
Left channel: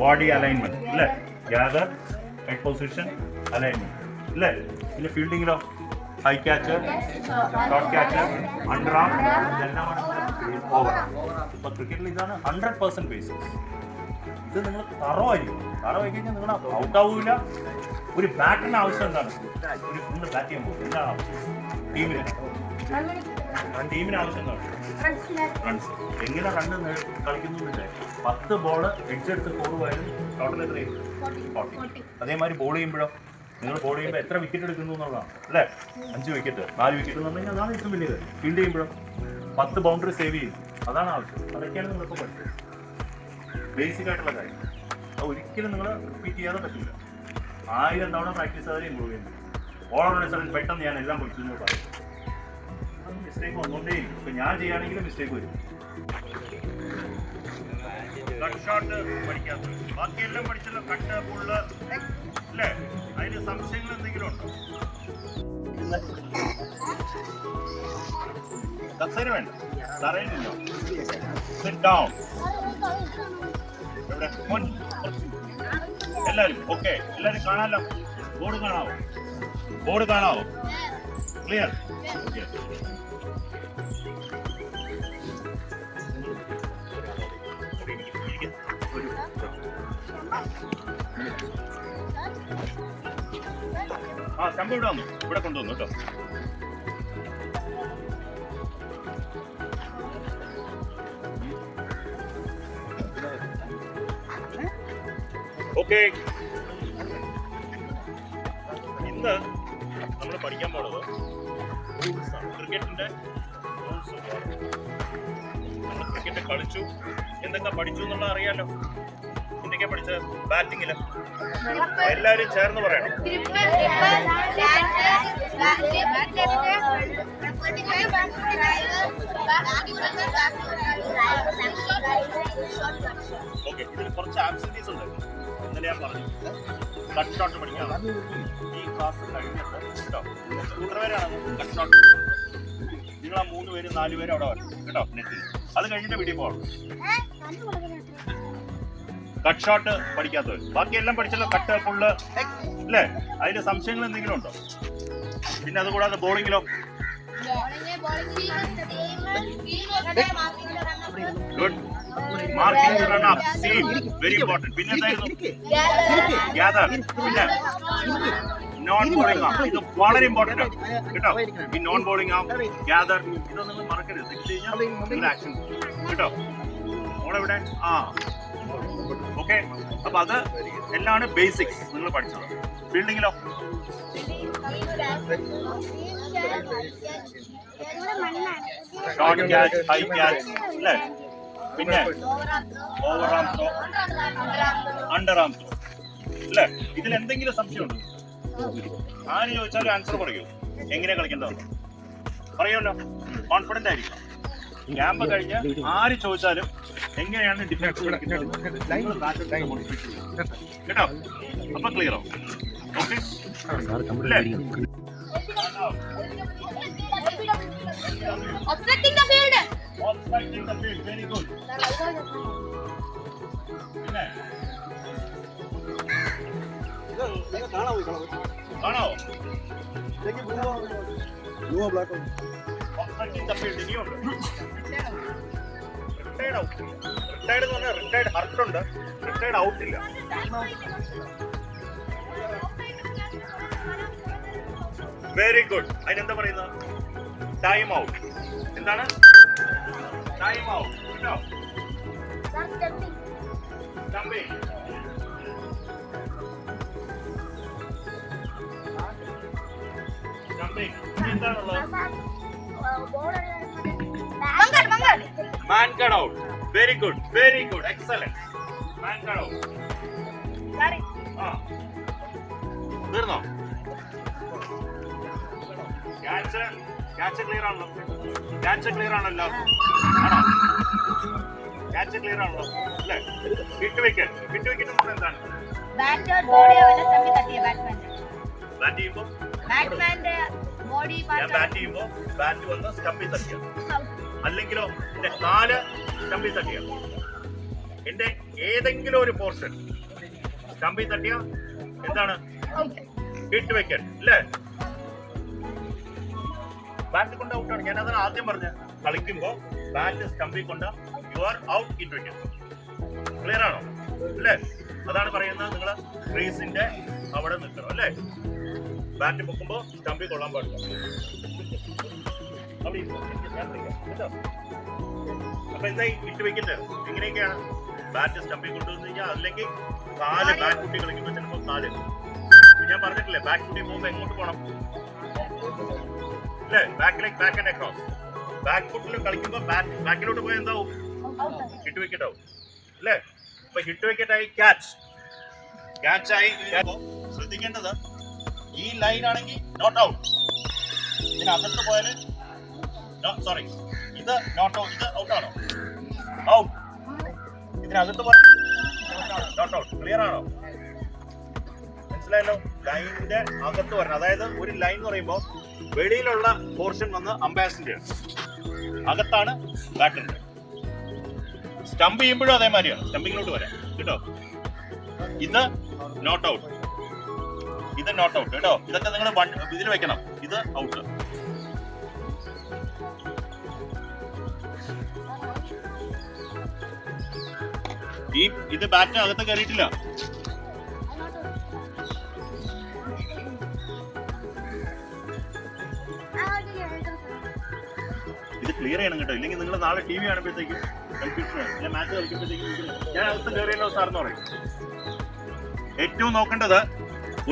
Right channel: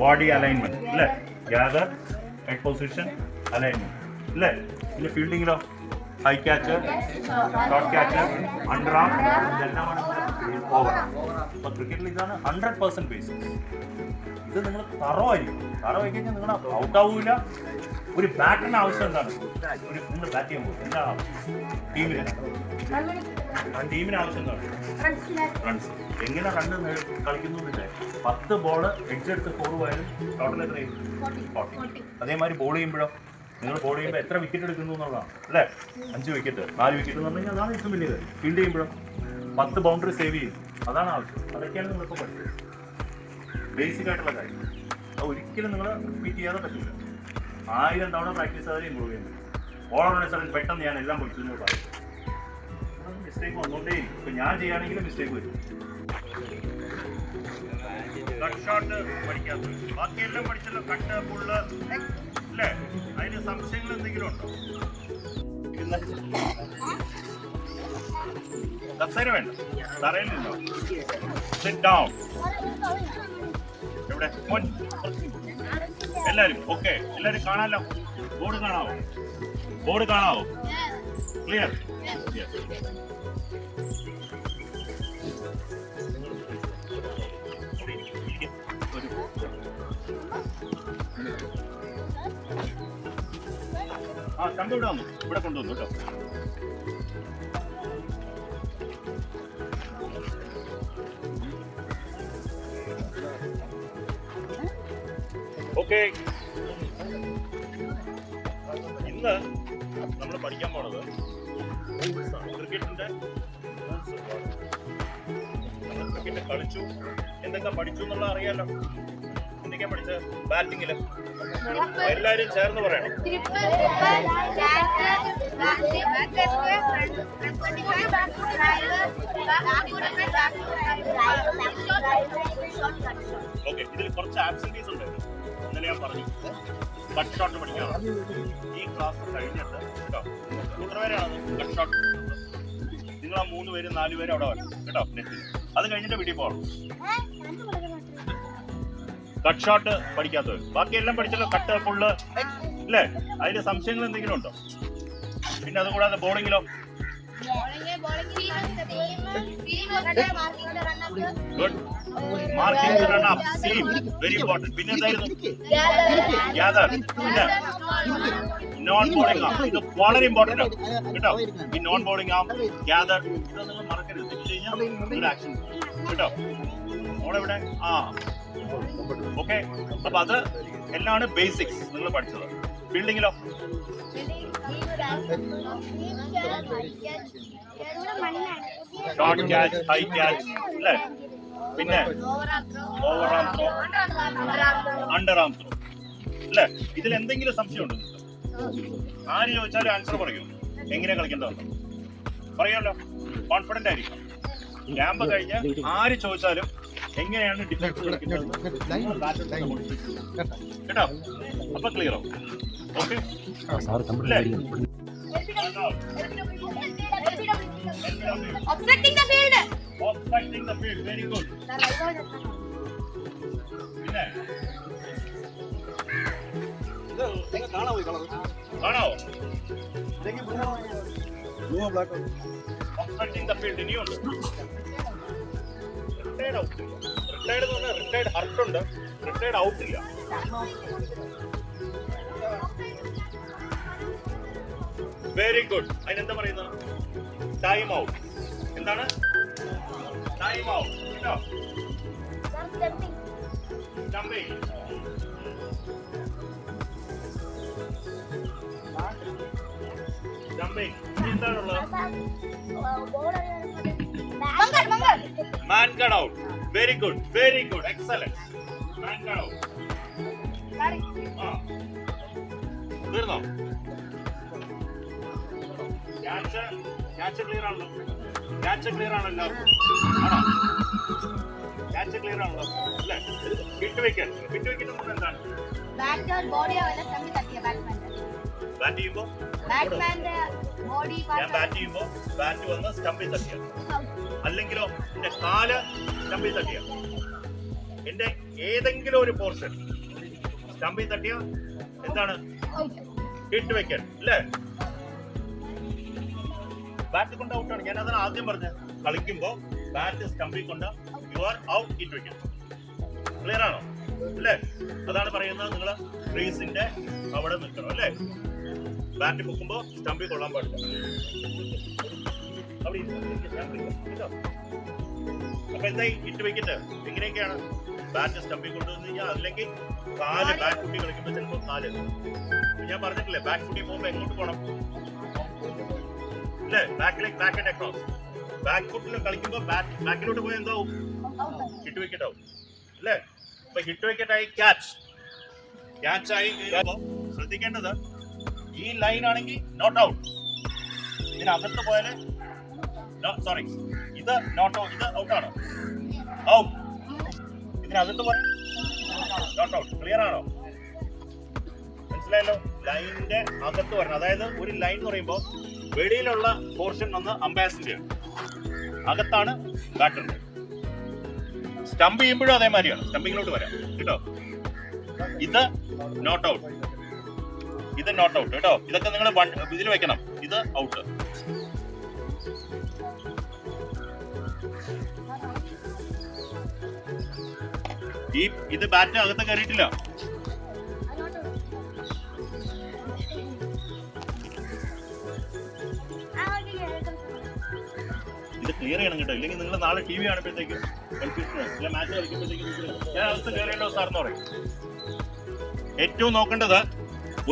body alignment അല്ലേ? ഗ്യാദർ, ഹെഡ് പൊസിഷൻ, അലൈൻമെന്റ് അല്ലേ? പിന്നെ ഫീൽഡിങ്ങിലോ high catch, short catch, under arm, ഇതെല്ലാമാണ് ഓവർ. അപ്പോൾ ക്രിക്കറ്റിൽ ഇതാണ് 100% ബേസിക്സ്. ഇത് നിങ്ങൾ തറവായിരിക്കും. തറവായി കഴിഞ്ഞാൽ നിങ്ങൾ ഔട്ട് ആവില്ല. ഒരു ബാറ്ററിന് ആവശ്യം എന്താണ്? നിങ്ങൾ ബാറ്റ് ചെയ്യാൻ പോകും എന്താണ് ആവശ്യം? ടീമിന് ആവശ്യം എന്താണ്? റൺസ്. എങ്ങനെ റണ്ണ് കളിക്കുന്നില്ലേ? 10 ബോള് എഡ്ജെടുത്ത് 4 പോയാലും ടോട്ടൽ എത്രയും 40. അതേമാതിരി ബോൾ ചെയ്യുമ്പോഴോ നിങ്ങൾ ബോൾ ചെയ്യുമ്പോൾ എത്ര വിക്കറ്റ് എടുക്കുന്നു എന്നുള്ളതാണ് അല്ലേ? 5 വിക്കറ്റ്, 4 വിക്കറ്റ് എന്ന് പറഞ്ഞു കഴിഞ്ഞാൽ അതാണ് ഏറ്റവും വലിയ കാര്യം. ഫീൽഡ് ചെയ്യുമ്പോഴോ 10 ബൗണ്ടറി സേവ് ചെയ്യും. അതാണ് ആവശ്യം. അതൊക്കെയാണ് നിങ്ങളിപ്പോൾ പഠിച്ചത്. ബേസിക് ആയിട്ടുള്ള കാര്യം അത് ഒരിക്കലും നിങ്ങൾ റിപ്പീറ്റ് ചെയ്യാതെ പറ്റില്ല. 1000 തവണ പ്രാക്ടീസ് ചെയ്താലേ ഇമ്പ്രൂവ് ചെയ്യാൻ പറ്റും. ഓൾ ഓൺ എ സഡൻ പെട്ടെന്ന് ഞാൻ എല്ലാം പഠിച്ചു എന്ന് പറയും. മിസ്റ്റേക്ക് വന്നുകൊണ്ടേയിരിക്കും. ഇപ്പം ഞാൻ ചെയ്യുകയാണെങ്കിലും മിസ്റ്റേക്ക് വരും. കട്ട് ഷോട്ട് പഠിക്കാത്ത ബാക്കിയെല്ലാം പഠിച്ചല്ലോ. കട്ട്, പുള്ള് അല്ലേ? അതിന് സംശയങ്ങൾ എന്തെങ്കിലും ഉണ്ടോ? കസേര വേണ്ട, തറയിൽ നിന്നോ. Sit down. എവിടെ? എല്ലാവരും ഓക്കെ? എല്ലാവരും കാണാമല്ലോ? ബോർഡ് കാണാവോ? ബോർഡ് കാണാവോ? ക്ലിയർ? ആ ശമ്പ ഇവിടെ വന്നു, ഇവിടെ കൊണ്ടുവന്നു കേട്ടോ. ഓക്കെ, ഇന്ന് നമ്മൾ പഠിക്കാൻ പോണത് ക്രിക്കറ്റിന്റെ റൂൾസ്. നമ്മൾ ക്രിക്കറ്റ് കളിച്ചു, എന്തൊക്കെ പഠിച്ചു എന്നുള്ളത് അറിയാലോ. എന്തൊക്കെയാ പഠിച്ചത്? ബാറ്റിങ്ങില് എല്ലാരും ചേർന്ന് പറയണം. ഓക്കെ, ഇതിൽ കുറച്ച് ആബ്സെന്റീസ് ഉണ്ടായിരുന്നു. ഇന്നലെ ഞാൻ പറഞ്ഞു കട്ട് ഷോട്ട് പഠിക്കണം. ഈ ക്ലാസ് കഴിഞ്ഞിട്ട് കേട്ടോ, എത്ര പേരാണ് കട്ട് ഷോട്ട്? നിങ്ങൾ ആ 3 പേര് 4 പേര് അവിടെ വരണം കേട്ടോ നെറ്റിൽ. അത് കഴിഞ്ഞിട്ട് വീട്ടിൽ പോകണം. കട്ട് ഷോട്ട് പഠിക്കാത്തവർ ബാക്കിയെല്ലാം പഠിച്ചല്ലോ. കട്ട്, പുള്ള് അല്ലേ? അതിൽ സംശയങ്ങൾ എന്തെങ്കിലും ഉണ്ടോ? പിന്നെ അതുകൂടാതെ ബോളിങ്ങിലോ? Good. Marking, run up, same, very important. പിന്നെ എന്തായിരുന്നു? ഗ്യാദർ. പിന്നെ നോൺ ബോളിംഗ് ആം. ഇത് വളരെ ഇമ്പോർട്ടന്റ് ആണ് കേട്ടോ. ഈ നോൺ ബോളിംഗ് ആം, ഗ്യാദർ, ഇതൊന്നും മറക്കരുത്. തെറ്റ് കഴിഞ്ഞാൽ നിങ്ങളുടെ ആക്ഷൻ കേട്ടോ. ഓളെവിടെ? ആ ഓക്കെ. അപ്പൊ അത് എല്ലാമാണ് ബേസിക്സ് നിങ്ങൾ പഠിച്ചത്. ഫീൽഡിങ്ങിലോ? ഷോർട്ട് ക്യാച്ച്, ഹൈ ക്യാച്ച് അല്ലേ? പിന്നെ ഓവർ ആം ത്രോ, അണ്ടർ ആം ത്രോ അല്ലേ? ഇതിൽ എന്തെങ്കിലും സംശയമുണ്ടോ? ആര് ചോദിച്ചാലും ആൻസർ പറയൂ. എങ്ങനെയാ കളിക്കേണ്ടതെന്ന് പറയുമല്ലോ. കോൺഫിഡന്റ് ആയിരിക്കും. ക്യാമ്പ് കഴിഞ്ഞ് ആര് ചോദിച്ചാലും എങ്ങനെയാണ് ഡിഫൻസ് കളിക്കുന്നത് കേട്ടോ. അപ്പൊ ക്ലിയറോ? Okay. Obstructing the field, very good. പിന്നെ കാണാവോ? Obstructing the field ഇനിയുണ്ട്. Retired out. റിട്ടയർഡ് എന്ന് പറഞ്ഞാൽ റിട്ടയർഡ് ഹർട്ട് ഉണ്ട്, റിട്ടയർഡ് ഔട്ട് ഇല്ല. Very good. അതിനെന്താ പറയുന്നത്? Time out. എന്താണ് ടൈം ഔട്ട്? കേട്ടോ, Jumping. Jumping. ഇനി എന്താണുള്ളത്? Man cut out. Very good. Very good. Excellent. Man cut out. ആ. തീർന്നോ? ക്യാച്ച് ക്ലിയർ ആണല്ലോ. ക്യാച്ച് ക്ലിയർ ആണല്ലോ. ആണോ? ക്യാച്ച് ക്ലിയർ ആണല്ലോ അല്ലേ? Hit wicket. ഹിറ്റ് വിക്കറ്റ് എന്ന് പറഞ്ഞാൽ എന്താണ്? ബാറ്റ് ചെയ്യുമ്പോൾ ഞാൻ ബാറ്റ് ചെയ്യുമ്പോൾ ബാറ്റ് വന്ന് സ്റ്റമ്പിൽ തട്ടിയ, അല്ലെങ്കിലോ എന്റെ കാല് സ്റ്റമ്പിൽ തട്ടിയ, എന്റെ ഏതെങ്കിലും ഒരു പോർഷൻ സ്റ്റമ്പിൽ തട്ടിയ എന്താണ്? ഹിറ്റ് വിക്കറ്റ് അല്ലേ? ബാറ്റ് കൊണ്ട് ഔട്ടാണ്. ഞാൻ അതാണ് ആദ്യം പറഞ്ഞത്. കളിക്കുമ്പോ ബാറ്റ് സ്റ്റമ്പിൽ കൊണ്ട് you are out, hit wicket. Clear ആണോ അല്ലേ? അതാണ് പറയുന്നത്. നിങ്ങൾ ക്രീസിന്റെ അവിടെ നിൽക്കണം അല്ലേ? ബാറ്റ് പൊക്കുമ്പോ സ്റ്റമ്പിൽ കൊള്ളാൻ പാടില്ല. അപ്പൊ എന്തായി? ഹിറ്റ് വിക്കറ്റ് ഇങ്ങനെയൊക്കെയാണ്. ബാറ്റ് സ്റ്റമ്പിൽ കൊണ്ടുവന്ന് കഴിഞ്ഞാൽ, അല്ലെങ്കിൽ കാല് ബാറ്റ് കുട്ടി കളിക്കുമ്പോൾ ചിലപ്പോൾ കാല്, ഞാൻ പറഞ്ഞിട്ടില്ലേ, ബാക്ക് കുട്ടി പോകുമ്പോ എങ്ങോട്ട് പോകണം അല്ലേ? ബാക്കിലേക്ക്, ബാക്ക് ആൻഡ് അക്രോസ്. ബാക്ക് ഫുട്ടിൽ കളിക്കുമ്പോൾ ബാക്കിലോട്ട് പോയി എന്താവും? ഹിറ്റ് വിക്കറ്റ് ആവും അല്ലേ? അപ്പൊ ഹിറ്റ് വിക്കറ്റ് ആയി. ക്യാച്ച് ആയി. ശ്രദ്ധിക്കേണ്ടത്, ഈ ലൈൻ ആണെങ്കിൽ നോട്ട് ഔട്ട്. ഇതിനകത്ത് പോയാല് സോറി, ഇത് നോട്ട് ഔട്ട്. ഇത് ഔട്ടാണോ? ഔട്ട്. ഇതിനകത്ത് പോയാൽ നോട്ട് ഔട്ട്. ക്ലിയർ ആണോ? മനസ്സിലായല്ലോ? ലൈനിന്റെ അകത്ത് വരണം. അതായത് ഒരു ലൈൻ എന്ന് പറയുമ്പോൾ വെളിയിലുള്ള പോർഷൻ വന്ന് അമ്പയർസിന്റെ, അകത്താണ് ബാറ്ററിന്റെ. സ്റ്റംപ് ചെയ്യുമ്പോഴും അതേമാതിരിയാണ്. സ്റ്റമ്പിങ്ങിലോട്ട് വരാം കേട്ടോ. ഇത് നോട്ട് ഔട്ട്, ഇത് നോട്ട് ഔട്ട് കേട്ടോ. ഇതൊക്കെ നിങ്ങൾ ഇതിൽ വെക്കണം. ഇത് ഔട്ട്. ഇത് ബാറ്റിന് അകത്ത് കയറിയിട്ടില്ല. ഇത് ക്ലിയർ ചെയ്യണം കേട്ടോ. ഇല്ലെങ്കിൽ നിങ്ങൾ നാളെ ടി വി കാണുമ്പോഴത്തേക്കും കൺഫ്യൂഷൻ. ഞാൻ മാച്ച് കളിക്കുമ്പോഴത്തേക്കും ഞാൻ അകത്ത് കയറിയല്ലോ സാറെന്ന് പറയും. ഏറ്റവും നോക്കേണ്ടത്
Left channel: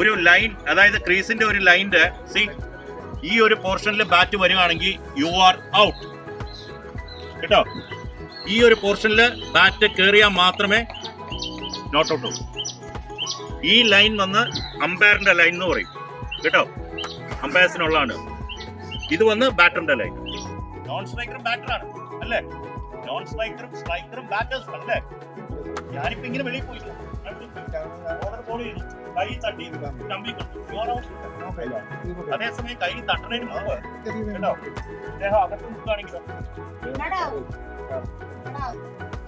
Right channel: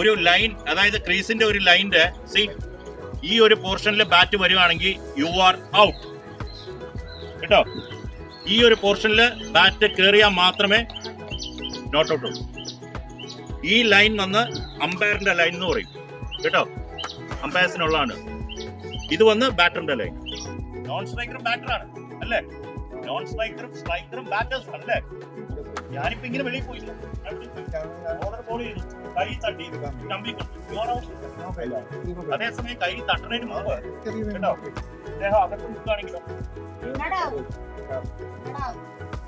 ഒരു ലൈൻ, അതായത് ക്രീസിന്റെ ഒരു ലൈനിന്റെ ഈ ഒരു പോർഷനിൽ ബാറ്റ് വരികയാണെങ്കിൽ യു ആർ ഔട്ട് കേട്ടോ. ഈ ഒരു പോർഷനിൽ ബാറ്റ് കയറിയാൽ മാത്രമേ നോട്ട് ഔട്ട് ആവും. ഈ ലൈൻ വന്ന് അമ്പയറിന്റെ ലൈൻ എന്ന് പറയും കേട്ടോ. അമ്പയർസിനുള്ളതാണ്. ഇത് വന്ന് ബാറ്ററിന്റെ ലൈൻ. നോൺ സ്ട്രൈക്കറും ബാറ്ററാണ് അല്ലേ? നോൺ സ്ട്രൈക്കറും സ്ട്രൈക്കറും ബാറ്റേഴ്സും അല്ലേ? ഞാനിപ്പോ ഇങ്ങനെ വെളിയിൽ പോയില്ല. കൈ തട്ടി അതേസമയം കൈ തട്ടുന്നതിന് മുമ്പ് കേട്ടോ അദ്ദേഹം അകത്ത് നിൽക്കുകയാണെങ്കിലോ,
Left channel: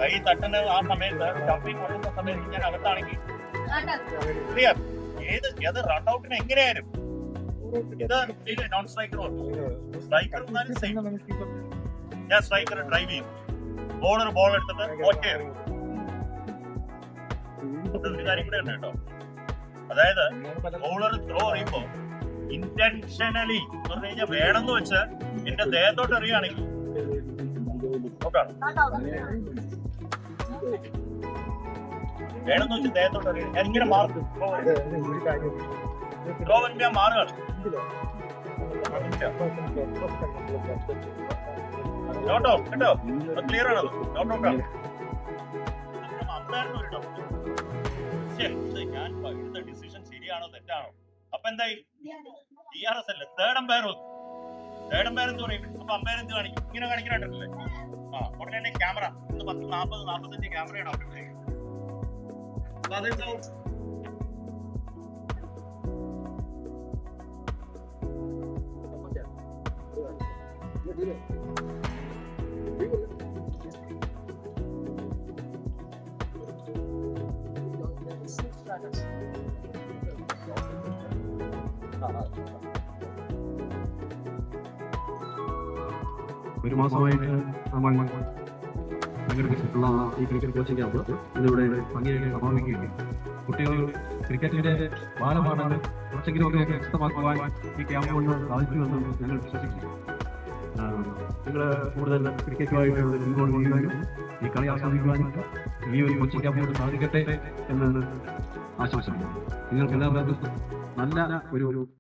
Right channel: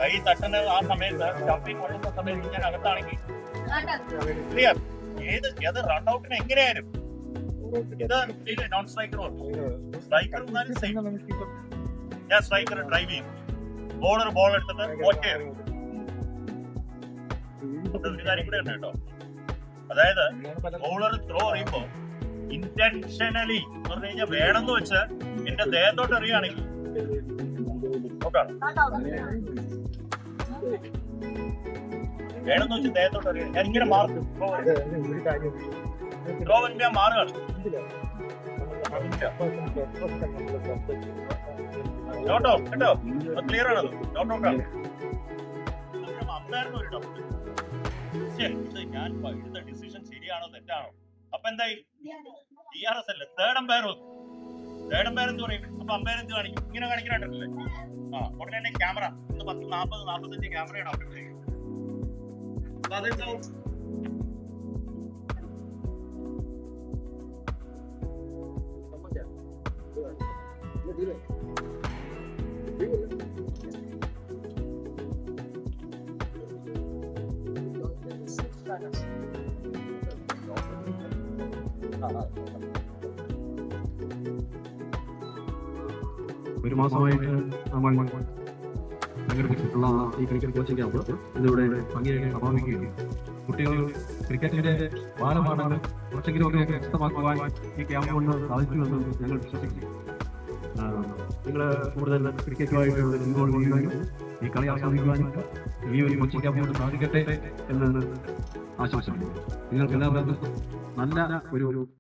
കൈ തട്ടുന്ന ആ സമയത്ത് സ്റ്റമ്പിൽ കൊള്ളുന്ന സമയത്ത് ഞാൻ അകത്താണെങ്കിൽ ക്ലിയർ. ഏത് റൺ ഔട്ടിന് എങ്ങനെയായാലും ഇത് നോൺ സ്ട്രൈക്കർ സ്ട്രൈക്കർ ഞാൻ സ്ട്രൈക്കർ ഡ്രൈവ് ചെയ്യും. ബോളർ ബോൾ എടുത്തിട്ട് ഓക്കെ. ഒരു കാര്യം കൂടെ ഉണ്ട് കേട്ടോ. അതായത് ബോളർ ത്രോ എറിയുമ്പോ ഇന്റൻഷനലി എന്ന് പറഞ്ഞു കഴിഞ്ഞാൽ വേണമെന്ന് വെച്ച് എന്റെ ദേഹത്തോട്ട് എറിയുകയാണെങ്കിൽ വേണമെന്ന് വെച്ച് ദേഹത്തോട്ട് എറിയുക. ഞാൻ ഇങ്ങനെ മാറും. ത്രോ ഞാൻ മാറുകയാണ്. നോട്ട് ഔട്ട് കേട്ടോ. ക്ലിയർ ആണത്. നോട്ട് ഔട്ട് ആണ്. അമ്പയറിന് ഒരു ഡൗട്ട്, ഞാൻ എടുത്ത ഡിസിഷൻ ശരിയാണോ തെറ്റാണോ? അപ്പൊ എന്തായി? DRS അല്ലേ, തേർഡ് അമ്പയർ എന്ത് പറയും? അപ്പൊ അമ്പയർ എന്ത് കാണിക്കും? ഇങ്ങനെ കാണിക്കാനായിട്ടല്ലേ? ഉടനെ തന്നെ ക്യാമറ 40-45 ക്യാമറയാണ് അവിടെ. അപ്പൊ അതെന്താവും? ഒരു മാസമായിട്ട് നമ്മൾ സംഘടിപ്പിച്ചിട്ടുള്ള ഈ ക്രിക്കറ്റ് കോച്ചിങ് ക്യാമ്പ് ഇതിലൂടെ ഭംഗിയായി സമാപിക്കുകയും കുട്ടികൾ ക്രിക്കറ്റിന്റെ ബാലപാഠങ്ങൾ കുറച്ചെങ്കിലുമൊക്കെ വ്യക്തമാക്കുവാൻ ഈ ക്യാമ്പ് കൊണ്ട് സാധിച്ചുവെന്നും ഞങ്ങൾ വിശ്വസിക്കുന്നു. നിങ്ങൾ കൂടുതൽ ക്രിക്കറ്റുമായിട്ട് ഇൻവോൾവ് ചെയ്യുവാനും ഈ കളി ആസ്വദിക്കുവാനും ഈ ഒരു കോച്ചിങ് ക്യാമ്പ് കൊണ്ട് സാധിക്കട്ടെ എന്ന് ആശംസിക്കുന്നു. നിങ്ങൾക്ക് എല്ലാവർക്കും നല്ല ഒരു